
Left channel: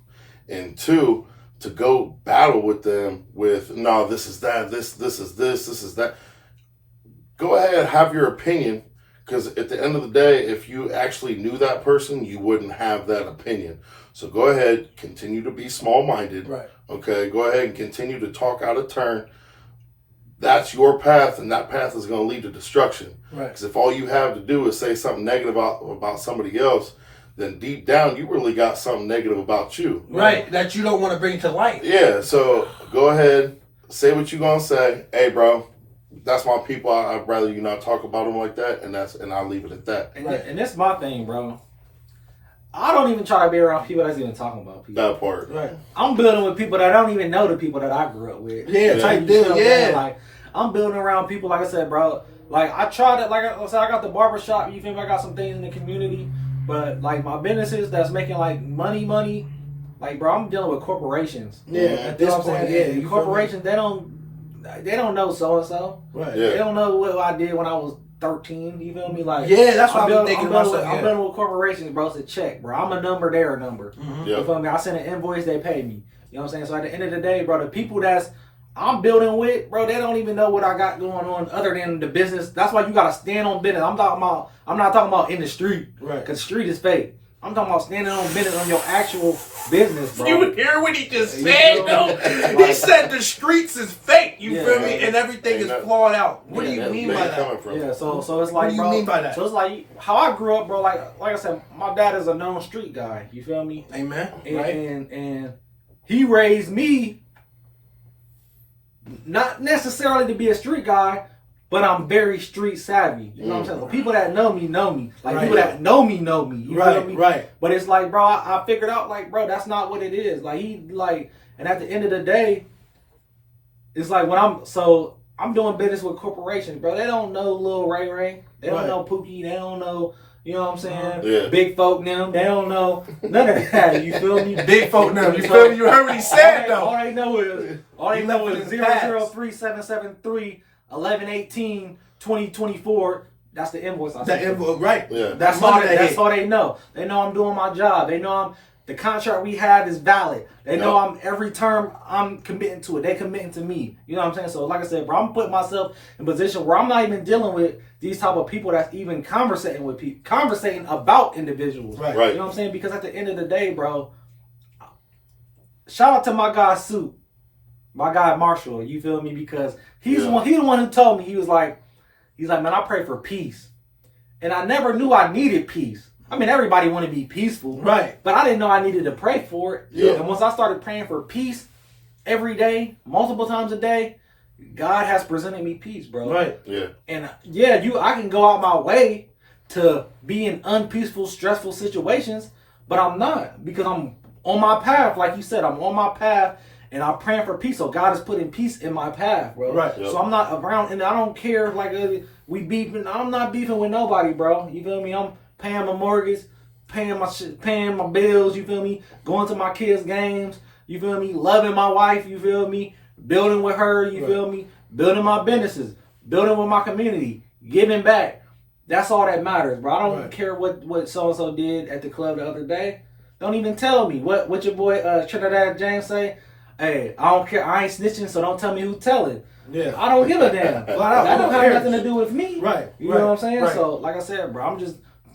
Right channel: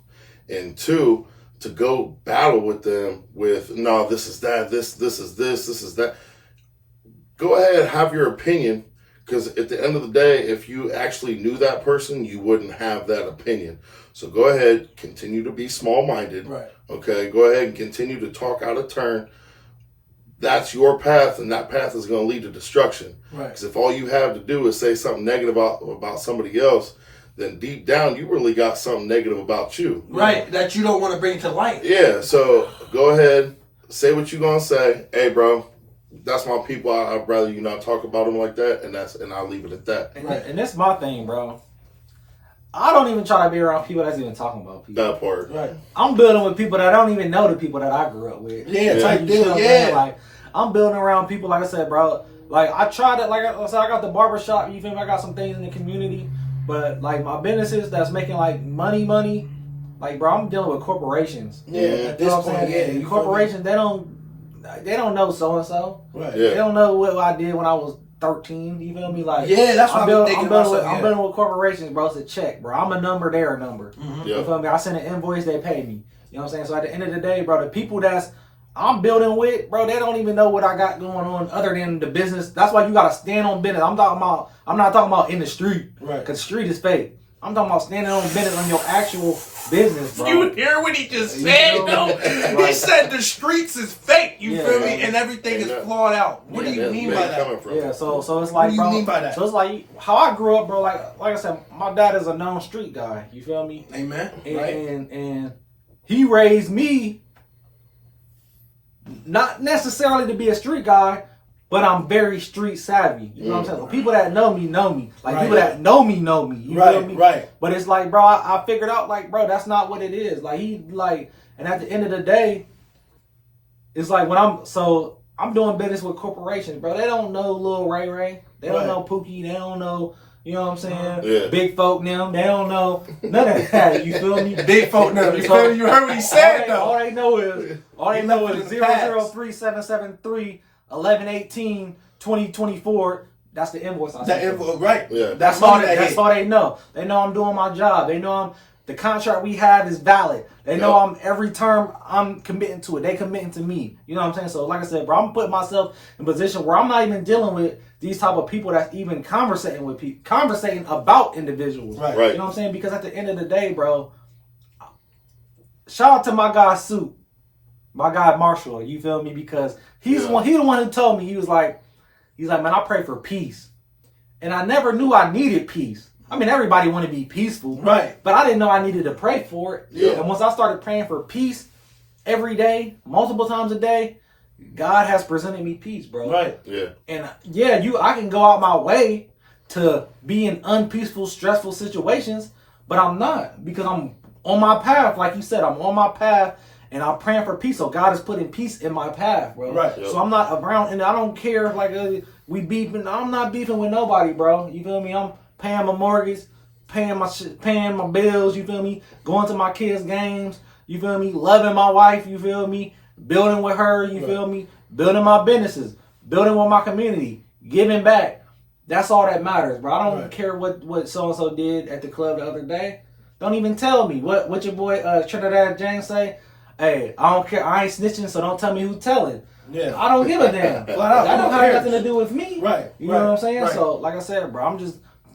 and two, to go battle with them with, no, this is that, this is this is that. Go ahead, have your opinion, because at the end of the day, if you actually knew that person, you wouldn't have that opinion. So go ahead, continue to be small-minded. Right. Okay, go ahead and continue to talk out of turn. That's your path, and that path is going to lead to destruction. Right. Because if all you have to do is say something negative about somebody else, then deep down you really got something negative about you. Right. That you don't want to bring to light. Yeah, so go ahead, say what you're going to say. Hey, bro, that's my people. I'd rather you not talk about them like that, and I'll leave it at that. And that's my thing, bro. I don't even try to be around people that's even talking about people. That part. Right. I'm building with people that don't even know the people that I grew up with. Yeah, type You deal. know what I'm saying? Yeah. Like, I'm building around people, like I said, bro. Like, I tried it, like I said, I got the barbershop, you feel me? I got some things in the community. But, like, my businesses that's making, like, money, like, bro, I'm dealing with corporations. Yeah. Mhm. At You know this what I'm point, saying? yeah. And You feel me? corporations, they don't know so-and-so. Right. Yeah. They don't know what I did when I was 13, you feel me? Like, Yeah, that's what I'm I'm building, thinking I'm building, myself. I'm building with corporations, bro. It's a check, bro. I'm a number, they're a number. Mm-hmm. Yeah. You feel me? I send an invoice, they pay me. You know what I'm saying? So at the end of the day, bro, the people that's I'm building with, bro, they don't even know what I got going on other than the business. That's why you gotta stand on business. I'm not talking about in the street. Right. Cause the street is fake. I'm talking about standing on business on your actual business, bro. You hear what he just You said, know? though? He said the streets is fake. You Yeah. feel me? And everything is flawed out. What do you That's mean where by you that? coming from. Yeah, so it's like, do you bro, mean by that? So it's like how I grew up, bro. Like I said, my dad is a known street guy. You feel me? Amen. And, Right. and he raised me not necessarily to be a street guy, but I'm very street savvy. You know what I'm saying? People that know me know me. Like Right. people that know me know me. You feel Right. me? Right. But it's like, bro, I figured out, like, bro, that's not what it is. Like and at the end of the day, it's like when I'm doing business with corporations, bro. They don't know Lil Ray Ray. They don't Right. know Pookie. They don't know, you know what I'm saying? Yeah. Big folk them. They don't know none of that. You feel me? Big folk now. You feel me? You heard what he said, All though. they know is He left it in the 003-773 11/18/2024. That's the invoice I That sent. envelope, right? Yeah. That's all. money that That's hit. all they know. They know I'm doing my job. They know the contract we have is valid. They know Yep. every term I'm committing to it. They committing to me. You know what I'm saying? So like I said, bro, I'm putting myself in a position where I'm not even dealing with these type of people that's even conversating with people, conversating about individuals. Right. Right. You know what I'm saying? Because at the end of the day, bro, shout out to my guy Soup, my guy Marshall. You feel me? Because he's the one. He the one who told me. He was like, man, I pray for peace, and I never knew I needed peace. I mean, everybody want to be peaceful, Right. but I didn't know I needed to pray for it. Yeah. And once I started praying for peace every day, multiple times a day, God has presented me peace, bro. Right. Yeah. And I can go out my way to be in unpeaceful, stressful situations, but I'm not, because I'm on my path. Like you said, I'm on my path and I'm praying for peace. So God is putting peace in my path, bro. Right. Yep. So I'm not around, and I don't care, like, we beefing. I'm not beefing with nobody, bro. You feel me? I'm paying my mortgage, paying my shit, paying my bills, you feel me? Going to my kids' games, you feel me? Loving my wife, you feel me? Building with her, you feel me? Building my businesses, building with my community, giving back. That's all that matters, bro. I don't care what so-and-so did at the club the other day. Don't even tell me. What your boy Trinidad James say? Hey, I don't care. I ain't snitching, so don't tell me who's telling. Yeah. I don't give a damn. Flat out, That don't who have cares? nothing to do with me. Right, You right, know what I'm saying? right. So, like I said, bro,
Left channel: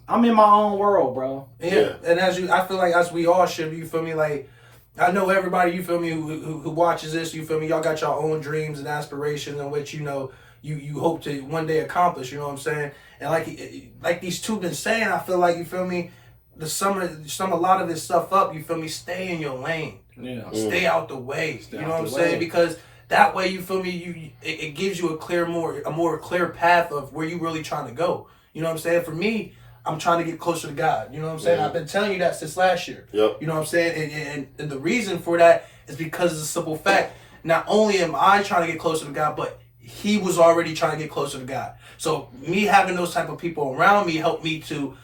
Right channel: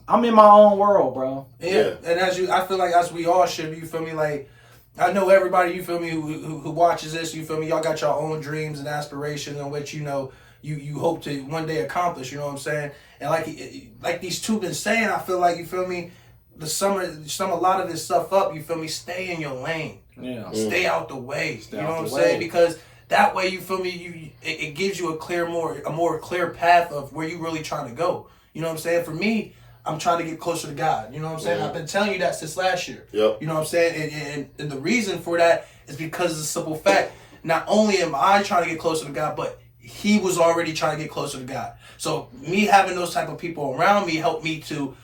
I'm in my own world, bro. Yeah. And I feel like as we all should, you feel me? Like, I know everybody, you feel me, who watches this, you feel me, y'all got your own dreams and aspirations in which, you hope to one day accomplish, you know what I'm saying? And like these two been saying, I feel like, you feel me, sum a lot of this stuff up, you feel me, stay in your lane. Yeah. Stay out the way. Stay you know out what I'm the way. saying? Because that way, you feel me, it gives you a more clear path of where you really trying to go. You know what I'm saying? For me, I'm trying to get closer to God. You know what I'm saying? Yeah. I've been telling you that since last year. Yep. You know what I'm saying? And the reason for that is because of the simple fact, not only am I trying to get closer to God, but he was already trying to get closer to God. So me having those type of people around me helped me to,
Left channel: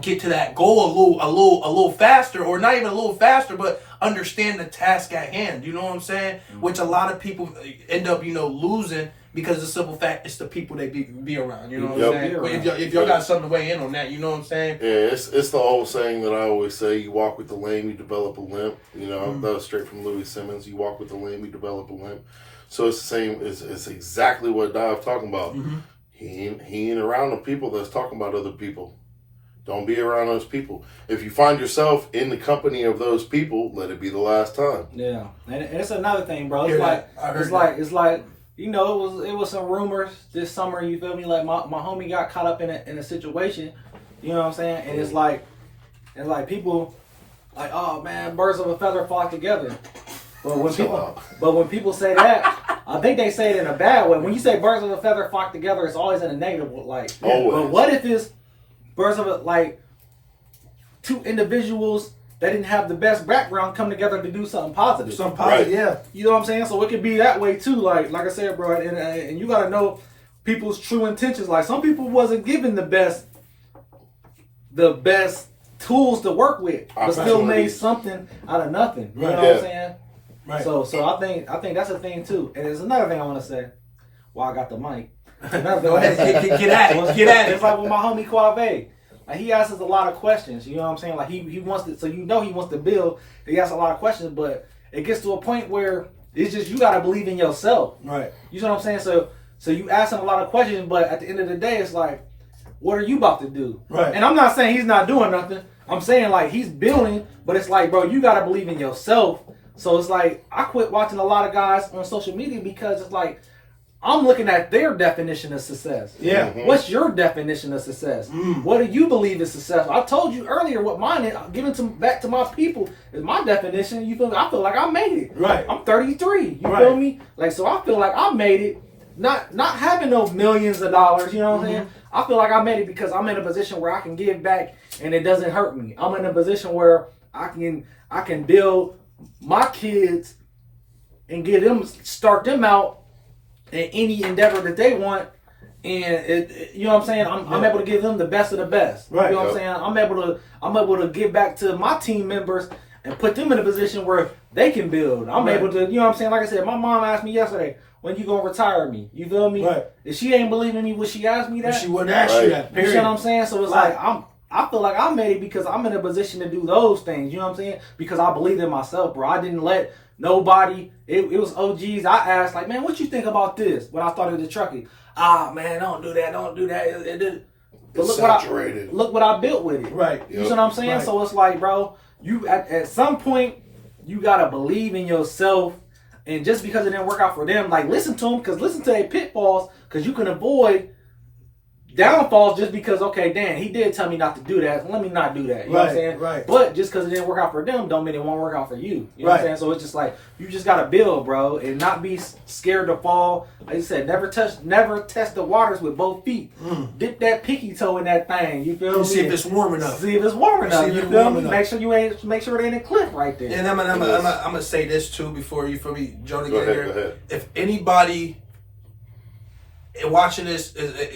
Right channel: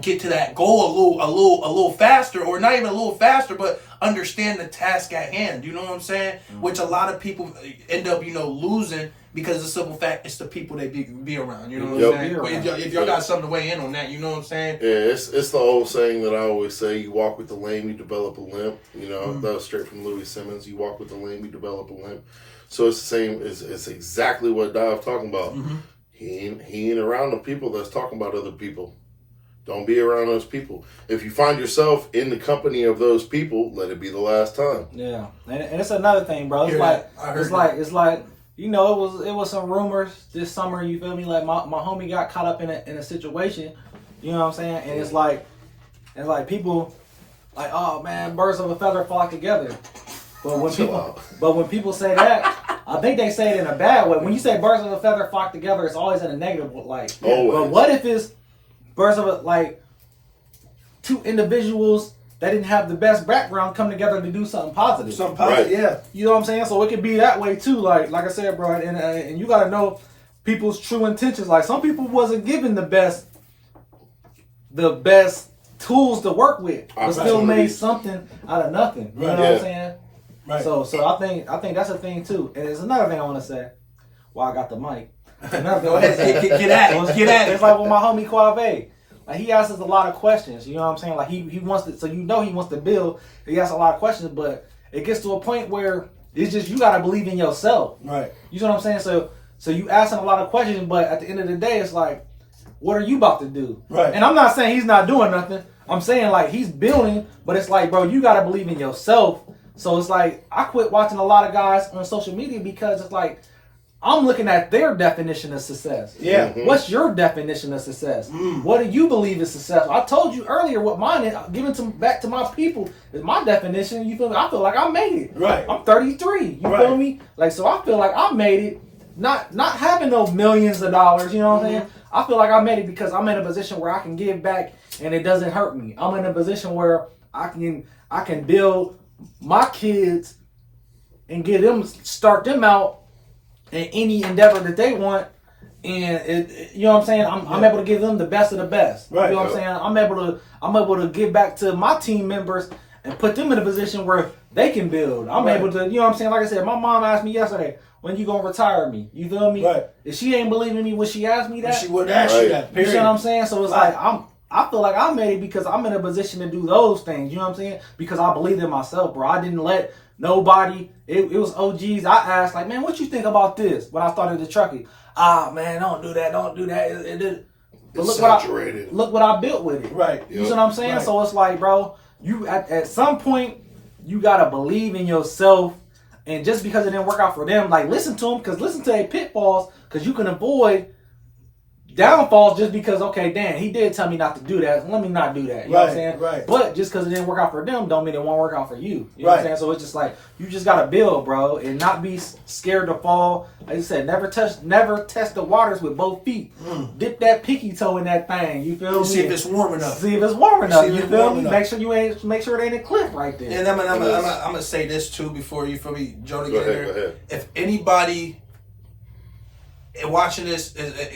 get to that goal a little faster, or not even a little faster, but understand the task at hand. You know what I'm saying? Mm-hmm. Which a lot of people end up, losing because of the simple fact it's the people they be around. You know what I'm saying? But if y'all got something to weigh in on that, you know what I'm saying? Yeah, it's the old saying that I always say: you walk with the lame, you develop a limp. That was straight from Louis Simmons. You walk with the lame, you develop a limp. So it's the same. It's exactly what Dov talking about. Mm-hmm. He ain't around the people that's talking about other people. Don't be around those people. If you find yourself in the company of those people, let it be the last time. Yeah, and it's another thing, bro. It's it's like it was some rumors this summer. You feel me? Like my homie got caught up in a situation. You know what I'm saying? And it's like people like, oh man, birds of a feather flock together. But when people say that, I think they say it in a bad way. When you say birds of a feather flock together, it's always in a negative way. But what if it's birds of two individuals that didn't have the best background come together to do something positive? Right. Yeah. You know what I'm saying? So it could be that way too. Like I said, bro, and you gotta know people's true intentions. Like some people wasn't given the best tools to work with, but still made something out of nothing. You know what I'm saying? Right. So I think that's a thing too. And there's another thing I want to say. Well, I got the mic. Go ahead, get at it. It's like with my homie Quave. Like he asks us a lot of questions. You know what I'm saying? Like he wants to, so he wants to build. He asks a lot of questions, but it gets to a point where it's just you gotta believe in yourself. Right. You know what I'm saying? So you asking a lot of questions, but at the end of the day, it's like, what are you about to do? Right. And I'm not saying he's not doing nothing. I'm saying like he's building, but it's like, bro, you gotta believe in yourself. So it's like I quit watching a lot of guys on social media because it's like I'm looking at their definition of success. Yeah. Mm-hmm. What's your definition of success? What do you believe is success? I told you earlier what mine is. Giving back to my people is my definition. You feel me? I feel like I made it. Right. I'm 33. You feel me? Like, so I feel like I made it. Not having no millions of dollars. You know what I'm saying? I feel like I made it because I'm in a position where I can give back and it doesn't hurt me. I'm in a position where I can build my kids and start them out in any endeavor that they want, and you know what I'm saying. I'm able to give them the best of the best. Right. You know what I'm saying. I'm able to give back to my team members and put them in a position where they can build. I'm able to, you know what I'm saying. Like I said, my mom asked me yesterday, when you gonna retire me? You feel me? Right. If she ain't believing me, would she ask me that? She wouldn't ask you that. Period. You know what I'm saying? So it's like I feel like I made it because I'm in a position to do those things. You know what I'm saying? Because I believed in myself, bro. I didn't let nobody. It was OGs. I asked like, man, what you think about this? When I started the trucking, man, don't do that. But look what I built with it. Right. You know what I'm saying? Right. So it's like, bro, you at some point you gotta believe in yourself. And just because it didn't work out for them, like listen to them, because listen to their pitfalls, because you can avoid downfalls just because, okay, damn, he did tell me not to do that. Let me not do that. You know what I'm saying? Right. But just because it didn't work out for them, don't mean it won't work out for you. You know what I'm saying? So it's just like, you just got to build, bro, and not be scared to fall. Like I said, never test the waters with both feet. Dip that pinky toe in that thing. You feel me? See if it's warm enough. You feel me? Make sure it ain't a cliff right there. And I'm gonna say this too before you feel me, Jonah, get in there. Go ahead. If anybody watching this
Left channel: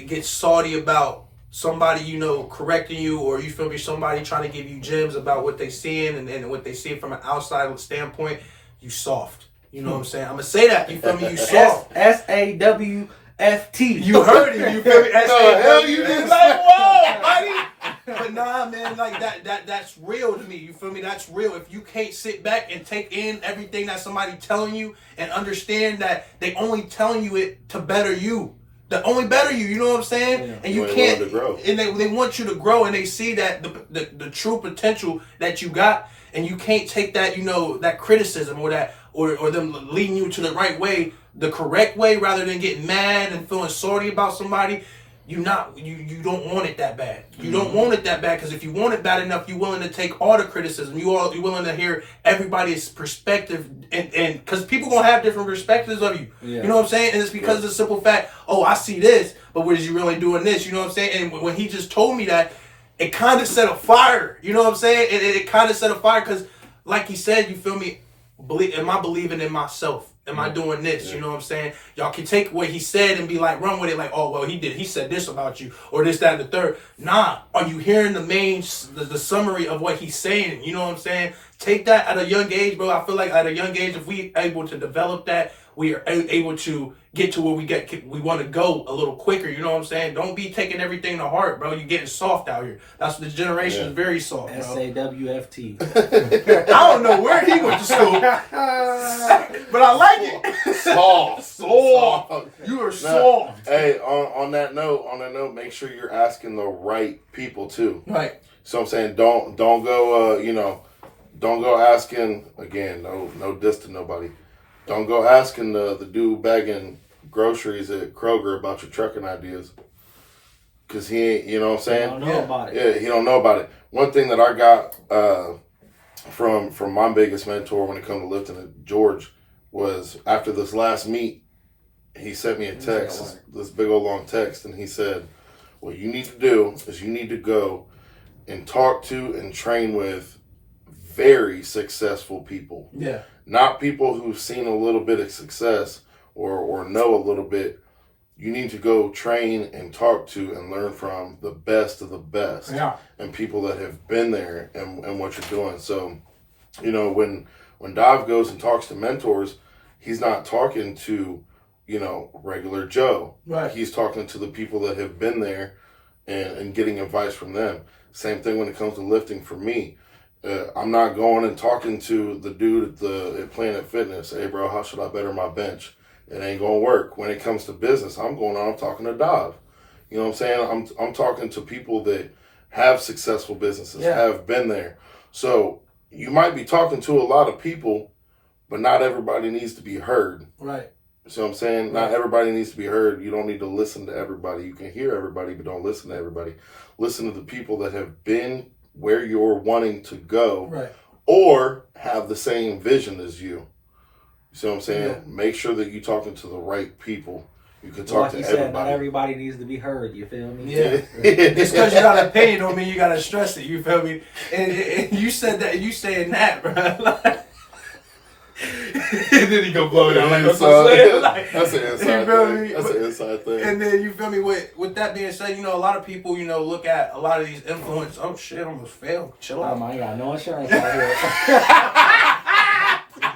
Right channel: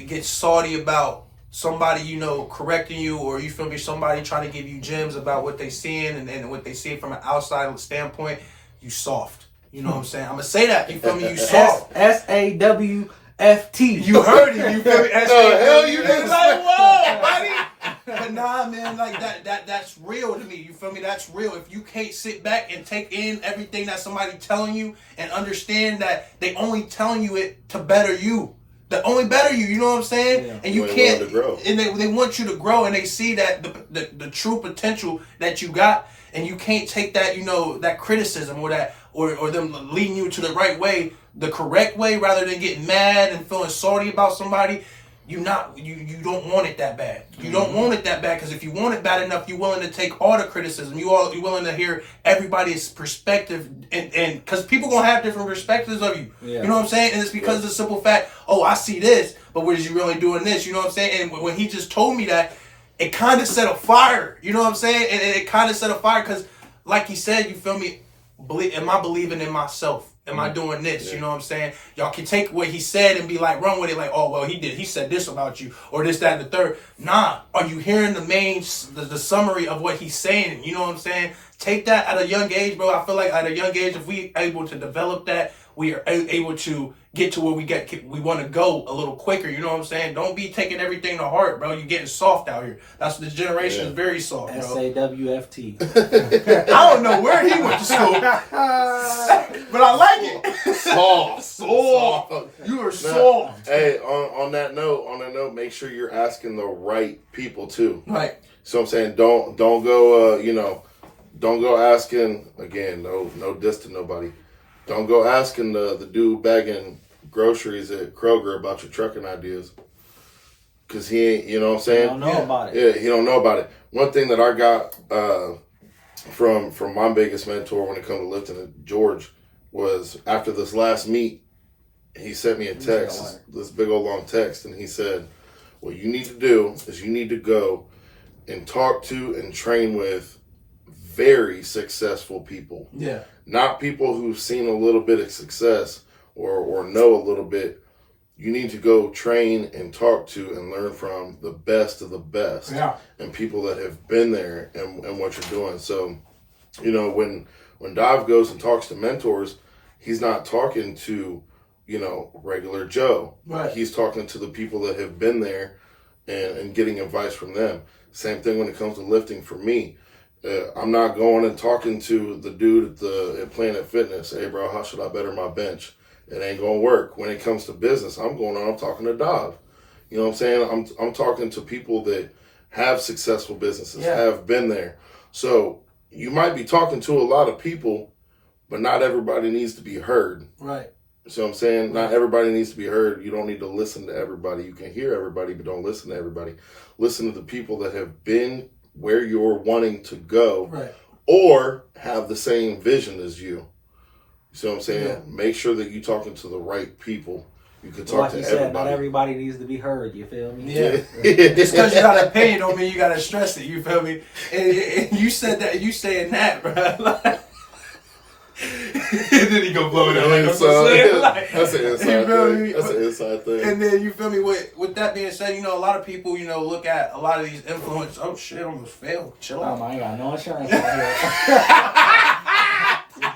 gets salty about somebody correcting you, or you feel me, somebody trying to give you gems about what they seeing and what they see from an outside standpoint, you soft. You know what I'm saying? I'm gonna say that. You feel me? You soft. SAWFT. You heard it. You feel me? Hell, you didn't like, whoa, buddy. But nah, man, like that's real to me. You feel me? That's real. If you can't sit back and take in everything that somebody telling you and understand that they only telling you it to better you. The only better you know what I'm saying? Yeah. And you can't, and they want you to grow, and they see that the true potential that you got. and you can't take that, you know, that criticism or that or them leading you to the right way, the correct way, rather than getting mad and feeling sorry about somebody. You don't want it that bad. You don't want it that bad, because if you want it bad enough, you're willing to take all the criticism. You're willing to hear everybody's perspective, and because people gonna have different perspectives of you. Yeah. You know what I'm saying? And it's because of the simple fact, oh, I see this, but what is you really doing this? You know what I'm saying? And when he just told me that, it kind of set a fire. You know what I'm saying? And it kind of set a fire because, like he said, you feel me? Am I believing in myself? Am I doing this? Yeah. You know what I'm saying? Y'all can take what he said and be like, run with it. Like, oh, well, he said this about you, or this, that, and the third. Nah. Are you hearing the summary of what he's saying? You know what I'm saying? Take that at a young age, bro. I feel like at a young age, if we able to develop that, we are able to get to where we want to go a little quicker. You know what I'm saying? Don't be taking everything to heart, bro. You're getting soft out here. That's the generation is very soft, bro. SAWFT. I don't know where he went to school, but I like it. Soft. You are soft. Hey, on that note, make sure you're asking the right people too. Right. So I'm saying, don't go, don't go asking, again, no diss to nobody. Don't go asking the dude bagging groceries at Kroger about your trucking ideas. Because he ain't, you know what I'm saying? He don't know about it. Yeah, he don't know about it. One thing that I got from my biggest mentor when it comes to lifting at George was, after this last meet, he sent me a text, this big old long text, and he said, what you need to do is you need to go and talk to and train with very successful people. Yeah. Not people who've seen a little bit of success or know a little bit. You need to go train and talk to and learn from the best of the best. Yeah. And people that have been there and what you're doing. So, you know, when Dav goes and talks to mentors, he's not talking to, regular Joe. Right. He's talking to the people that have been there and getting advice from them. Same thing when it comes to lifting for me. I'm not going and talking to the dude at Planet Fitness. Hey, bro, how should I better my bench? It ain't gonna work. When it comes to business, I'm talking to Dav. You know what I'm saying? I'm talking to people that have successful businesses, have been there. So you might be talking to a lot of people, but not everybody needs to be heard. Right. So I'm saying, not everybody needs to be heard. You don't need to listen to everybody. You can hear everybody, but don't listen to everybody. Listen to the people that have been where you're wanting to go, right, or have the same vision as you. You see what I'm saying? Yeah. Make sure that you're talking to the right people. You can talk to everybody. Not everybody needs to be heard. You feel me? Yeah. Just because you got an opinion don't mean you got to stress it. You feel me? And you said that. You saying that, bro. And then he go blow it out. That's an inside thing. That's an inside thing. And then you feel me? With that being said, a lot of people, look at a lot of these influencers. Oh shit! I almost failed. Chill out. Oh my god! No insurance out here.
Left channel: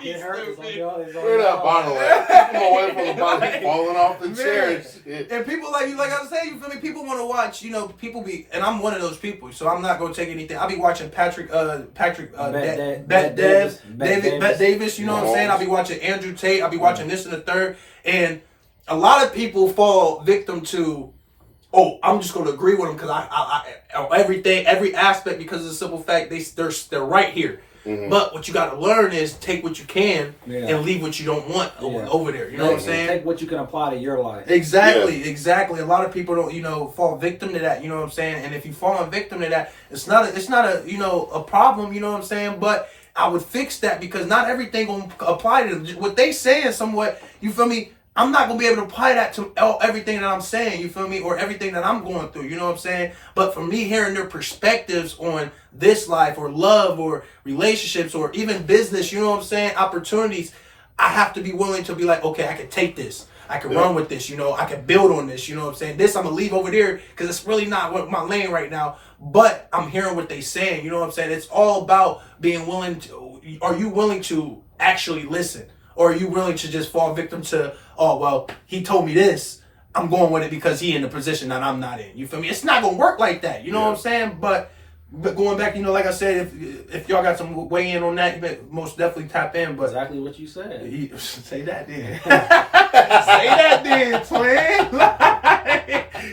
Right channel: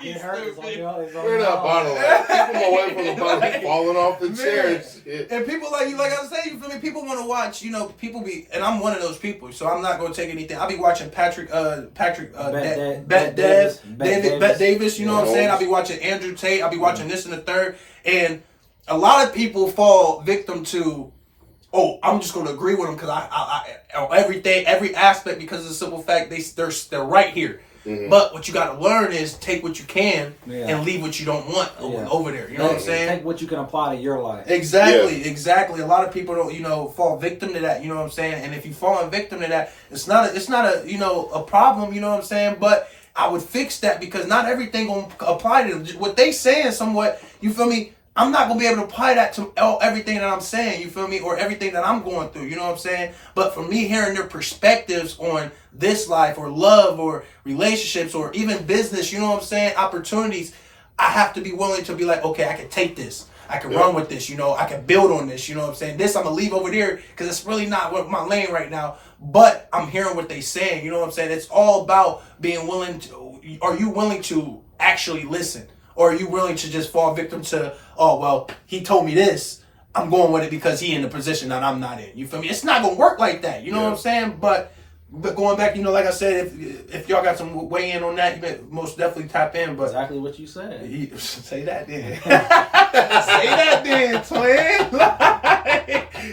Where that bottle at? Keep him away from the bottle. Falling off the chair. And people like you, like I was saying, you feel me? People want to watch. People be, and I'm one of those people. So I'm not gonna take anything. I'll be watching Patrick Davis. You know what I'm saying? I'll be watching Andrew Tate. I'll be watching this and the third. And a lot of people fall victim to, oh, I'm just going to agree with them because I everything, every aspect, because of the simple fact they're right here. Mm-hmm. But what you got to learn is take what you can and leave what you don't want over there. You know what I'm saying? Take what you can apply to your life. Exactly. A lot of people don't, fall victim to that. You know what I'm saying? And if you fall victim to that, it's not a problem. You know what I'm saying? But I would fix that because not everything gonna apply to them. What they saying somewhat, you feel me? I'm not going to be able to apply that to everything that I'm saying, you feel me? Or everything that I'm going through, you know what I'm saying? But for me, hearing their perspectives on this life or love or relationships or even business, you know what I'm saying? Opportunities, I have to be willing to be like, okay, I can take this. I can run with this, I can build on this, you know what I'm saying? This I'm going to leave over there because it's really not what my lane right now. But I'm hearing what they saying, you know what I'm saying? It's all about being willing to, are you willing to actually listen? Or are you willing to just fall victim to, oh, well, he told me this. I'm going with it because he in the position that I'm not in. You feel me? It's not going to work like that. You know what I'm saying? But going back, like I said, if y'all got some weigh in on that, you better most definitely tap in. But exactly what you said. Say that then. Say that then, twin.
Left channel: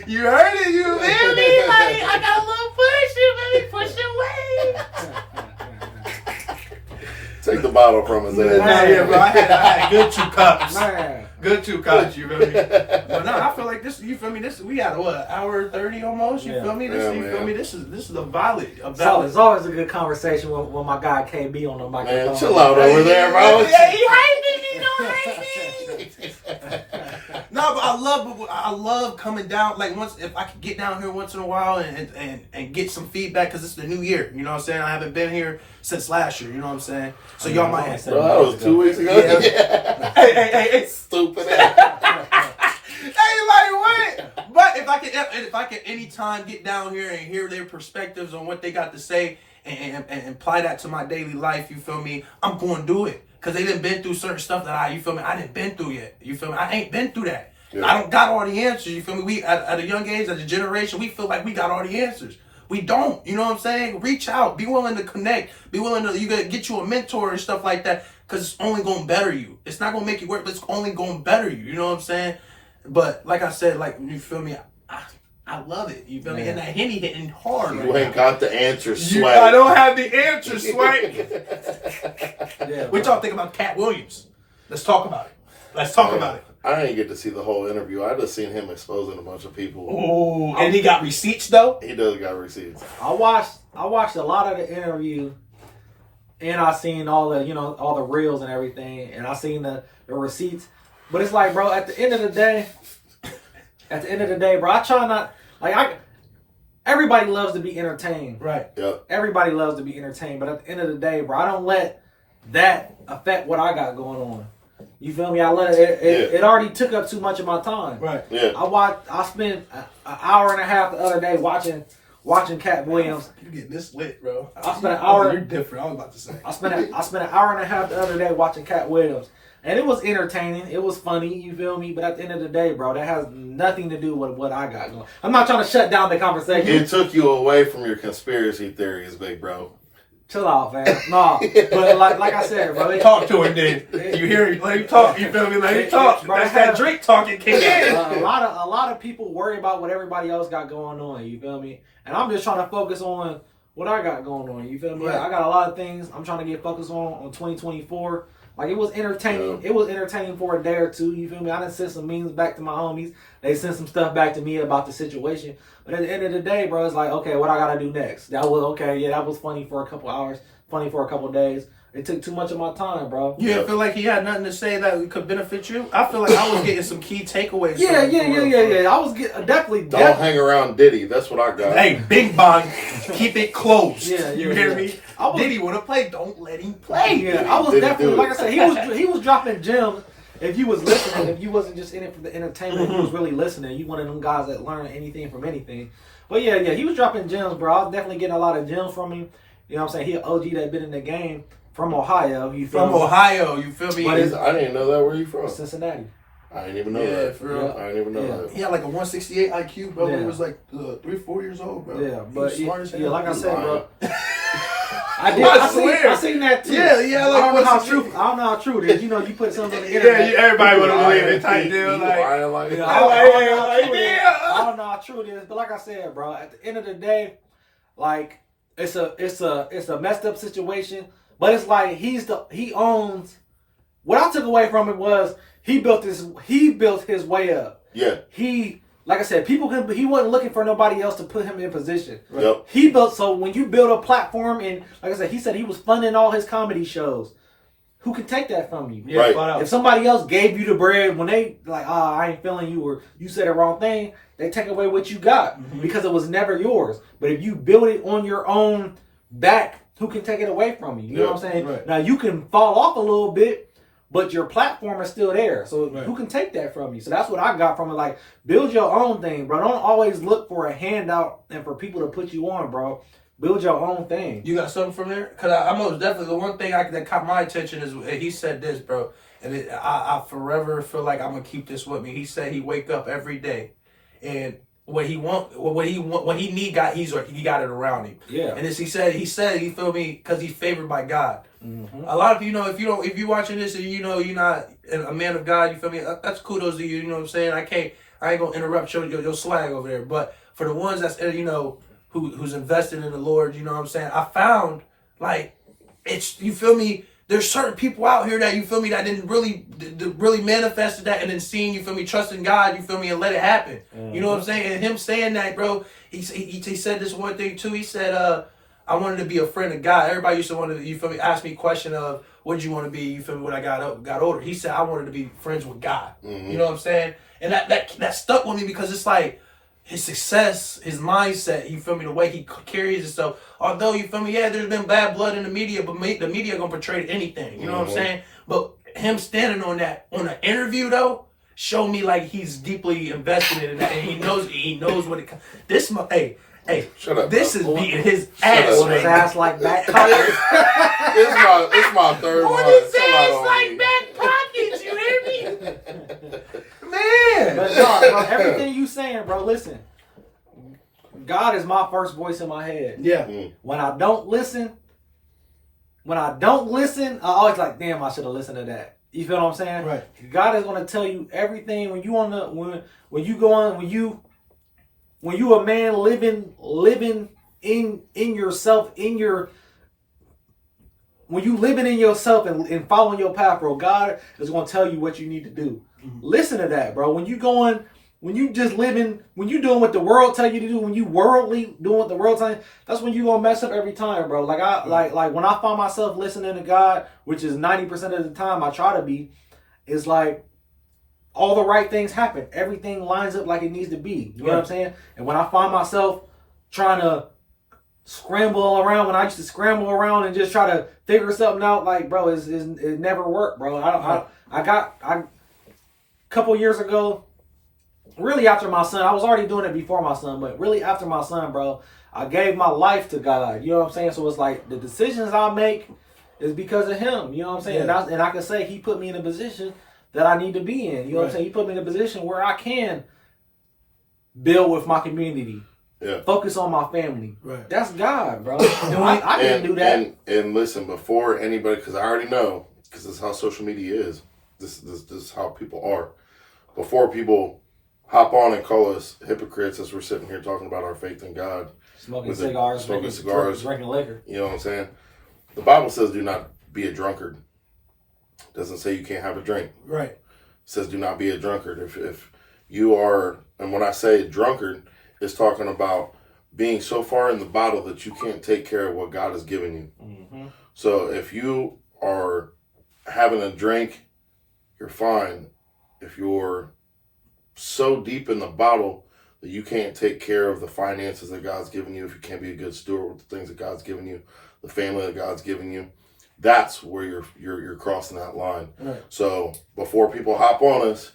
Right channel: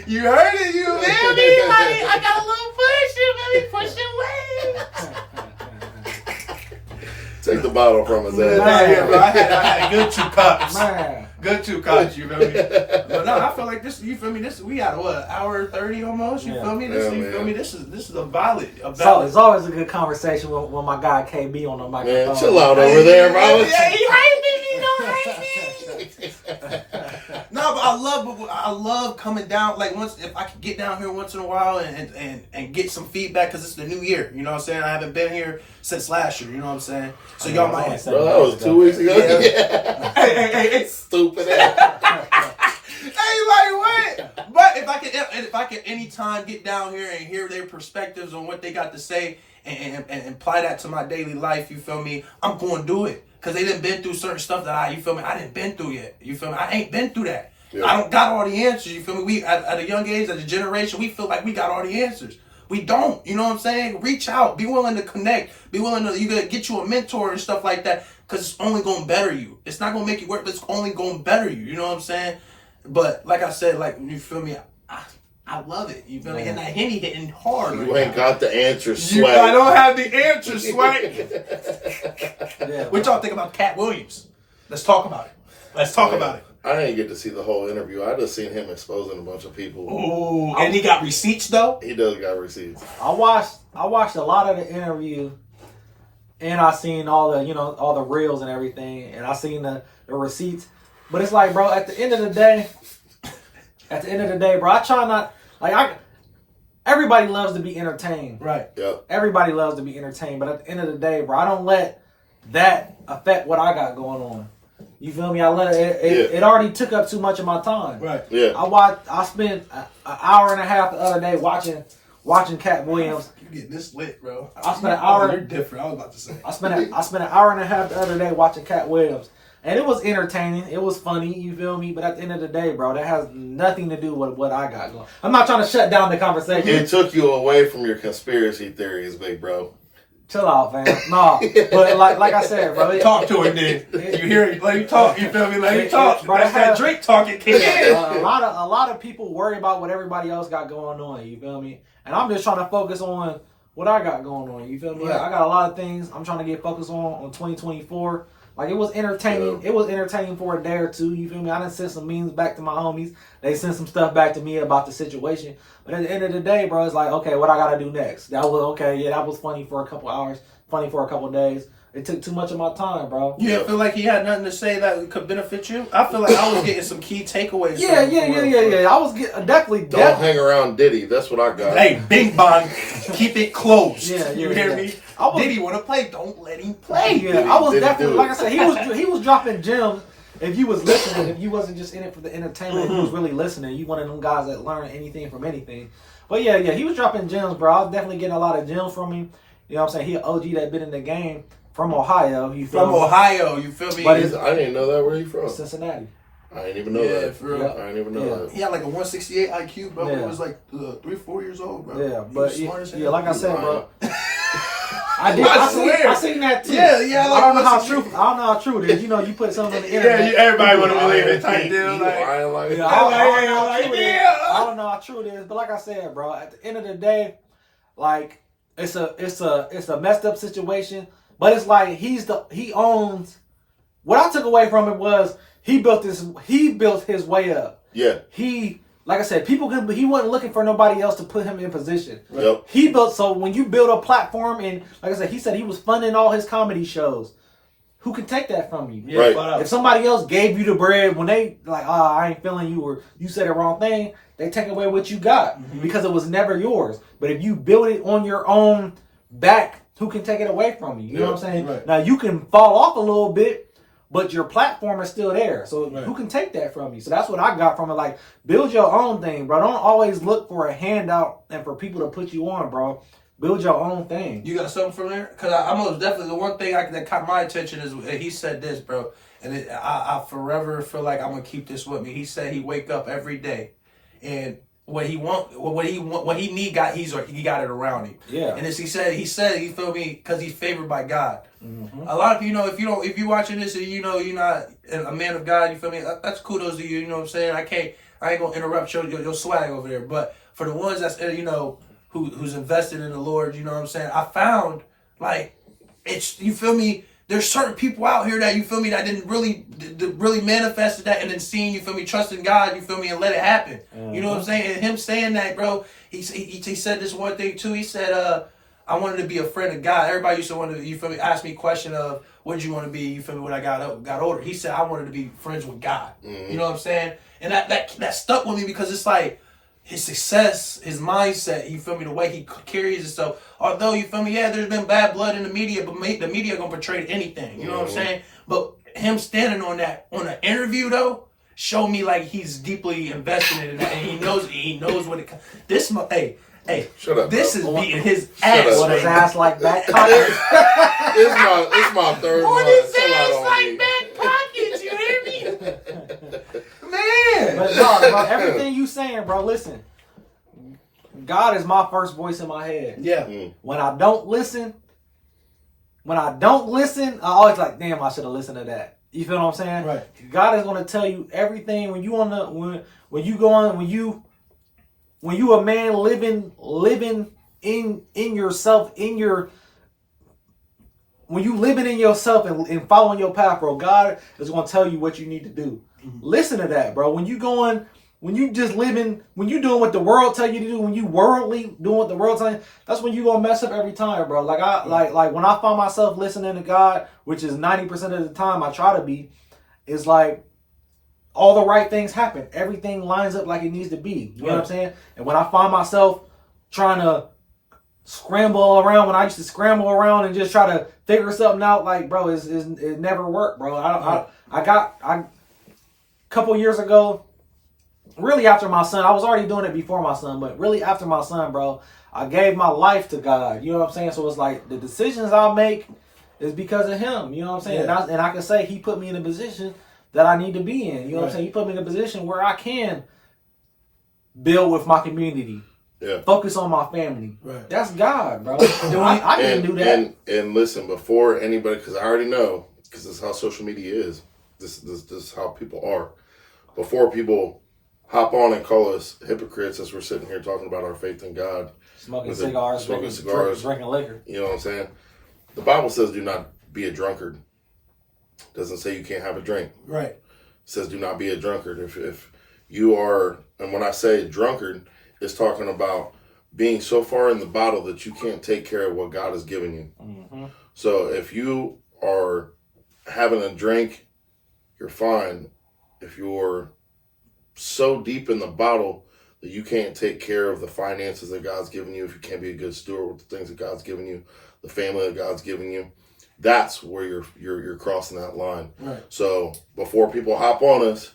You heard it. You feel me? Like, I got a little push. You feel me? Push your way. Take the bottle from his ass. Nah, yeah, bro. I had good 2 cups. Man. Good 2 cups, you feel me? But no, I feel like this, you feel me? This, we got what, hour 30 almost, you feel me? This, you feel me? This is a valid. So it's always a good conversation when my guy KB on the microphone. Man, chill out over there, bro. Yeah, he hate me, he don't hate me. No, but I love coming down. Like if I could get down here once in a while and get some feedback, because it's the new year. You know what I'm saying? I haven't been here since last year. You know what I'm saying? So y'all might. Bro, that was 2 weeks ago. Yeah. Hey, Stupid ass. hey, like what? But if I could anytime get down here and hear their perspectives on what they got to say and apply that to my daily life, you feel me? I'm going to do it. Because they done been through certain stuff that you feel me, I didn't been through yet. You feel me? I ain't been through that. Yeah. I don't got all the answers. You feel me? We at a young age, as a generation, we feel like we got all the answers. We don't. You know what I'm saying? Reach out. Be willing to connect. Be willing to get you a mentor and stuff like that. Because it's only going to better you. It's not going to make you work, but it's only going to better you. You know what I'm saying? But like I said, like, you feel me? I love it. You feel me? And that Henny hitting hard. You ain't got the answer, Swag. I don't have the answer, Swag. Yeah, what y'all think about Cat Williams? Let's talk about it. Let's talk about it. I didn't get to see the whole interview. I just seen him exposing a bunch of people. Oh, and he got receipts though. He does got receipts. I watched a lot of the interview, and I seen all the reels and everything, and I seen the receipts. But it's like, bro, at the end of the day, bro, I try not everybody loves to be entertained. Right. Yep. Everybody loves to be entertained, but at the end of the day, bro, I don't let that affect what I got going on. You feel me? I let it already took up too much of my time. Right. Yeah. I spent an hour and a half the other day watching Cat Williams. You getting this lit, bro. I spent an hour. You're different. I was about to say. I spent an hour and a half the other day watching Cat Williams. And it was entertaining. It was funny, you feel me? But at the end of the day, bro, that has nothing to do with what I got going. I'm not trying to shut down the conversation. It took you away from your conspiracy theories, big bro. Chill out, fam. No, but like I said, bro. Talk to him then. You hear him? Let him talk. You feel me? Let him talk. Bro, That's that Drake talking, king. A lot of people worry about what everybody else got going on. You feel me? And I'm just trying to focus on what I got going on. You feel me? Right. I got a lot of things I'm trying to get focused on 2024. Like, it was entertaining. Yeah. It was entertaining for a day or two. You feel me? I done sent some memes back to my homies. They sent some stuff back to me about the situation. But at the end of the day, bro, it's like, okay, what I got to do next? That was, okay, yeah, that was funny for a couple hours, funny for a couple days. It took too much of my time, bro. You didn't feel like he had nothing to say that could benefit you? I feel like I was getting some key takeaways. Yeah. I was definitely. Don't hang around Diddy. That's what I got. Hey, Bing Bong, keep it closed. Yeah, you hear me? Diddy want to play? Don't let him play. Yeah, I was definitely, like I said, he was dropping gems. If you was listening, if you wasn't just in it for the entertainment, if you was really listening, you one of them guys that learn anything from anything. But yeah, he was dropping gems, bro. I was definitely getting a lot of gems from him. You know what I'm saying? He an OG that been in the game. From Ohio, you feel me? Ohio, you feel me? But I didn't know that. Where you from? Cincinnati. I didn't even know that. For real. I didn't even know that. He had like a 168 IQ, bro. When he was like 3-4 years old, bro. Yeah, but smart as hell. like I said, bro. I seen that too. Yeah. Like, I don't know how true it is. You know, you put something on the internet. Everybody want to believe it. Type deal. I don't know how true it is, but like I said, bro, at the end of the day, like it's a messed up situation. But it's like he owns. What I took away from it was he built his way up. Yeah. Like I said, he wasn't looking for nobody else to put him in position. Yep. He built, so when you build a platform, and like I said, he said he was funding all his comedy shows. Who can take that from you? Yeah, right. If somebody else gave you the bread when they like, I ain't feeling you, or you said the wrong thing, they take away what you got because it was never yours. But if you build it on your own back, who can take it away from you? You know what I'm saying? Right. Now, you can fall off a little bit, but your platform is still there. So who can take that from you? So that's what I got from it. Like, build your own thing, bro. Don't always look for a handout and for people to put you on, bro. Build your own thing. You got something from there? Because I most definitely, the one thing that caught my attention is he said this, bro. And I forever feel like I'm going to keep this with me. He said he wake up every day and what he need, he got it around him. Yeah. And as he said, he feel me, because he's favored by God. Mm-hmm. A lot of people, if you're watching this and you're not a man of God, you feel me? That's kudos to you. You know what I'm saying? I ain't gonna interrupt your swag over there. But for the ones that's who's invested in the Lord, you know what I'm saying? I found like it's, you feel me? there's certain people out here that, you feel me, that didn't really manifested that, and then seeing, you feel me, trusting God, you feel me, and let it happen. You know what I'm saying? And him saying that, bro, he said this one thing too. He said, I wanted to be a friend of God. Everybody used to want to, you feel me, ask me a question of, what did you want to be, you feel me, when I got older. He said, I wanted to be friends with God. You know what I'm saying? And that stuck with me, because it's like, his success, his mindset, you feel me, the way he carries himself. Although, you feel me, yeah, there's been bad blood in the media, but the media gonna portray anything. You know what I'm saying? But him standing on an interview though, showed me like he's deeply invested in that, and he knows what it. Hey, shut up. This bro. is beating his ass. With his ass like back pockets. It's my third one. On his ass like back pockets. You hear me? Man. But no, bro, everything you saying, bro, listen. God is my first voice in my head. Yeah. When I don't listen, I always like, damn, I should have listened to that. You feel what I'm saying? Right. God is gonna tell you everything when you when you a man living in yourself, when you living in yourself and following your path, bro, God is gonna tell you what you need to do. Listen to that, bro. When you doing what the world tell you to do, when you worldly doing what the world tell you, that's when you gonna mess up every time, bro. Like when I find myself listening to God, which is 90% of the time I try to be, is like all the right things happen. Everything lines up like it needs to be. You know what I'm saying? And when I find myself trying to scramble around, when I used to scramble around and just try to figure something out, like, bro, it never worked, bro. I couple years ago, really after my son, I was already doing it before my son, but really after my son, bro, I gave my life to God. You know what I'm saying? So it's like the decisions I make is because of him. You know what I'm saying? Yeah. And I can say he put me in a position that I need to be in. You know what I'm saying? He put me in a position where I can build with my community. Yeah. Focus on my family. Right. That's God, bro. I didn't do that. And listen, before anybody, because I already know, because this is how social media is. This is how people are. Before people hop on and call us hypocrites as we're sitting here talking about our faith in God. Smoking cigars, drinking liquor. You know what I'm saying? The Bible says do not be a drunkard. It doesn't say you can't have a drink. Right. It says do not be a drunkard. If you are, and when I say drunkard, it's talking about being so far in the bottle that you can't take care of what God has given you. Mm-hmm. So if you are having a drink, you're fine. If you're so deep in the bottle that you can't take care of the finances that God's given you, if you can't be a good steward with the things that God's given you, the family that God's given you, that's where you're crossing that line. Right. So before people hop on us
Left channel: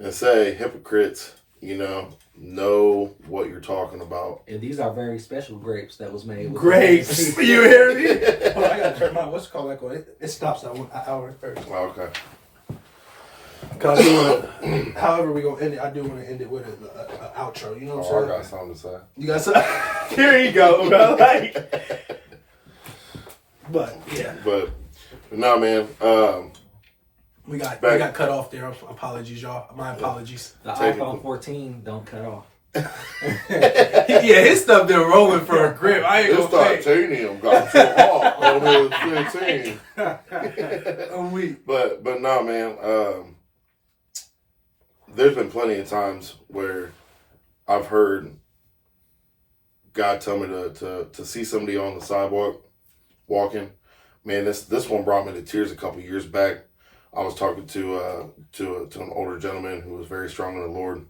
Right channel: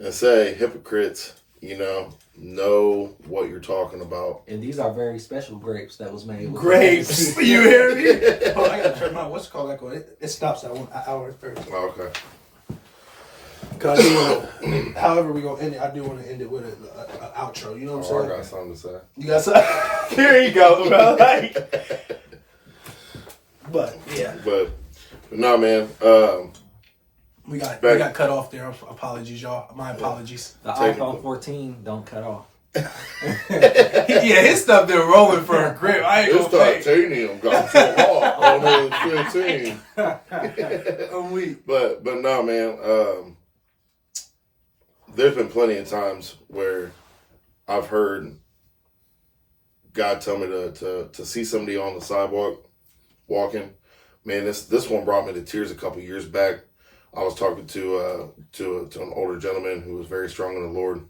and say hypocrites, know what you're talking about. And these are very special grapes that was made with Grapes. You hear me? Oh, I gotta turn my what's it called back on. It stops at 1 hour 30. Oh, okay. Cause I do wanna, however we gonna end it, I do want to end it with an outro. You know what I'm Oh, I saying? got something to say. You got some? Here you go, bro. But yeah, But no, man. we got cut off there. Apologies, y'all. My apologies. The Technical. iPhone 14 don't cut off. Yeah, his stuff been rolling for a grip. I ain't This gonna fake. titanium got so hot on his 15. I'm weak. But no, man. There's been plenty of times where I've heard God tell me to see somebody on the sidewalk walking. Man, this one brought me to tears a couple years back. I was talking to an older gentleman who was very strong in the Lord,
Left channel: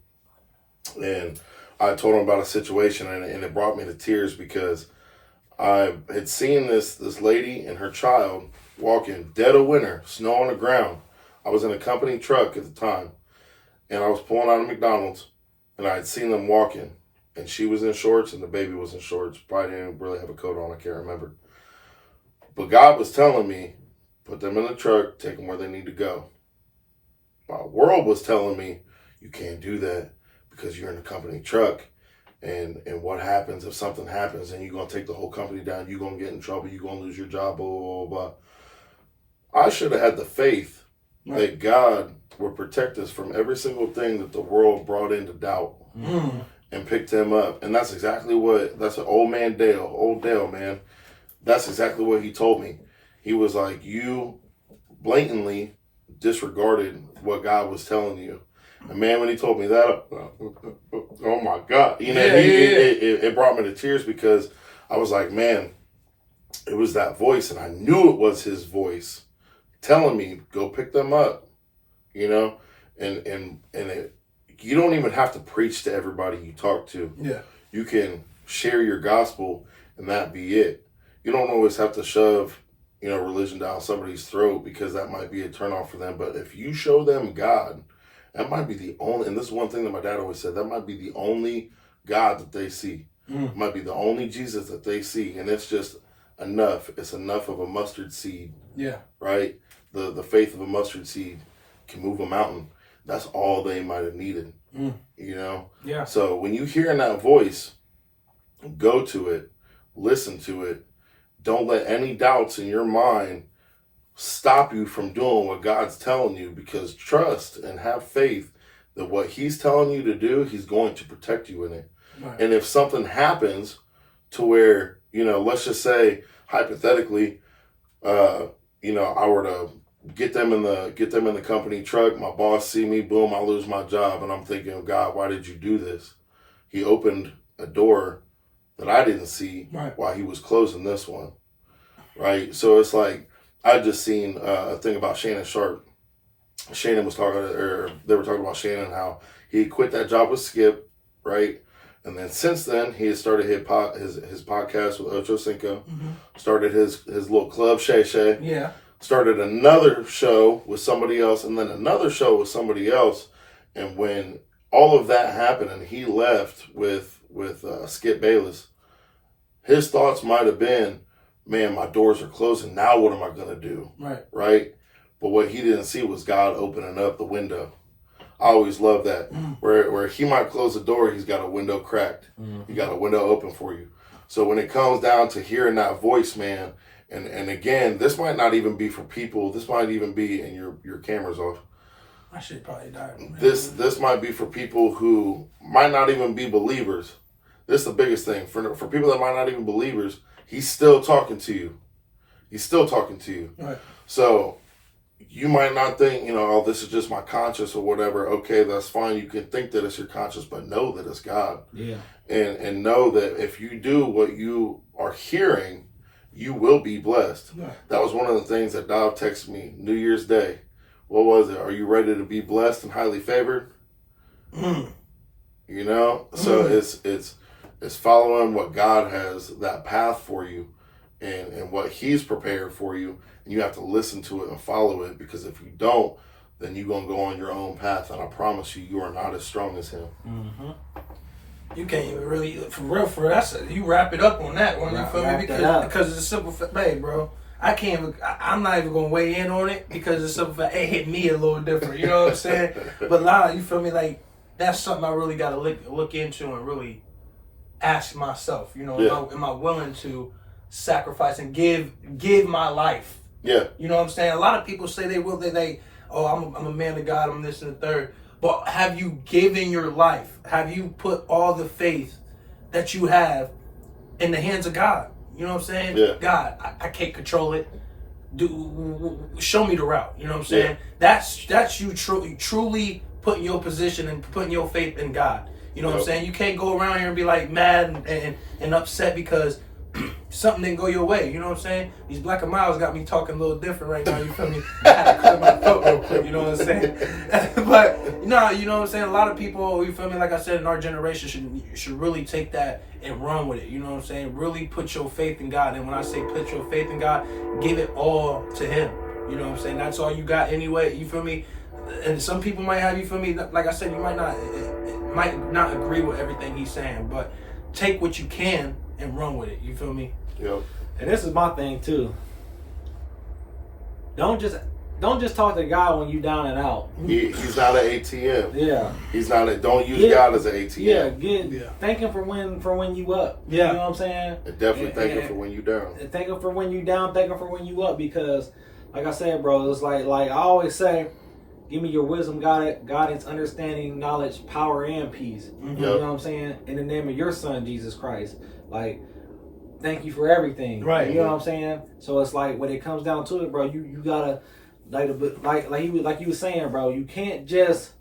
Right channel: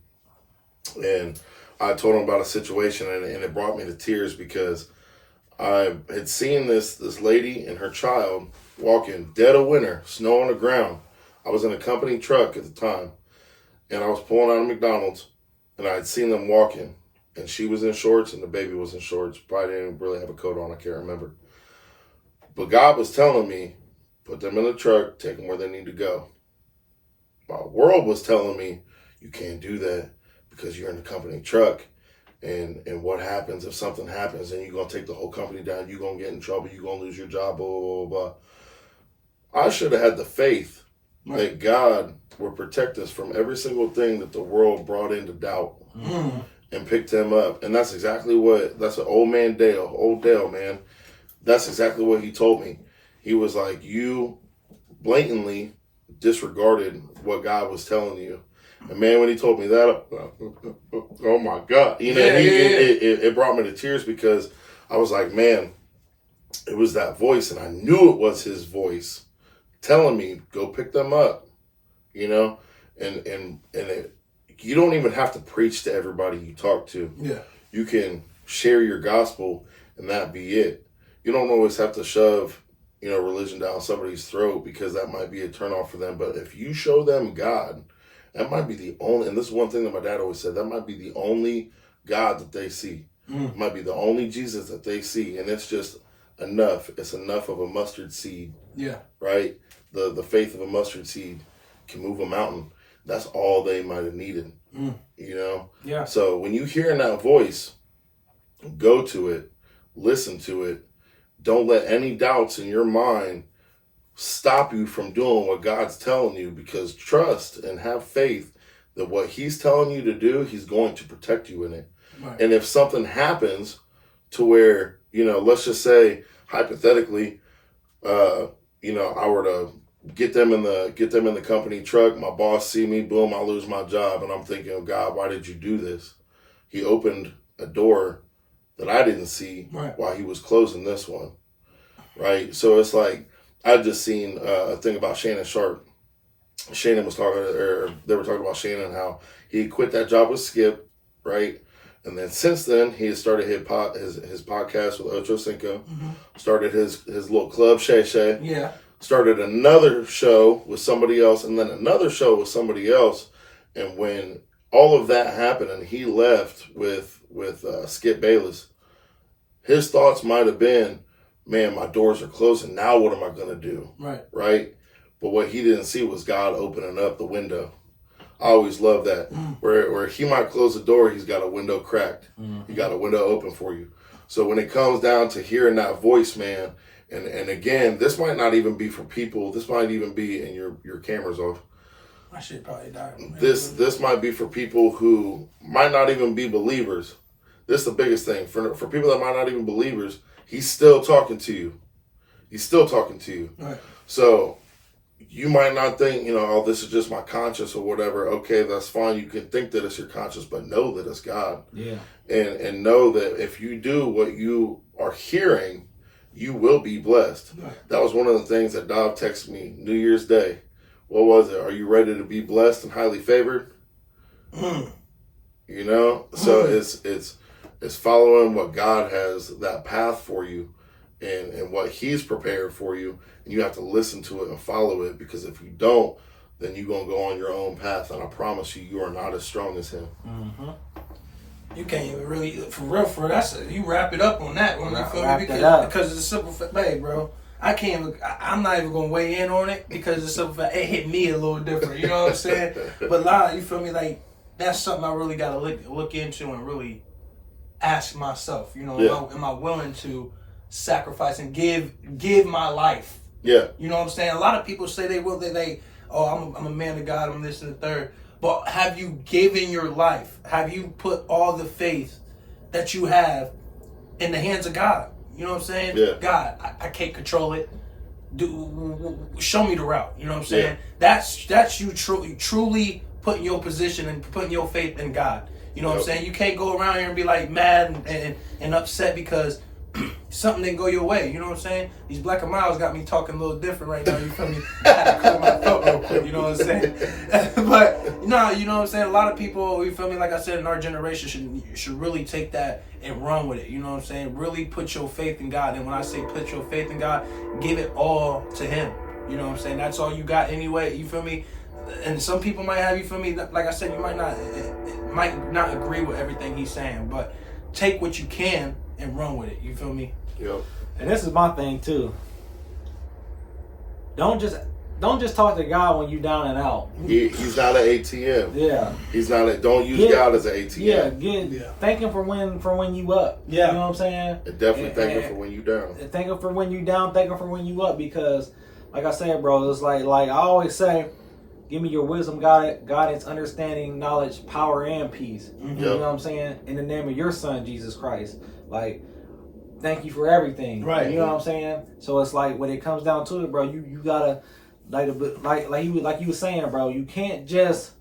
and I told him about a situation, and it brought me to tears because I had seen this lady and her child walking dead of winter, snow on the ground. I was in a company truck at the time, and I was pulling out of McDonald's, and I had seen them walking, and she was in shorts and the baby was in shorts. Probably didn't really have a coat on, I can't remember. But God was telling me, put them in the truck, take them where they need to go. My world was telling me, you can't do that because you're in a company truck. And what happens if something happens and you're going to take the whole company down, you're going to get in trouble, you're going to lose your job, blah, blah, blah, blah. I should have had the faith that God would protect us from every single thing that the world brought into doubt and picked him up. And that's exactly that's an old Dale, man. That's exactly what he told me. He was like, you blatantly disregarded what God was telling you. And man, when he told me that, oh my God, you know, it brought me to tears, because I was like, man, it was that voice, and I knew it was his voice telling me, go pick them up, you know, and you don't even have to preach to everybody you talk to. Yeah. You can share your gospel and that be it. You don't always have to shove, you know, religion down somebody's throat, because that might be a turnoff for them. But if you show them God, that might be the only, and this is one thing that my dad always said, that might be the only God that they see. It might be the only Jesus that they see. And it's just enough. It's enough of a mustard seed. Yeah. Right? The faith of a mustard seed can move a mountain. That's all they might have needed. You know? Yeah. So when you hear that voice, go to it, listen to it. Don't let any doubts in your mind stop you from doing what God's telling you, because trust and have faith that what he's telling you to do, he's going to protect you in it. Right. And if something happens to where, you know, let's just say hypothetically, you know, I were to get them in the company truck, my boss see me, boom, I lose my job, and I'm thinking, oh, God, why did you do this? He opened a door that I didn't see while he was closing this one. Right? So it's like, I just seen a thing about Shannon Sharp. Shannon was talking, or they were talking about Shannon, how he quit that job with Skip, right? And then since then, he has started his podcast with Ocho Cinco, started his little club, Shay Shay. Yeah. Started another show with somebody else, and then another show with somebody else. And when all of that happened and he left with Skip Bayless, his thoughts might have been, man, my doors are closing. Now what am I going to do? Right? But what he didn't see was God opening up the window. I always love that. Where he might close the door, he's got a window cracked. He got a window open for you. So when it comes down to hearing that voice, man, and again, this might not even be for people. This might even be, and your camera's off. I should probably die. This might be for people who might not even be believers. This is the biggest thing. For people that might not even be believers, he's still talking to you. He's still talking to you. Right. So you might not think, you know, oh, this is just my conscience or whatever. Okay, that's fine. You can think that it's your conscience, but know that it's God. Yeah. And know that if you do what you are hearing, you will be blessed. Right. That was one of the things that Dov texted me New Year's Day. What was it? Are you ready to be blessed and highly favored? You know? So it's following what God has, that path for you, and what he's prepared for you. And you have to listen to it and follow it, because if you don't, then you're going to go on your own path. And I promise you, you are not as strong as him. You can't even really, for real, you wrap it up on that one, you feel me? Because it's a simple fact, hey, bro, I'm not even going to weigh in on it, because it's a simple fact, it hit me a little different, you know what I'm saying? But you feel me, like, that's something I really got to look into and really ask myself, you know, am I willing to sacrifice and give my life? Yeah. You know what I'm saying? A lot of people say they will, I'm a man of God, I'm this and the third. But have you given your life? Have you put all the faith that you have in the hands of God? You know what I'm saying? Yeah. God, I can't control it. Show me the route. You know what I'm saying? Yeah. That's you truly putting your position and putting your faith in God. You know what I'm saying? You can't go around here and be like mad and upset because something didn't go your way. You know what I'm saying? These Black and Miles got me talking a little different right now. You feel me? I had to clear my throat real quick. You know what I'm saying? But no, you know what I'm saying? A lot of people, you feel me? Like I said, in our generation should really take that and run with it. You know what I'm saying? Really put your faith in God. And when I say put your faith in God, give it all to Him. You know what I'm saying? That's all you got anyway. You feel me? And some people might have, you feel me? Like I said, you might not agree with everything he's saying, but take what you can and run with it. You feel me? Yep. And this is my thing too. Don't just talk to God when you down and out. He's not an ATM. Yeah. He's not don't use God as an ATM. Yeah. Thank him for when you up. Yeah. You know what I'm saying? And definitely thank him for when you down. Thank him for when you down. Thank him for when you up. Because, like I said, bro, it's like I always say, give me your wisdom, guidance, understanding, knowledge, power, and peace. You know what I'm saying? In the name of your Son, Jesus Christ. Like, thank you for everything. Right. You know what I'm saying? So it's like when it comes down to it, bro, you gotta like you was saying, bro, you can't just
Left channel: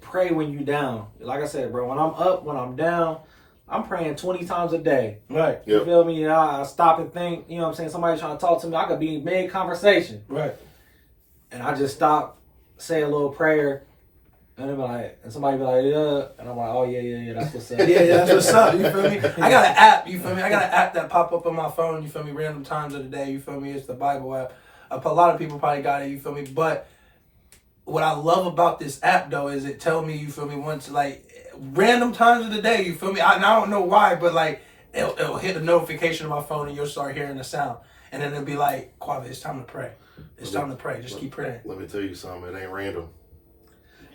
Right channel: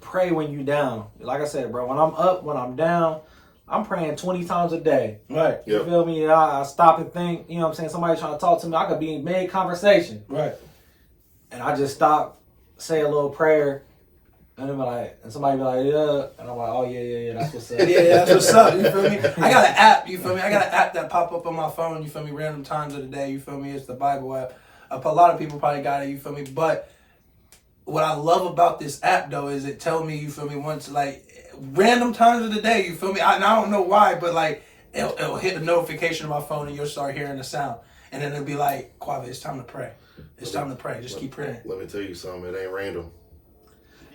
pray when you down. Like I said, bro, when I'm up, when I'm down, I'm praying 20 times a day. Right. You Yep. feel me? And I stop and think, you know what I'm saying? Somebody trying to talk to me, I could be in mid-conversation. Right. And I just stop, say a little prayer, and I'm like, and somebody be like, yeah. And I'm like, oh, yeah, that's what's up. Yeah, that's what's up. You feel me? I got an app. You feel me? I got an app that pop up on my phone. You feel me? Random times of the day. You feel me? It's the Bible app. A lot of people probably got it. You feel me? But what I love about this app though is it tell me, you feel me, once like random times of the day. You feel me? And I don't know why, but like it'll hit a notification on my phone and you'll start hearing the sound, and then it'll be like, Quave, it's time to pray. It's time to pray. Just keep praying. Let me tell you something. It ain't random.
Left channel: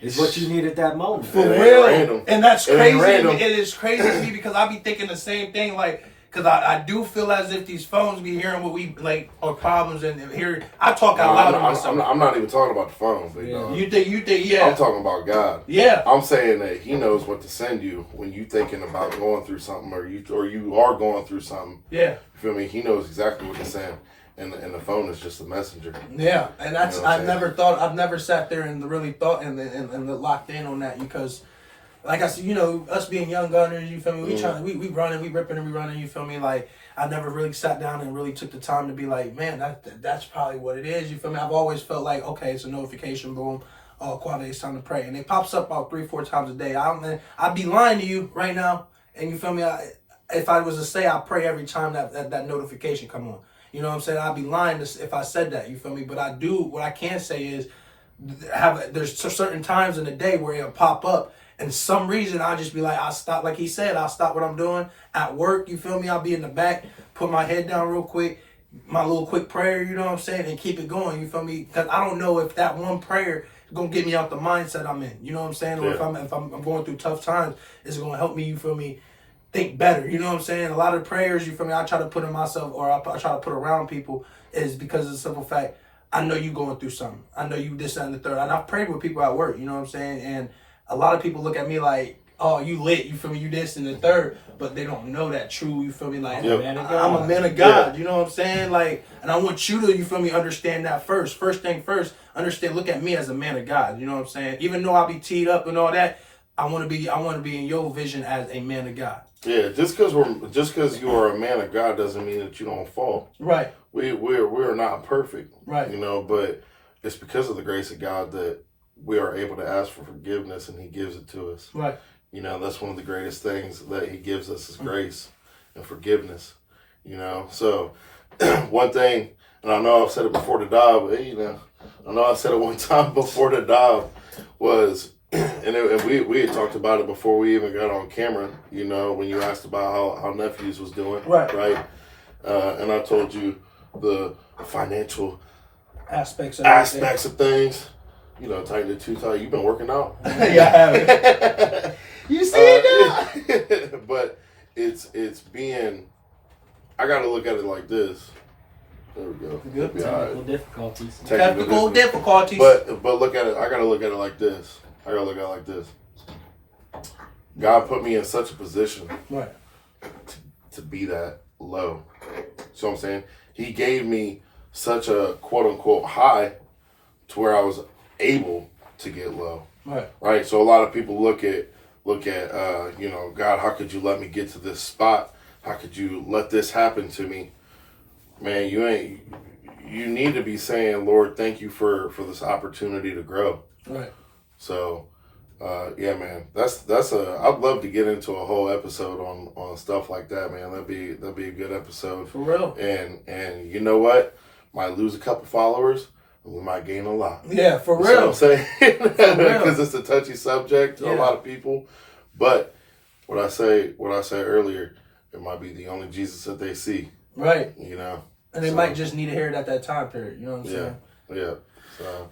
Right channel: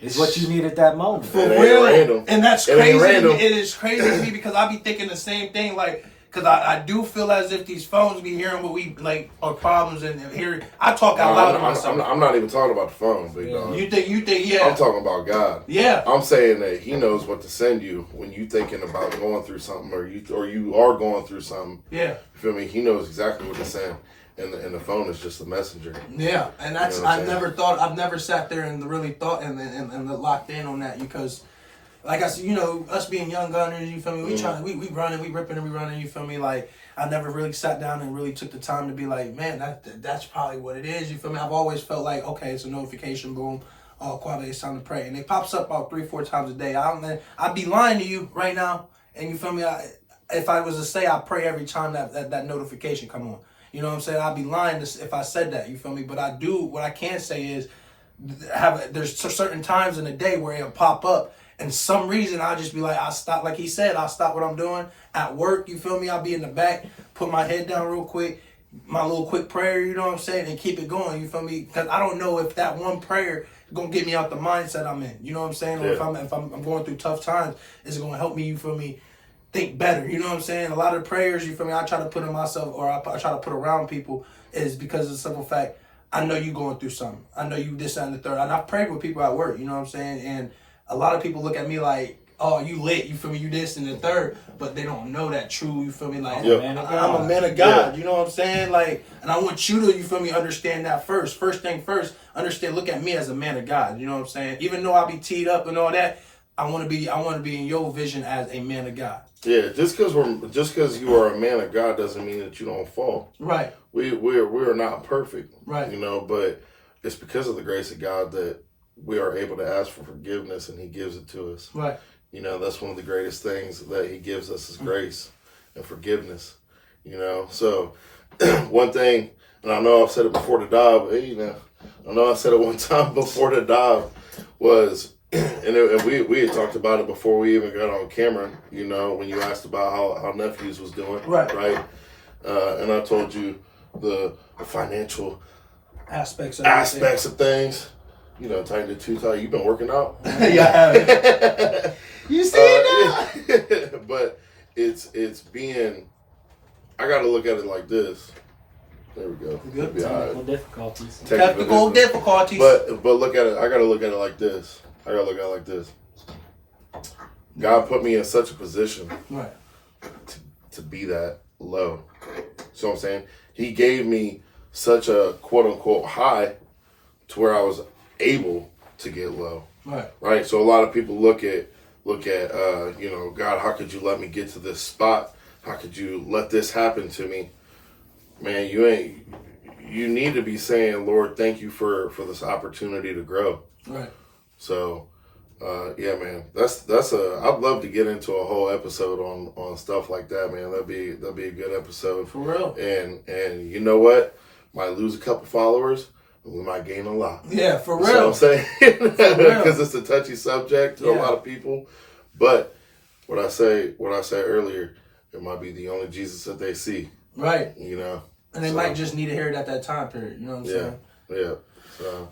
It's what you need at that moment. For It ain't real. random. And that's It ain't crazy. random. It is crazy to me because I be thinking the same thing. Like, because I do feel as if these phones be hearing what we like our problems and hear. I talk out loud to myself. I'm not even talking about the phone, big dog. You think, yeah. I'm talking about God. Yeah. I'm saying that He knows what to send you when you thinking about going through something, or you are going through something. Yeah. You feel me? He knows exactly what to send, and the phone is just a messenger. Yeah, and that's You know what I'm I've never sat there and really thought and locked in on that, because, like I said, you know, us being young gunners, you feel me? We trying, we running, we ripping and we running. You feel me? Like, I never really sat down and really took the time to be like, man, that's probably what it is. You feel me? I've always felt like, okay, it's a notification, boom. Oh, Quave, it's time to pray, and it pops up about 3-4 times a day. I'd be lying to you right now, and you feel me? If I was to say I pray every time that notification come on. You know what I'm saying? I'd be lying if I said that, you feel me? But I do, what I can say is, there's certain times in the day where it'll pop up, and some reason I'll just be like, I'll stop, like he said, I'll stop what I'm doing at work, you feel me? I'll be in the back, put my head down real quick, my little quick prayer, you know what I'm saying? And keep it going, you feel me? Because I don't know if that one prayer is going to get me out the mindset I'm in, you know what I'm saying? Or if I'm going through tough times, it's going to help me, you feel me? Think better, you know what I'm saying? A lot of prayers, you feel me, I try to put in myself, or I try to put around people, is because of the simple fact, I know you going through something. I know you this, that, and the third. And I've prayed with people at work, you know what I'm saying? And a lot of people look at me like, oh, you lit, you feel me, you this and the third, but they don't know that true, you feel me? Like, Yep. I'm a man of God, you know what I'm saying? Like, and I want you to, you feel me, understand that first. First thing first, understand, look at me as a man of God, you know what I'm saying? Even though I be teed up and all that, I want to be in your vision as a man of God. Yeah, just because you are a man of God doesn't mean that you don't fall. Right. We're not perfect. Right. You know, but it's because of the grace of God that we are able to ask for forgiveness, and He gives it to us. Right. You know, that's one of the greatest things that He gives us is grace and forgiveness. You know, so one thing, and I know I've said it before the dive, but you know, I know I said it one time before the dive was. And we had talked about it before we even got on camera, you know, when you asked about how nephews was doing. Right. And I told you the financial Aspects of things. You know, tighten it too tight. You've been working out. Yeah, I have. You see it now? But it's being, I got to look at it like this. There we go. Good. It'll Technical difficulties. Technical difficulties. But look at it. I got to look at it like this. God put me in such a position Right. to be that low. So I'm saying He gave me such a quote unquote high to where I was able to get low. Right. So a lot of people look at you know, God, how could you let me get to this spot? How could you let this happen to me? Man, you need to be saying, Lord, thank you for this opportunity to grow. Right. So, yeah, man, I'd love to get into a whole episode on stuff like that, man. That'd be a good episode. For real. And you know what? Might lose a couple followers, but we might gain a lot. Yeah, for real. You know what I'm saying? real. Because it's a touchy subject to a lot of people. But what I say earlier, it might be the only Jesus that they see. Right. You know? And they might just need to hear it at that time period. You know what I'm saying? Yeah. So,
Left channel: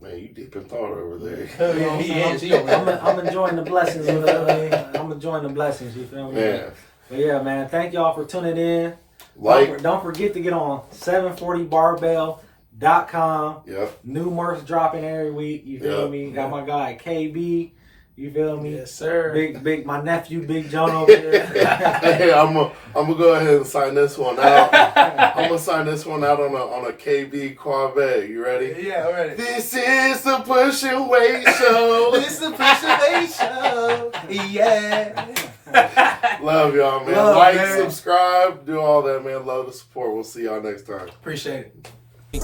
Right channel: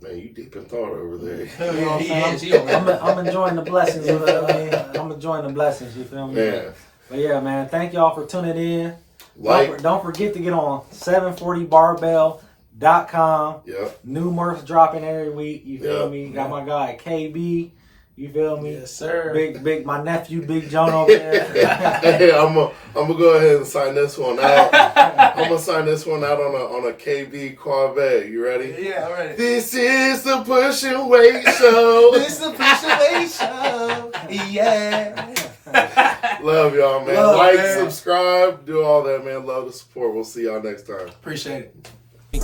man, you deep in thought over there. You know what I'm saying? I'm enjoying the blessings. I'm enjoying the blessings. You feel me? Man. But yeah, man. Thank y'all for tuning in. Don't forget to get on 740barbell.com. Yep. New merch dropping every week. You feel me? Got my guy KB. You feel me? Yes, sir. Big, my nephew, Big John over there. Hey, I'm gonna go ahead and sign this one out. I'm gonna sign this one out on a KB Corvette. You ready? Yeah, all right. This is the Push and Wait Show. This is a appreciation. Yeah. Love y'all, man. Love, like, man. subscribe, do all that, man. Love the support. We'll see y'all next time. Appreciate it.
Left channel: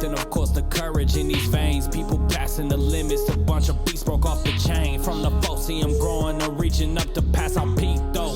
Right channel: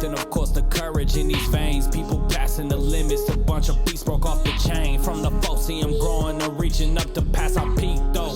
And of course the courage in these veins. People passing the limits. A bunch of beasts broke off the chain. From the false, see 'em growing and reaching up to pass our peak though.